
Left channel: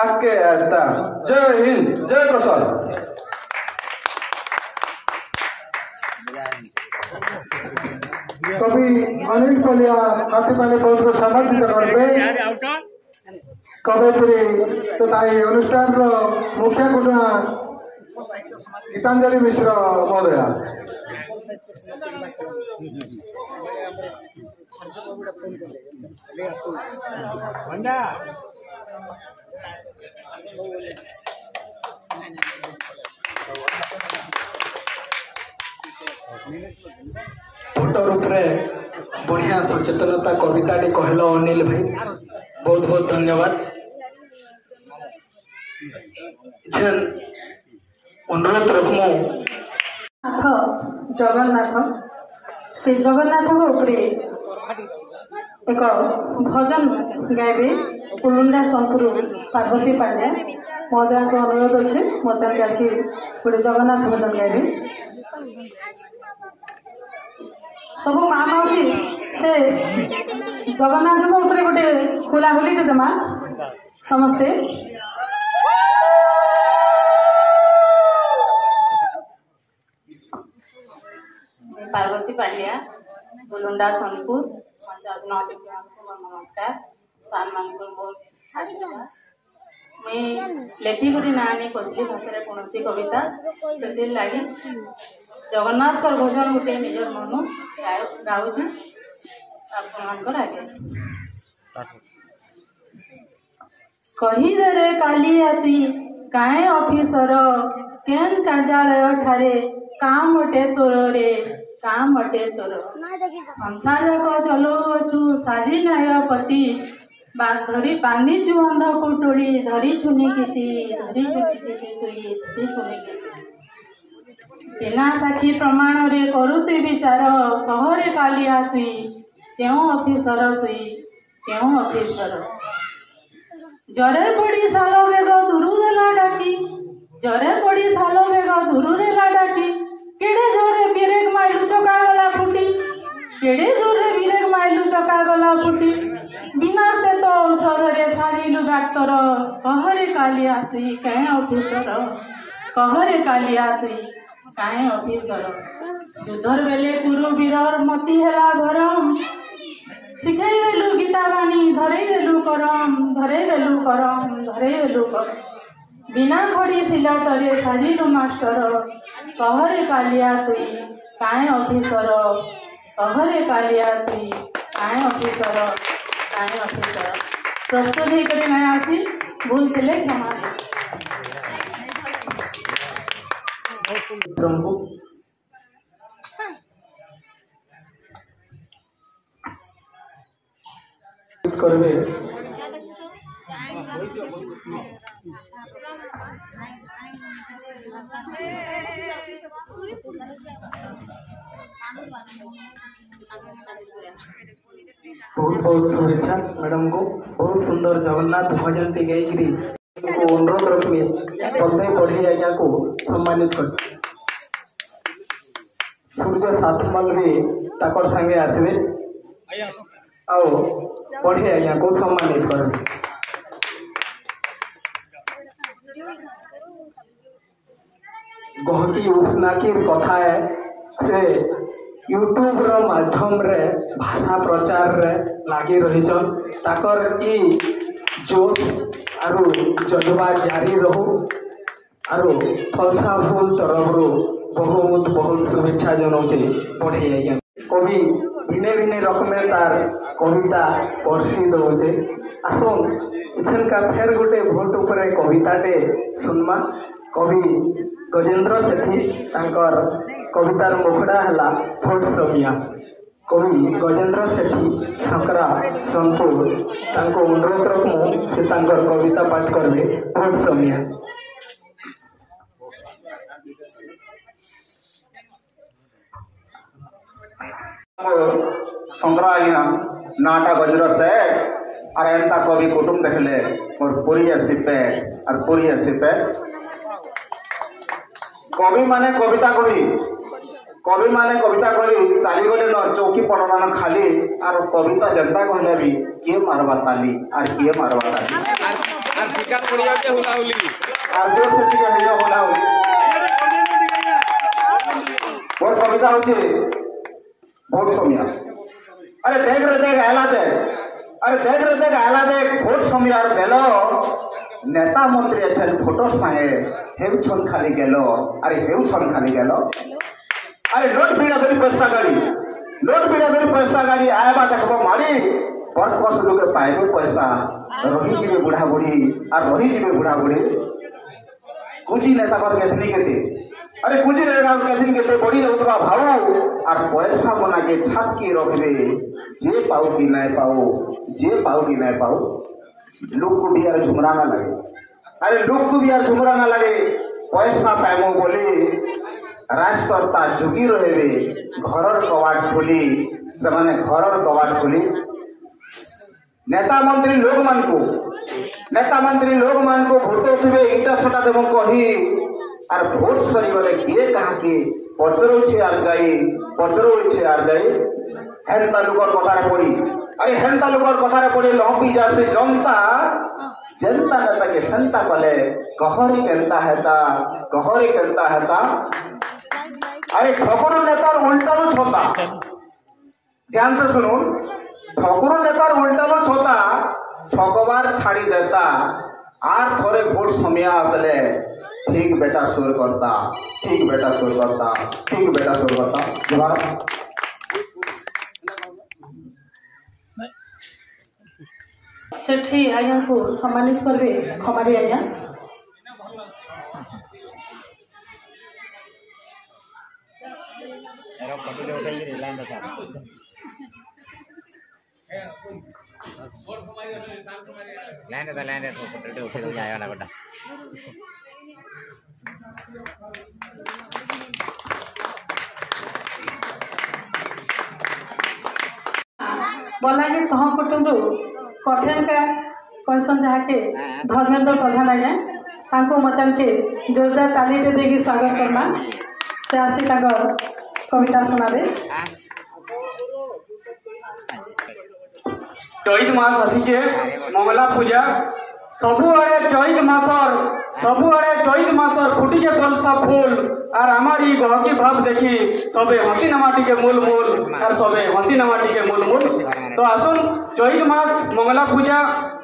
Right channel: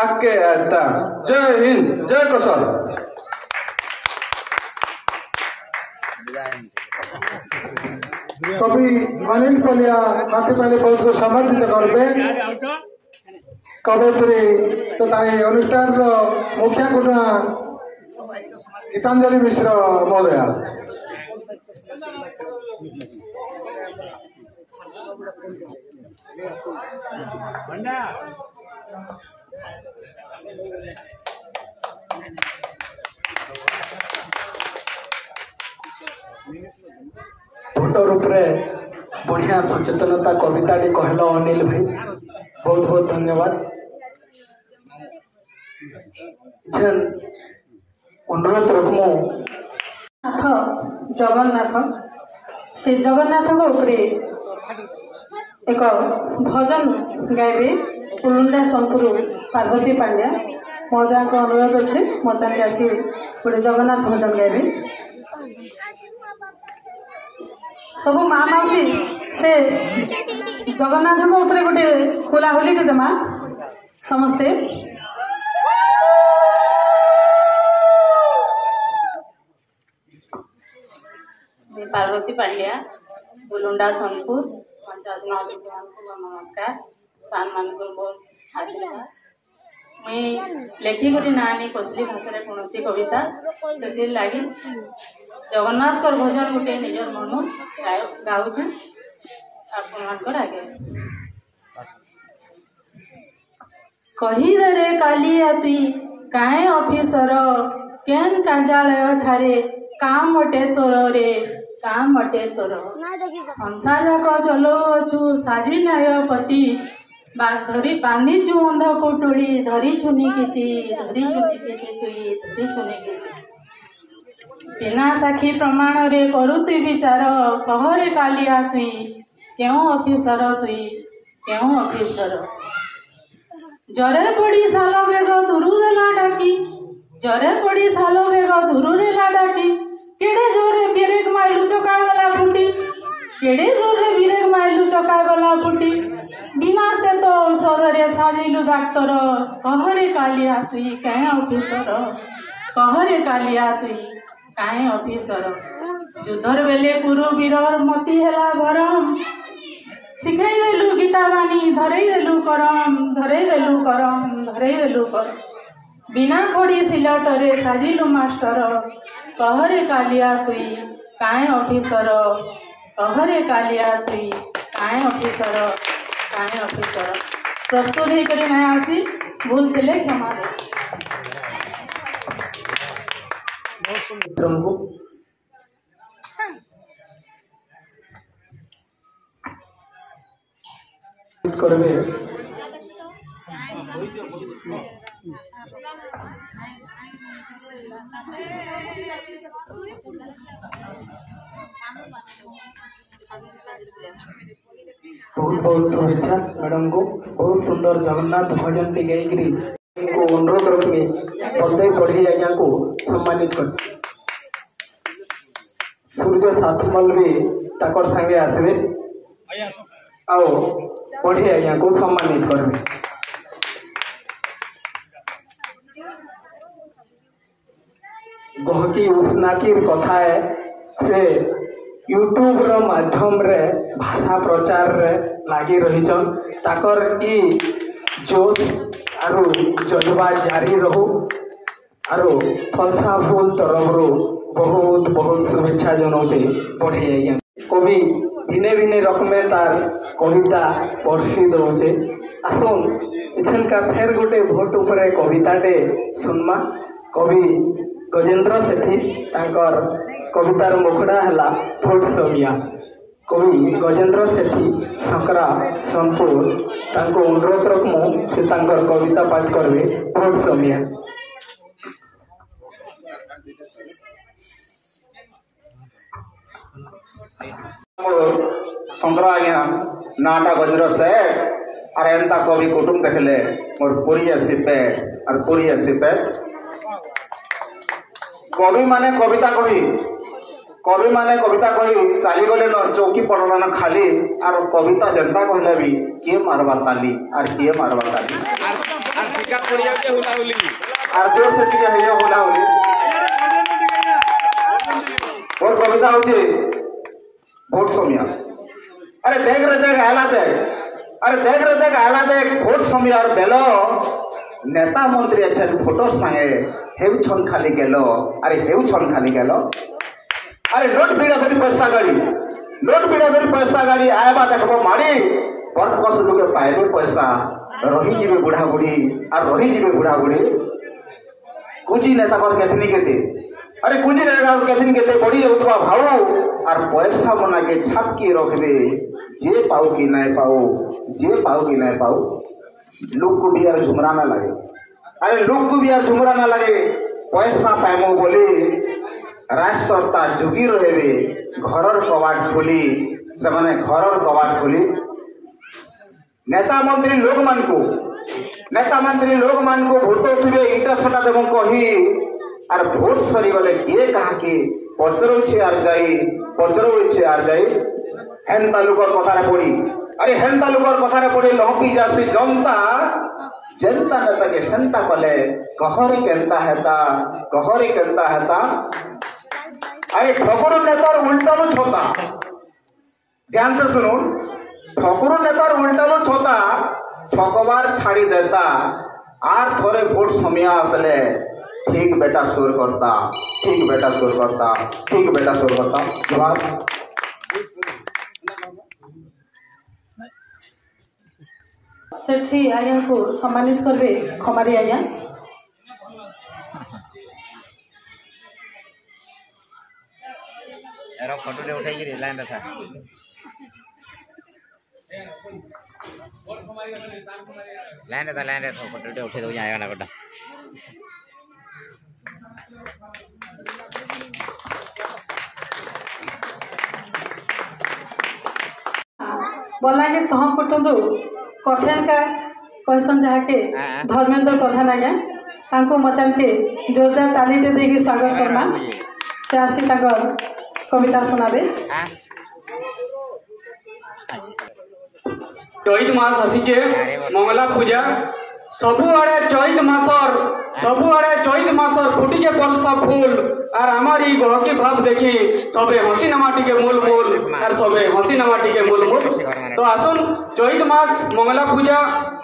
आके आता जय हिंद जय प्रसाद कवि अनिल पलिया हाथीपाली बहुत को समर्थित करबे कवयित्री तथा ये अनुष्ठान मुख्य गुणा गीतांजलि मिश्र महोदया भोटर उपरे बढ़िया सचेतनता कविता कहल अनिल भाई बहुत बहुत धन्यवाद अनुरोध रखमु जगन्नाथ से जगन्नाथ उपरे एक भजन गाइबे कुलुंडा सोनपुर पार्वती पांड्या महोदय को अनुरोध अच्छे मचान आसी गोटे जगन्नाथ भजन गाइबे सब माँ माउसी से जगन्नाथ उपरे गोटे खोलाहोली देमा समस्ते पार्वती पांड्या गुलुंडा सोनपुर 59 नमस्कार सान मानपुर बहुत आशीर्वाद मुई लेखी करी नानी कोसली भाषा कौन कविता से लगी जगन्नाथ भजन गोटे निजर मन गाँव आप आगे कहीदे कालिया तुई काए ऑफिसर केन कार्यालय ठारे काम अटे तोर रे काम अटे तोर संसार जाक चलौछु साजी न्यायपति धरी बांधीचु अंध पुटुड़ी धरी छुनी किति धरी छुनी किति तुई धरी छुनी किति बिना साक्षी प्रमाण रे करुती विचार कहरे कालिया तुई क्यों ऑफिसर तुई क्यों ऑफिसर जरे पड़ी सालो बेग दुरु देला डाकी जरे पड़ी सालो बेग दुरु देला डाकी केड़े जोरे ब्रेक माइलु चका गला फुटी केड़े जोरे ब्रेक माइलु चका गला फुटी बिना से तो औषध रे सारिलु डाक्टर कहरे कालिया तुई काहे ऑफिसर कहरे कालिया तुई काहे ऑफिसर युद्धर बेले कुरु वीर मती हेला गरम शिखाई देलु गीता बानी धरई देलु करम धरई देलु करम धरई देलु करम बिना खड़ी सिलटरे साजिलु मास्टर कहरे कालिया तुई काहे ऑफिसर कहरे कालिया तुई काहे ऑफिसर काहे ऑफिसर प्रस्तुत ही करे ना आसी भूल थिले क्षमा प्रभु करबे बहुत बहुत शुभेच्छा मैडम को। बहुत सुंदर जगन्नाथ भजन टी गायकरी अनुरोध रखिए प्रत्येक पढ़ी आज्ञा को सम्मानित कर। सूर्य सातमल भी ताकर संगे आसवे आओ पढ़ी आज्ञा को सम्मानित कर। गहकी उष्णाकी कथा से यूट्यूब रो माध्यम रे भाषा प्रचार रे लागी रहिछन। ताकर की जोश आरु जज्बा जारी रहू आरु फलसा फूल तरफ बहुत बहुत शुभेच्छा जनाऊे पढ़े आज्ञा। कवि भिन्न भिन्न रकमेर तार कविता पढ़सी दौचे। आसुन इछन का फेर गोटे भोट उपरे कविताटे सुनमा। कवि गजेंद्र सेठी तांकर कवितार मुखड़ा है भोट समिया। कवि गजेंद्र सेठी सकरा सोनपुर तांको अनुरोध रखमु से तांकर कविता पाठ करबे भोट समिया। संग्रह आज्ञा नाटा गजर से और एंता कवि कुटुम देखले मोर पूरी आसिपे और पूरी आसिपे कवि माने कविता कही चली गले न चौकी पड़ना खाली और कविता जनता कहले भी किए मारवा ताली और किए मारवा ताली और टीका पड़ी जाते होला होली और जोर से टीका हेयो होला होली। और कविता होती भोट समिया। अरे देख रे देख आयला देख भोट समिया बेलो नेता मंत्री अछन फोटो संगे हेउ छन खाली गेलो। अरे हेउ छन खाली गेलो। अरे नोट पीड़ा धरी पैसा गाड़ी आएबा देखबो मारी बरकस लोगे पाइबे पैसा रही जीवे बुढ़ा बुढ़ी और रही जीवे बुढ़ा बुढ़ी कुजी नेता पर केतनी केते। अरे कुजी नेता पर केतनी केते बड़ी होतबा भाऊ और पैसा मना के छाप के रखबे जे पाऊ कि नहीं पाऊ लोग को भी यार झुमरा ना लगे। अरे लोग को भी यार झुमरा ना लगे पैसा पाइमो बोले राष्ट्रता जोगी रहे घरर कवाट खोली से घरर कवाट खोली नेता मंत्री लोग मान को भोट उठे इटा सेटा देव कही और भोट सरी गले किए कहा कि पचरौछे आर जाई हेन तालुकर कथार पड़ी। अरे हेन तालुकर कथार पड़ी लहपी जासी जनता जनता नेता के सेंता पले कहरी केंता हेता। अरे ठकुर नेतार उल्टालो छोता ध्यान से सुनो ठकुर नेतार उल्टालो छोता ठकबार छाड़ी देता आर थोड़े भोट समिया आसले ठीक बेटा सुर करता। जवाब सेठी आज्ञा को सम्मानित करबे खमारी आज्ञा। फोटो ले उठाई लाइन था फोटो ले उठे तो आएगा ना बेटा। बोला कि तह कुटुंब कठिन का कहसन जहाँके धर्मेंद्र प्रधान आज्ञा तांको मचान के जोरदार ताली दे स्वागत करमा से आसी कविता सुनाबे। चैत मास आसीचे मंगला पूजा सबुआड़े चैत मासर फुटिके पलसा फूल और आमार ई गहकी भाव देखी सबे हसी नामाटी के मूल और सबे हसी नामाटी के मूल। तो आसुन चैत मास मंगला पूजा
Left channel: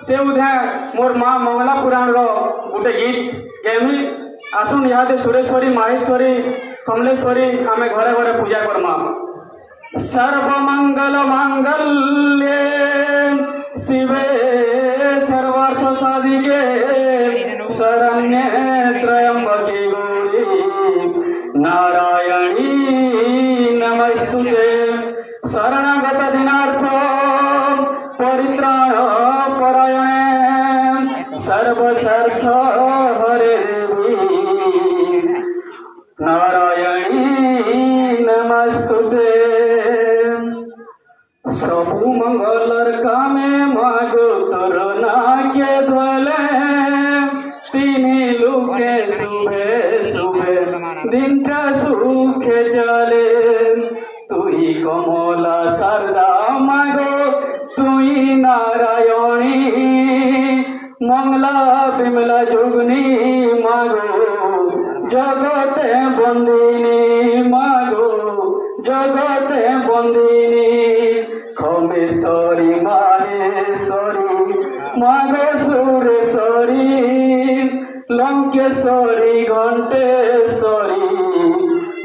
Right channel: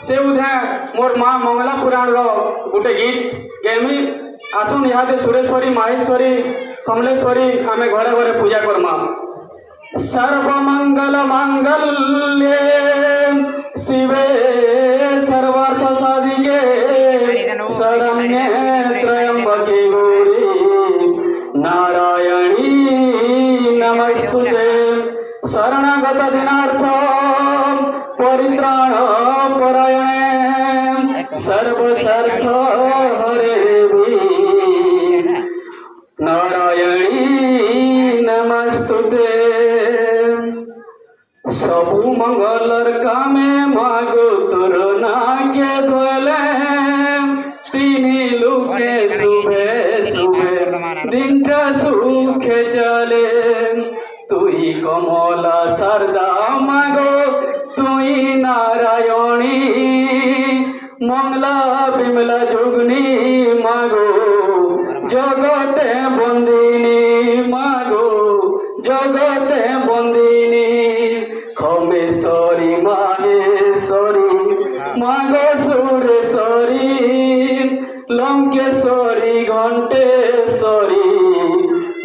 से उधे मोर माँ मंगला पुराण रो गोटे गीत गेमी। आसुन यहाँ सुरेश्वरी माहेश्वरी समलेश्वरी आमे घरे घरे पूजा करमा। सर्वमंगल मांगल्ये शिवे सर्वार्थ साधिके शरण्ये त्र्यंबके गौरी नारायणी नमस्तुते। शरणागत दिनार्थ परित्राण परायणे सर्व पुरुषार्थ हरे नारायणी नमस्तुते सबु मंगलर कामे मागो तोर नाके धोले तीनी लुके सुबे सुबे दिनटा सुखे चले तुई कमला शारदा मागो तुई नारायणी मंगला बिमला जोगनी मागो जगते बंदिनी मागो जगते बंदिनी खमेश्वरी माहेश्वरी मागो सुरेश्वरी लंकेश्वरी घंटेश्वरी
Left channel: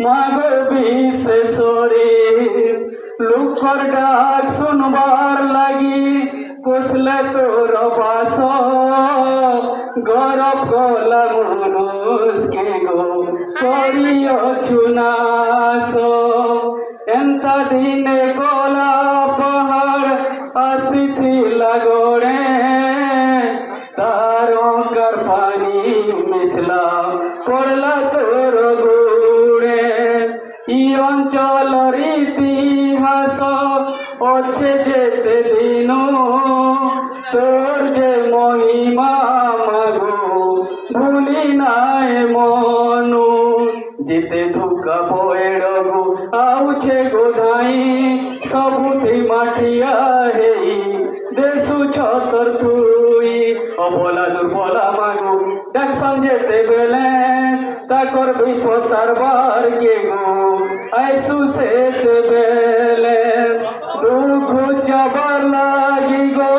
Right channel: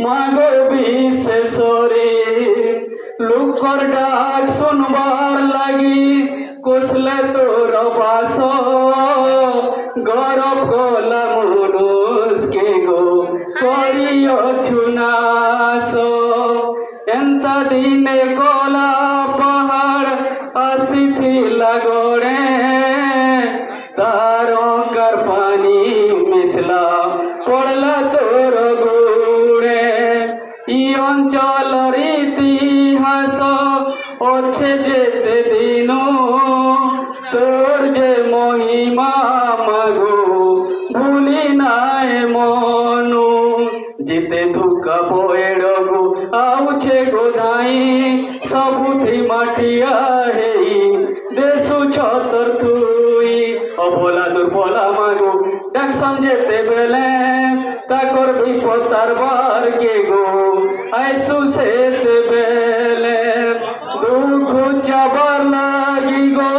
मागो विश्वेश्वरी लुकर डाक सुनबार लगी कुशले तोर पास गौरव गोला मुनुष के गो करियो चुनास एंता दिने गोला पहाड़ आसी थी लगोड़े तारो कर पानी मिसला पड़ला तोर गुड़े ई अंचल इतिहास अच्छे जेते दिनो तोर जे महिमा मागो भूली नाए मनु जिते दुख बोएड़गु आउछे गोदाई सबुथी माटिया हेई देशु छतर तुई अबोला दुर्बला मागो डाक्सन जेते बेले ताकर विपतार बार के गो ऐसु से ते बेले दुख जबर लागी गो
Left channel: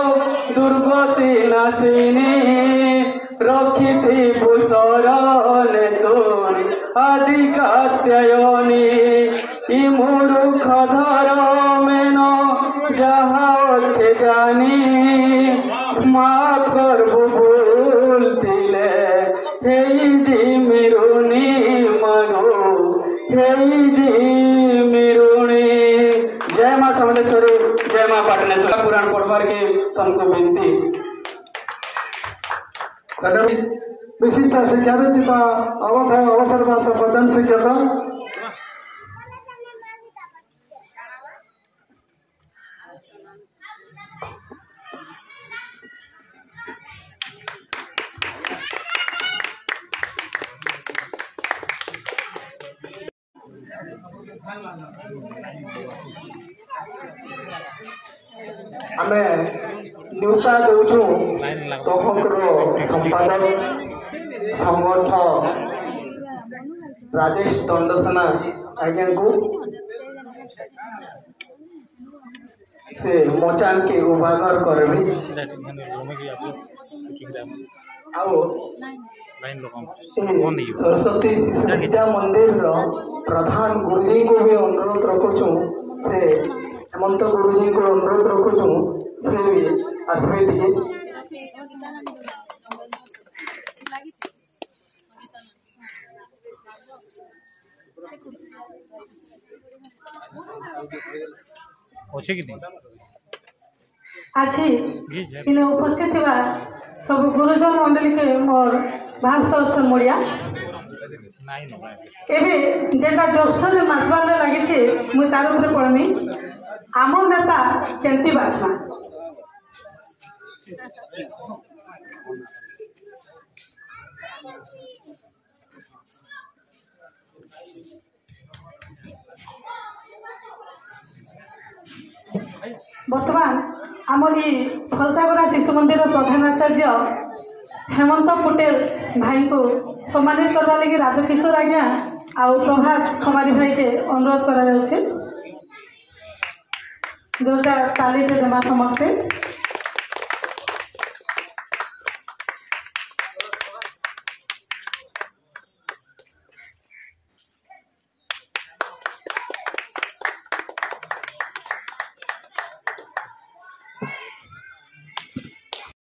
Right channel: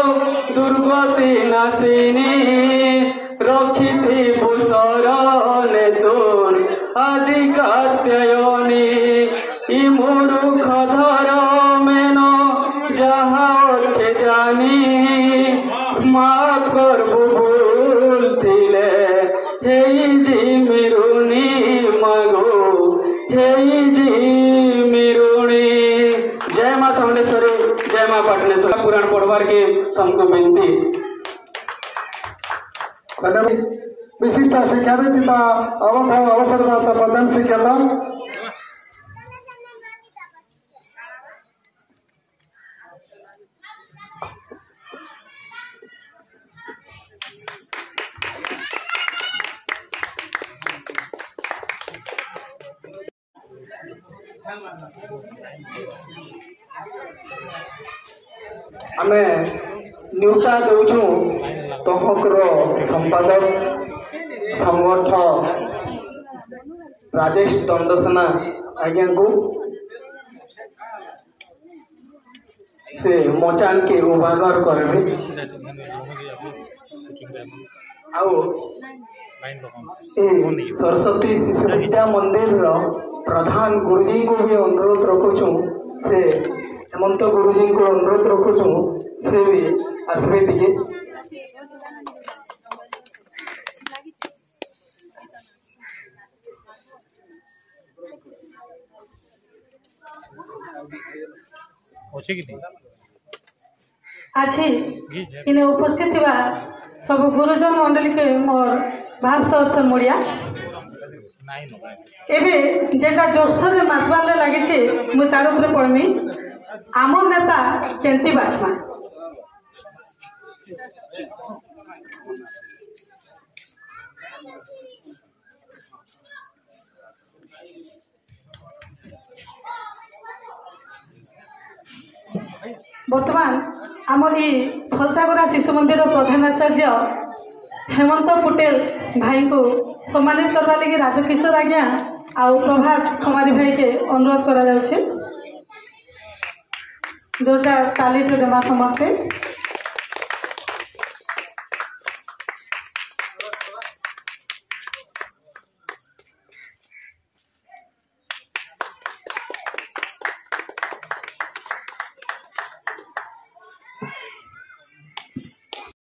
दुर्गति नासिनी रक्षिति पुसरने तोर आदि कात्यायनी इ मूर्ख धर्मेन जहा अच्छे जानी माफ करबु भूल थिले हेई जी मिरुनी मागो हेई जी मिरुनी। जय मां समलेश्वरी जय मां पाटनेश्वरी पुराण पढ़वार के सबको विनती। विशिष्ट शिक्षाविद अवसर प्रदान शिक्षक आमे न्यूता दौचु तहकर संपादक संगठक राजेश दंडसेना आज्ञा को से मोचान के उभागर करबी आउ सरस्वती शिशु विद्या मंदिर प्रधान गुरुजी को भी अनुरोध रखुचु से हेमंत गुरुजी को अनुरोध रखुचु से भी आसबे दिए आज इन्हें उपस्थित हुआ सब गुरुजन मंडली के मोर भाषा मुड़िया एवं जेटा जोरसोर मातबार लगी मुझे तार ऊपर पढ़मी आम नेता केंती बाजमा बर्तमान आमर ये फलसागुड़ा शिशु मंदिर प्रधानाचार्य हेमंत पटेल भाई को सम्मानित करने लगी राजकिशोर आज्ञा आउ प्रभात कुमारी भाई के अनुरोध कर जोरदार ताली तो देमा समस्ते।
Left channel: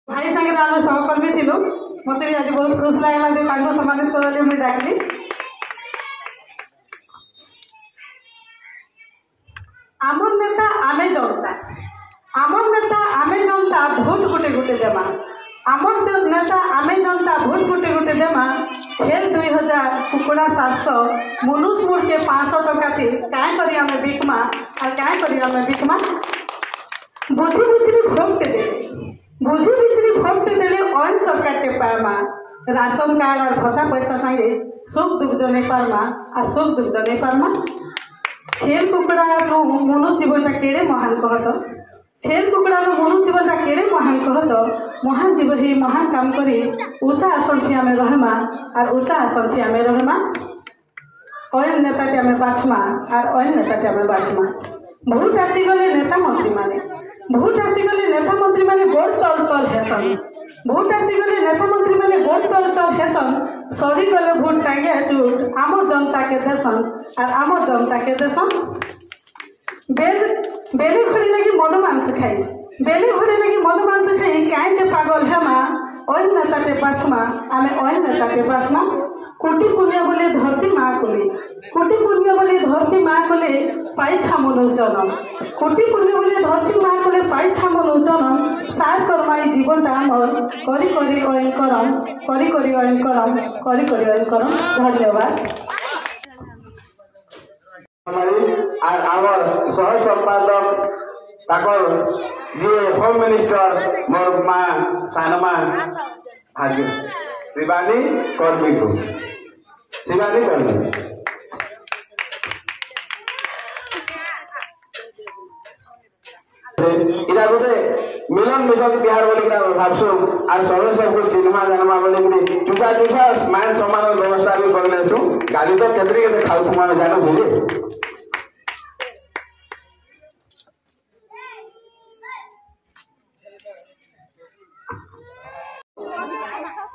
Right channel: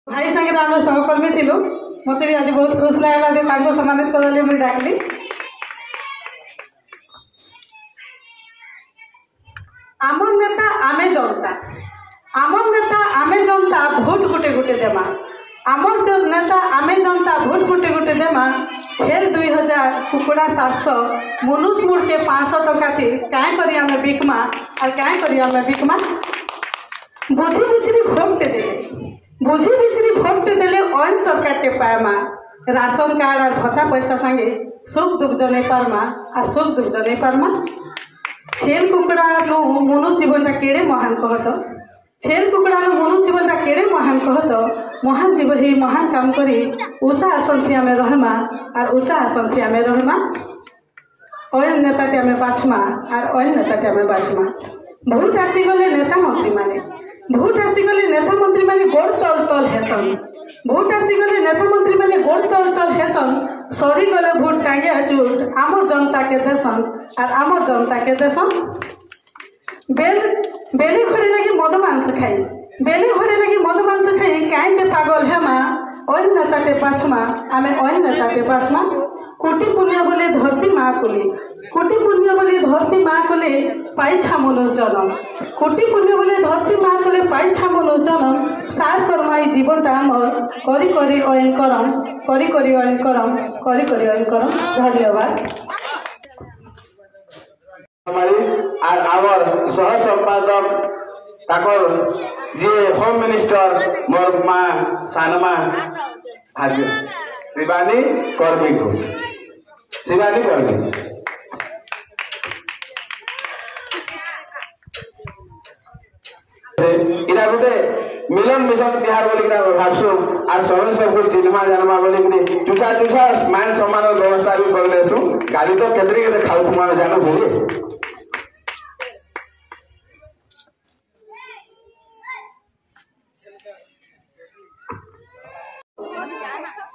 भाई संगे आम सहकर्मी थिलु मत भी आज बहुत खुश लगला सम्मानित करने मुझे डाकली आम नेता आमे जनता भोट गुटे गुटे देमा आम नेता आमे जनता मनुष्य मुड़ के 500 टका थी क्या करी हमें बिकमा और क्या करी हमें बिकमा बुझी बुझी भोगते देले ऑयल सरकार के पारमा राशन कार्ड और भत्ता पैसा संगे सुख दुख जन पारमा और सुख दुख जन पारमा छेल कुकड़ा मनुष्य जीवन केड़े महान कहत छेल कुकड़ा मनुष्य जीवन केड़े महान कहत महान जीवन ही महान काम करी ऊंचा आसन थी आमे रहमा और ऊंचा आसन थी आमे रहमा ऑयल नेता टे आमे बाछमा और ऑयल नेता टे आमे बाछमा बहुत आसी गले नेता मंत्री माने बहुत आसी गले नेता मंत्री माने गोड़ तल तल हेसन बहुत आसी गले नेता मंत्री माने गोड़ तल तल हेसन सरी गले भोट टांगे जुट आम जनता के देसन और आम जनता के देसन बेले घरे लगी मद मांस खाई बेले घरे लगी मद मांस खाई काई जे पागल हेमा ओन नेता के पाछमा आमे ओन नेता के पाछमा कोटि पुण्य बोले धरती माँ कोले कोटि पुण्य बोले धरती माँ कोले पाई छामलो जनम कोटि पुण्य बोले धरती माँ कोले पाई छामलो जनम सार कर्माई जीवन आमर करी करी ओन करम करी करी ओन करम करी करी ओन करम धन्यवाद। आवर सह संपादक ताकर जे होम मिनिस्टर मोर माँ सानमा हाजिर शिवानी कर्मी को शिवानी कर्मी इरा गोटे मिलन मिशन बिहार बोली भावसु आ समय सबको चिन्हमा जानमा बोली चुसा चुसा मान सम्मान व्यवस्था भी कर लेसु गाली तो केते खाऊ तुम जानू भूली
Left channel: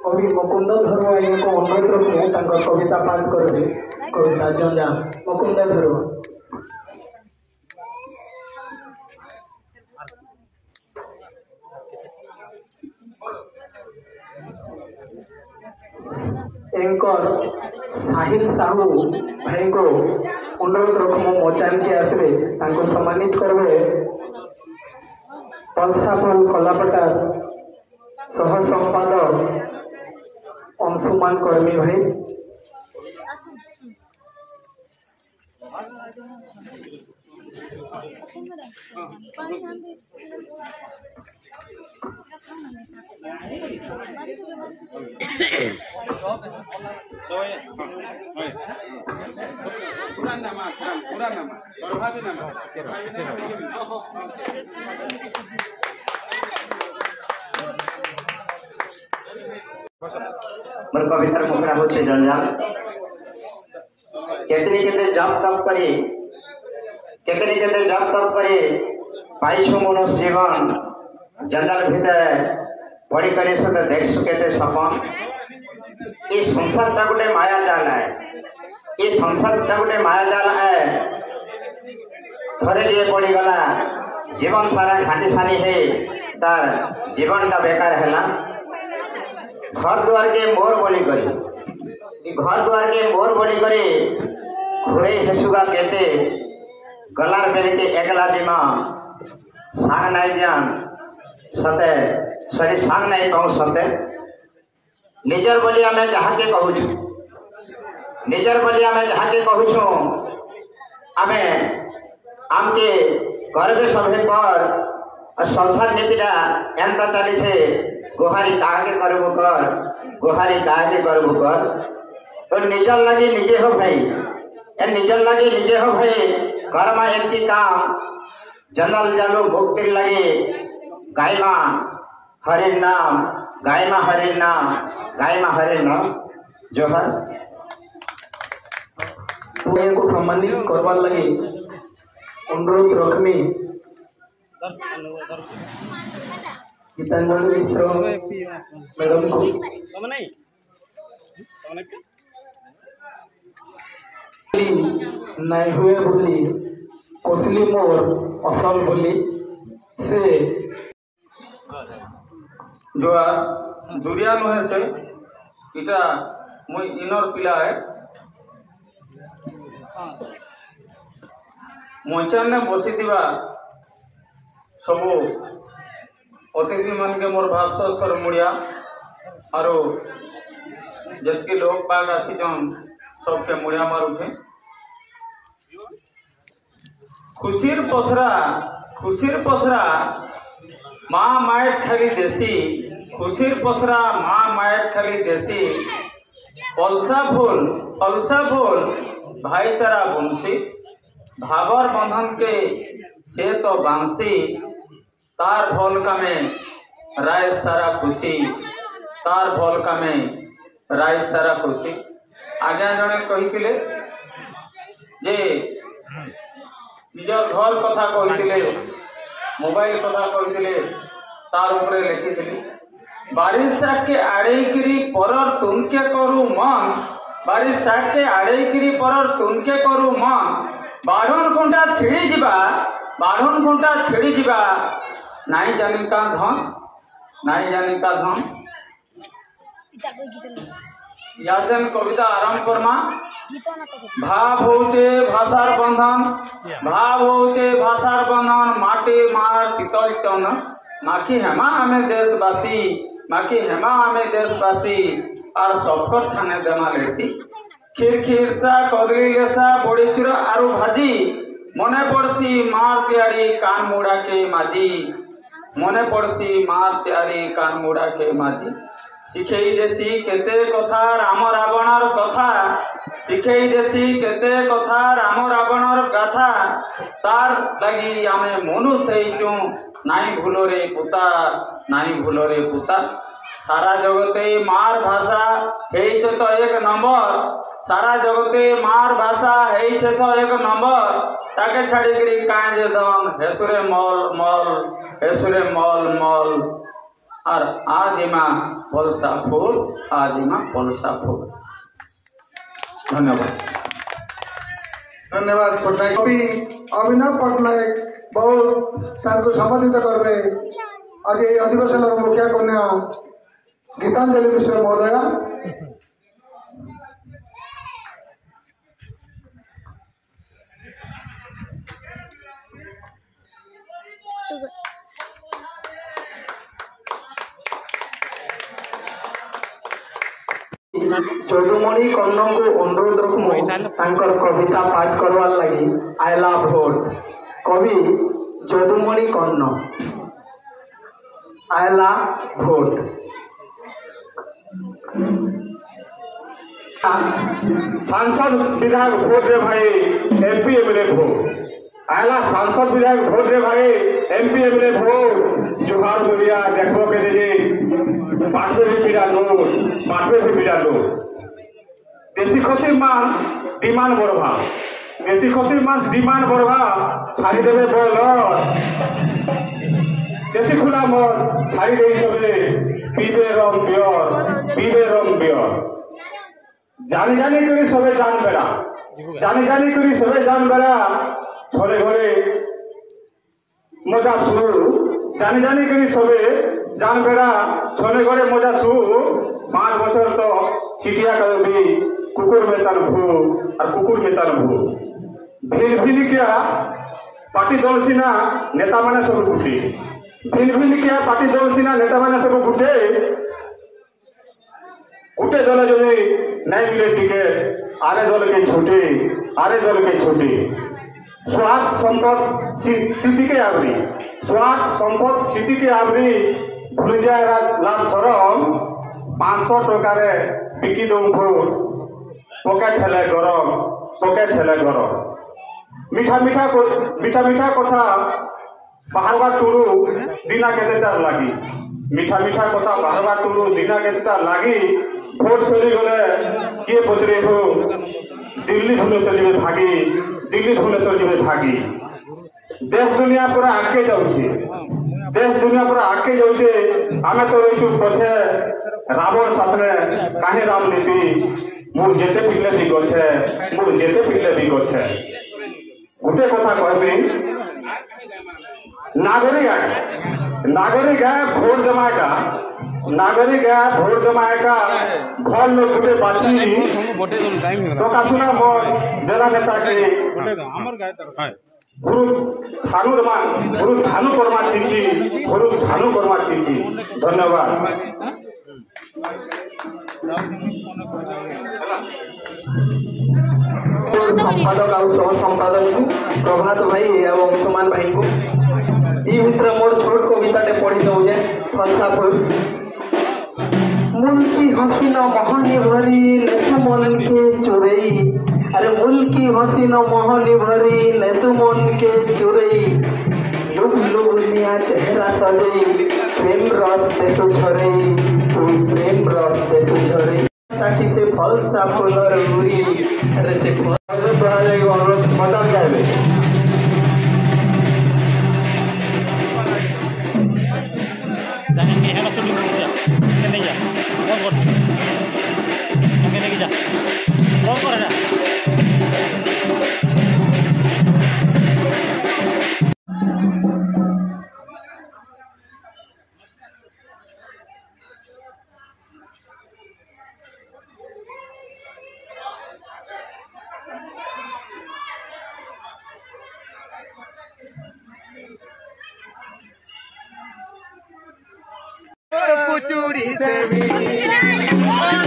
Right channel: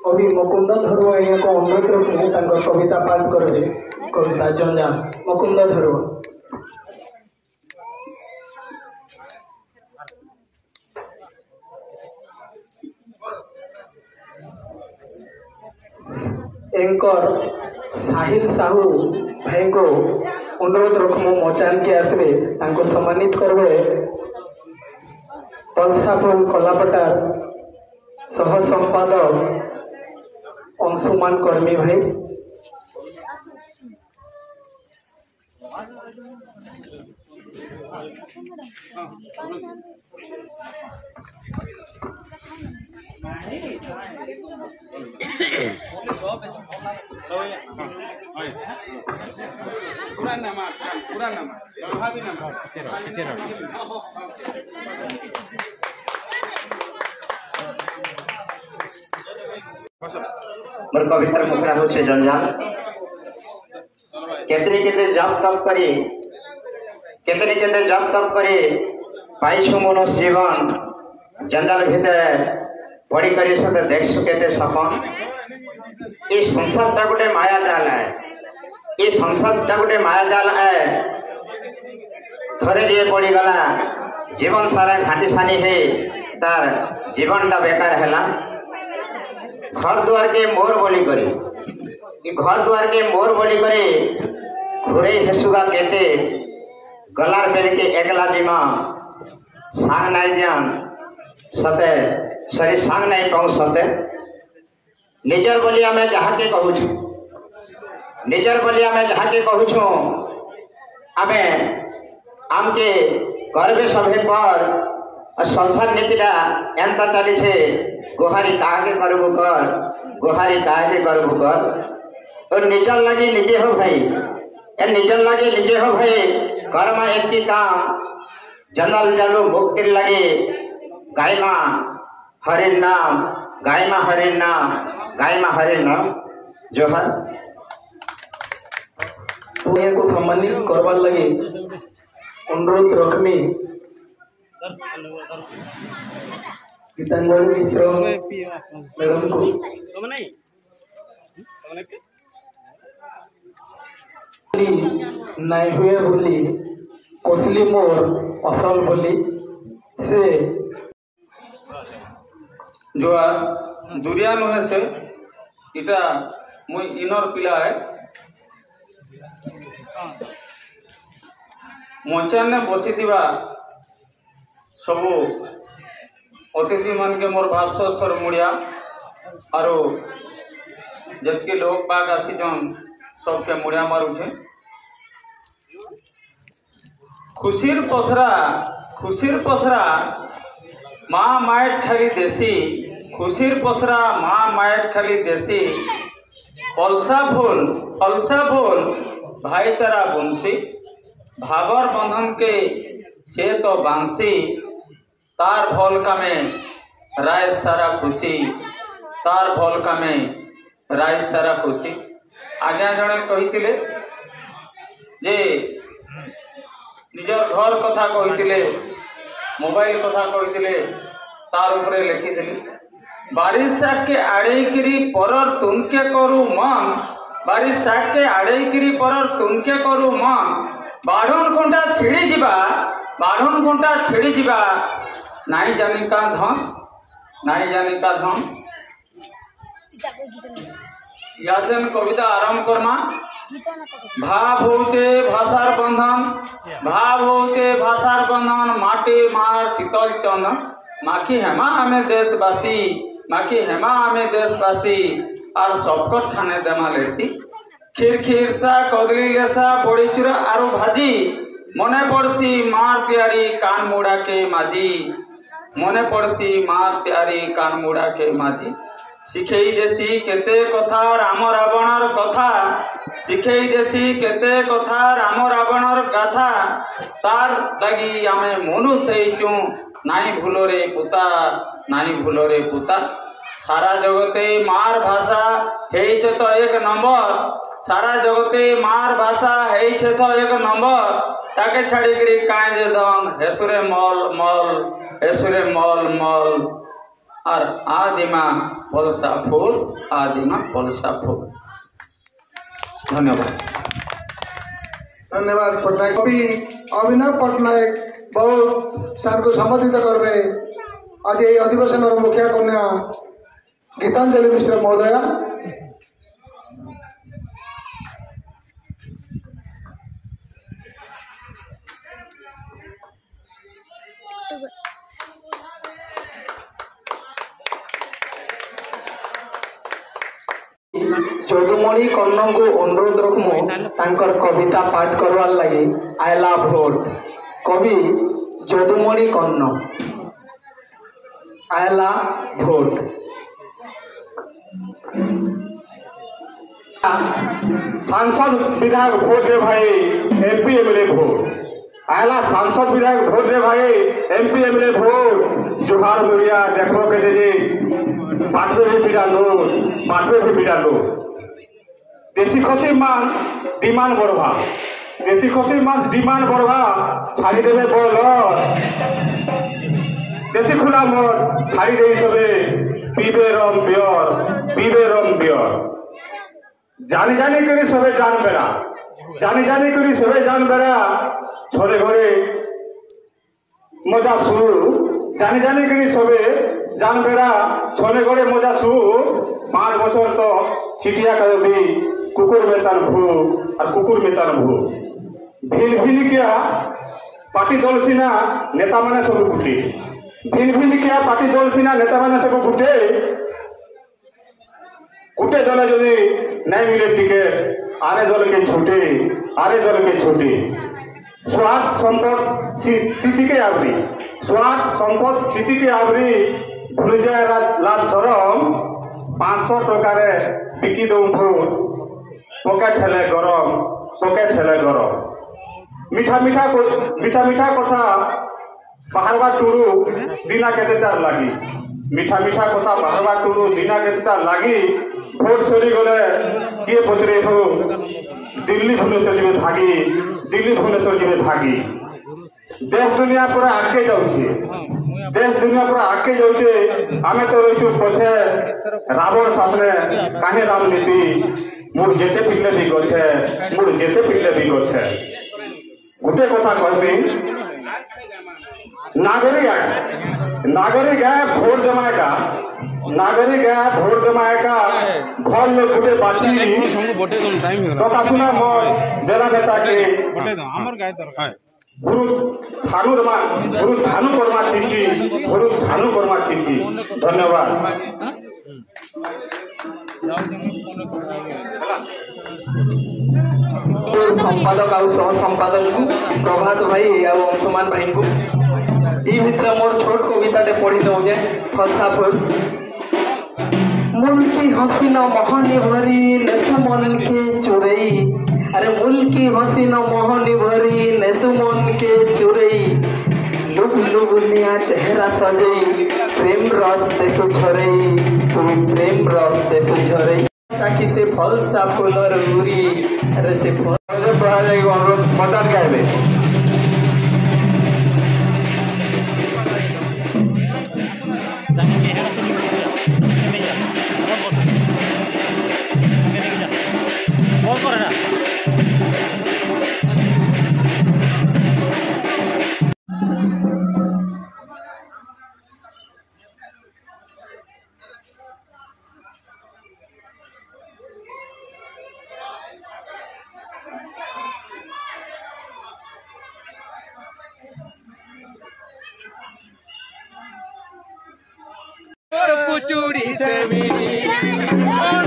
कवि मुकुंद धरुआ को अनुरोध रखू कविता पाठ करे कविता जंजा मुकुंद धरुआ एंकर साहिल साहू भाई को अनुरोध रखू मोचान के आसवे सम्मानित करवे पलसापुर कलापटार सह संपादक अंशुमान कर्मी भाई मोर कवितार मुखड़ा होचे जंजाल केतरी केते जप तप करे केतरी केते जप तप करे पाइछु मनुष्य जीवन जंजाल भितर पड़ी करे सते देखसु केते सपन ये संसार ता गोटे माया जाल है ये संसार ता गोटे माया जाल है थरे जे पड़ी गला जीवन सारा घाटी सानी है तार जीवन ता बेकार हैला घर द्वार के मोर बोली करी घर द्वार के मोर बोली करी घुरे हेसुगा केते गलार बेले के एकला दिमा सांग नाई जान सते सरी सांग नाई कहूँ सते निजर बोलिया मैं जहाँ के कहूँ निजर बोलिया मैं जहाँ के कहूँ आमे आमके गर्वे सभे पर संसार नीतिरा एंता चली छे गोहारी काहे करबो कर गोहारी काहे करबो कर और निजर लगे निजे हो भाई ए निजर लगे निजे हो भाई कर्म एकटी काम जनल जलो मुक्ति लगे गायमा हरि नाम गायमा हरि नाम गायमा हरि नाम जो है को सम्मानित करवार लगे अनुरोध रखमी गीतांजलि मिश्र मैडम को नाई हुए बोली कसली मोर असल बोली से जो दुरिया नुहे से इटा मुई इनर पिला है मंचाने बसी सबू अतिथि मान के मोर भावसर मुड़िया और जबकि लोग पाक आसीजन सबके मुड़िया मारुछे। खुशीर पसरा माँ मायट खाली देसी, खुशीर पसरा माँ मायट खाली देसी, फलसा फूल भाईचारा बंशी, भागर बंधन के से तो बांसी, तार भल कामे राय सारा खुशी, तार भल कामे राय सारा खुशी। आज्ञा जड़े कही जे निजर घर कथा कही, मोबाइल कथा कही, तार उपरे लिखी बारिशा के आड़ेकिरी परर तुमके करू मन, बारिशा के आड़ेकिरी परर तुमके करू मन, बाढ़न घंटा छिड़ी जीवा नाई जानी का धन। याचन कविता आरंभ करमा। भाव होते भाषार बंधन माटी मार शीतल चंदन, माखी हेमा आमे देशवासी और शॉर्टकट थाने देमा लेसी, खीर सा कदली लेसा बड़ी चूरा आरु भाजी, मने पड़सी मार प्यारी कान मुड़ा के माझी, मने पड़सी मार प्यारी कान मुड़ा के माझी। शिखेई देसी केते कथा राम रावणर कथा, शिखेई देसी केते कथा राम रावणर गाथा, तार लगी आमे मनु सेइचु नाई भूलोरे पुता। सारा जगते मार भाषा हेइछे तो एक नंबर, सारा जगते मार भाषा हेइछे तो एक नंबर, ताके छाड़ी करी काहे जे दन हेसुरे मल और आदिमा फलसा फूल। धन्यवाद। पटनायक कवि अभिनव पटनायक बहुत सार को संबोधित करबे। आज ये अधिवेशन मुख्य कन्या गीतांजलि मिश्र महोदया। যদুমণি কন্নଙ୍କୁ অনুরোধ রকমু তাঙ্কর কবিতা পাঠ করবার লাগি আইলা ভোট। কবি যদুমণি কন্ন আইলা ভোট। सांसद विधायक भोट रे भाई, एमपी एमएलए भोट आयला। सांसद विधायक भोट रे भाई, एमपी एमएलए भोट। जुहार बोलिया देखो के जे पाठे भी पीड़ा लो, देशी खसी मांस डिमांड बढ़वा, देशी खसी मांस डिमांड बढ़वा, छाड़ी देवे बोल देशी खुला मत छाड़ी दे सबे पीबे रम बियर। जानी करी सबे जान बेड़ा, छोरे घरे मजा सु, जानी करी सबे जान बेड़ा, छोरे घरे मजा सु। 5 बছর तो छिटिया कभी कुकुर मेतान भू भिन क्या पार्टी दल सीना नेता माने सब गुटे, भिन क्या पार्टी दल सीना नेता माने सब गुटे दल जदि नहीं मिले टिकेट आरे दल के छोटे। स्वार्थ संपद स्थिति के आवरी भूल जाए लाल शरण 500 टकार बिकी दो पकेट हेले गरम। मीठा कथा बाहरवा टुरु दिना केते तार लागी, मीठा कथा बाहरवा टुरु दिना केते तार लागी। भोट चली गले किए पचरे हो दिल्ली भूले चलिए भागी। देश दुनिया पूरा आगे जाऊे, आमे तो रही पछे रावण सामने काहे राजनीति मोर जेते पिले भी गछे गोटे कथा कहबी। नागरिक है भोट जमाएगा भल लोग गुटे बाची कथा सुना मोर देला नेता के गुरु धानु करमा चिंती। धन्यवाद। संपादक आउ सह संपादक को प्रभात भाई आउ अंशुमान भाई को ई भितर मोर छोट कविताटे पढ़ी दउजे फसा फुल मुल्की हसीन मोहनी भरी नेसु मन के चुरई अरे मुल्की हसीन मोहनी भरी नेसु मन के चुरई लुग लुगुलिया चेहरा सजई प्रेम रस से तू झरई तू प्रेम रस से तू झरई साखी से फल सा फूलर गुरी अरे से पढ़ा जाएगा अनुरोध मकान गायबे पुचूड़ी से मिली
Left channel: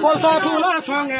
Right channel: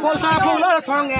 Forza Fuller song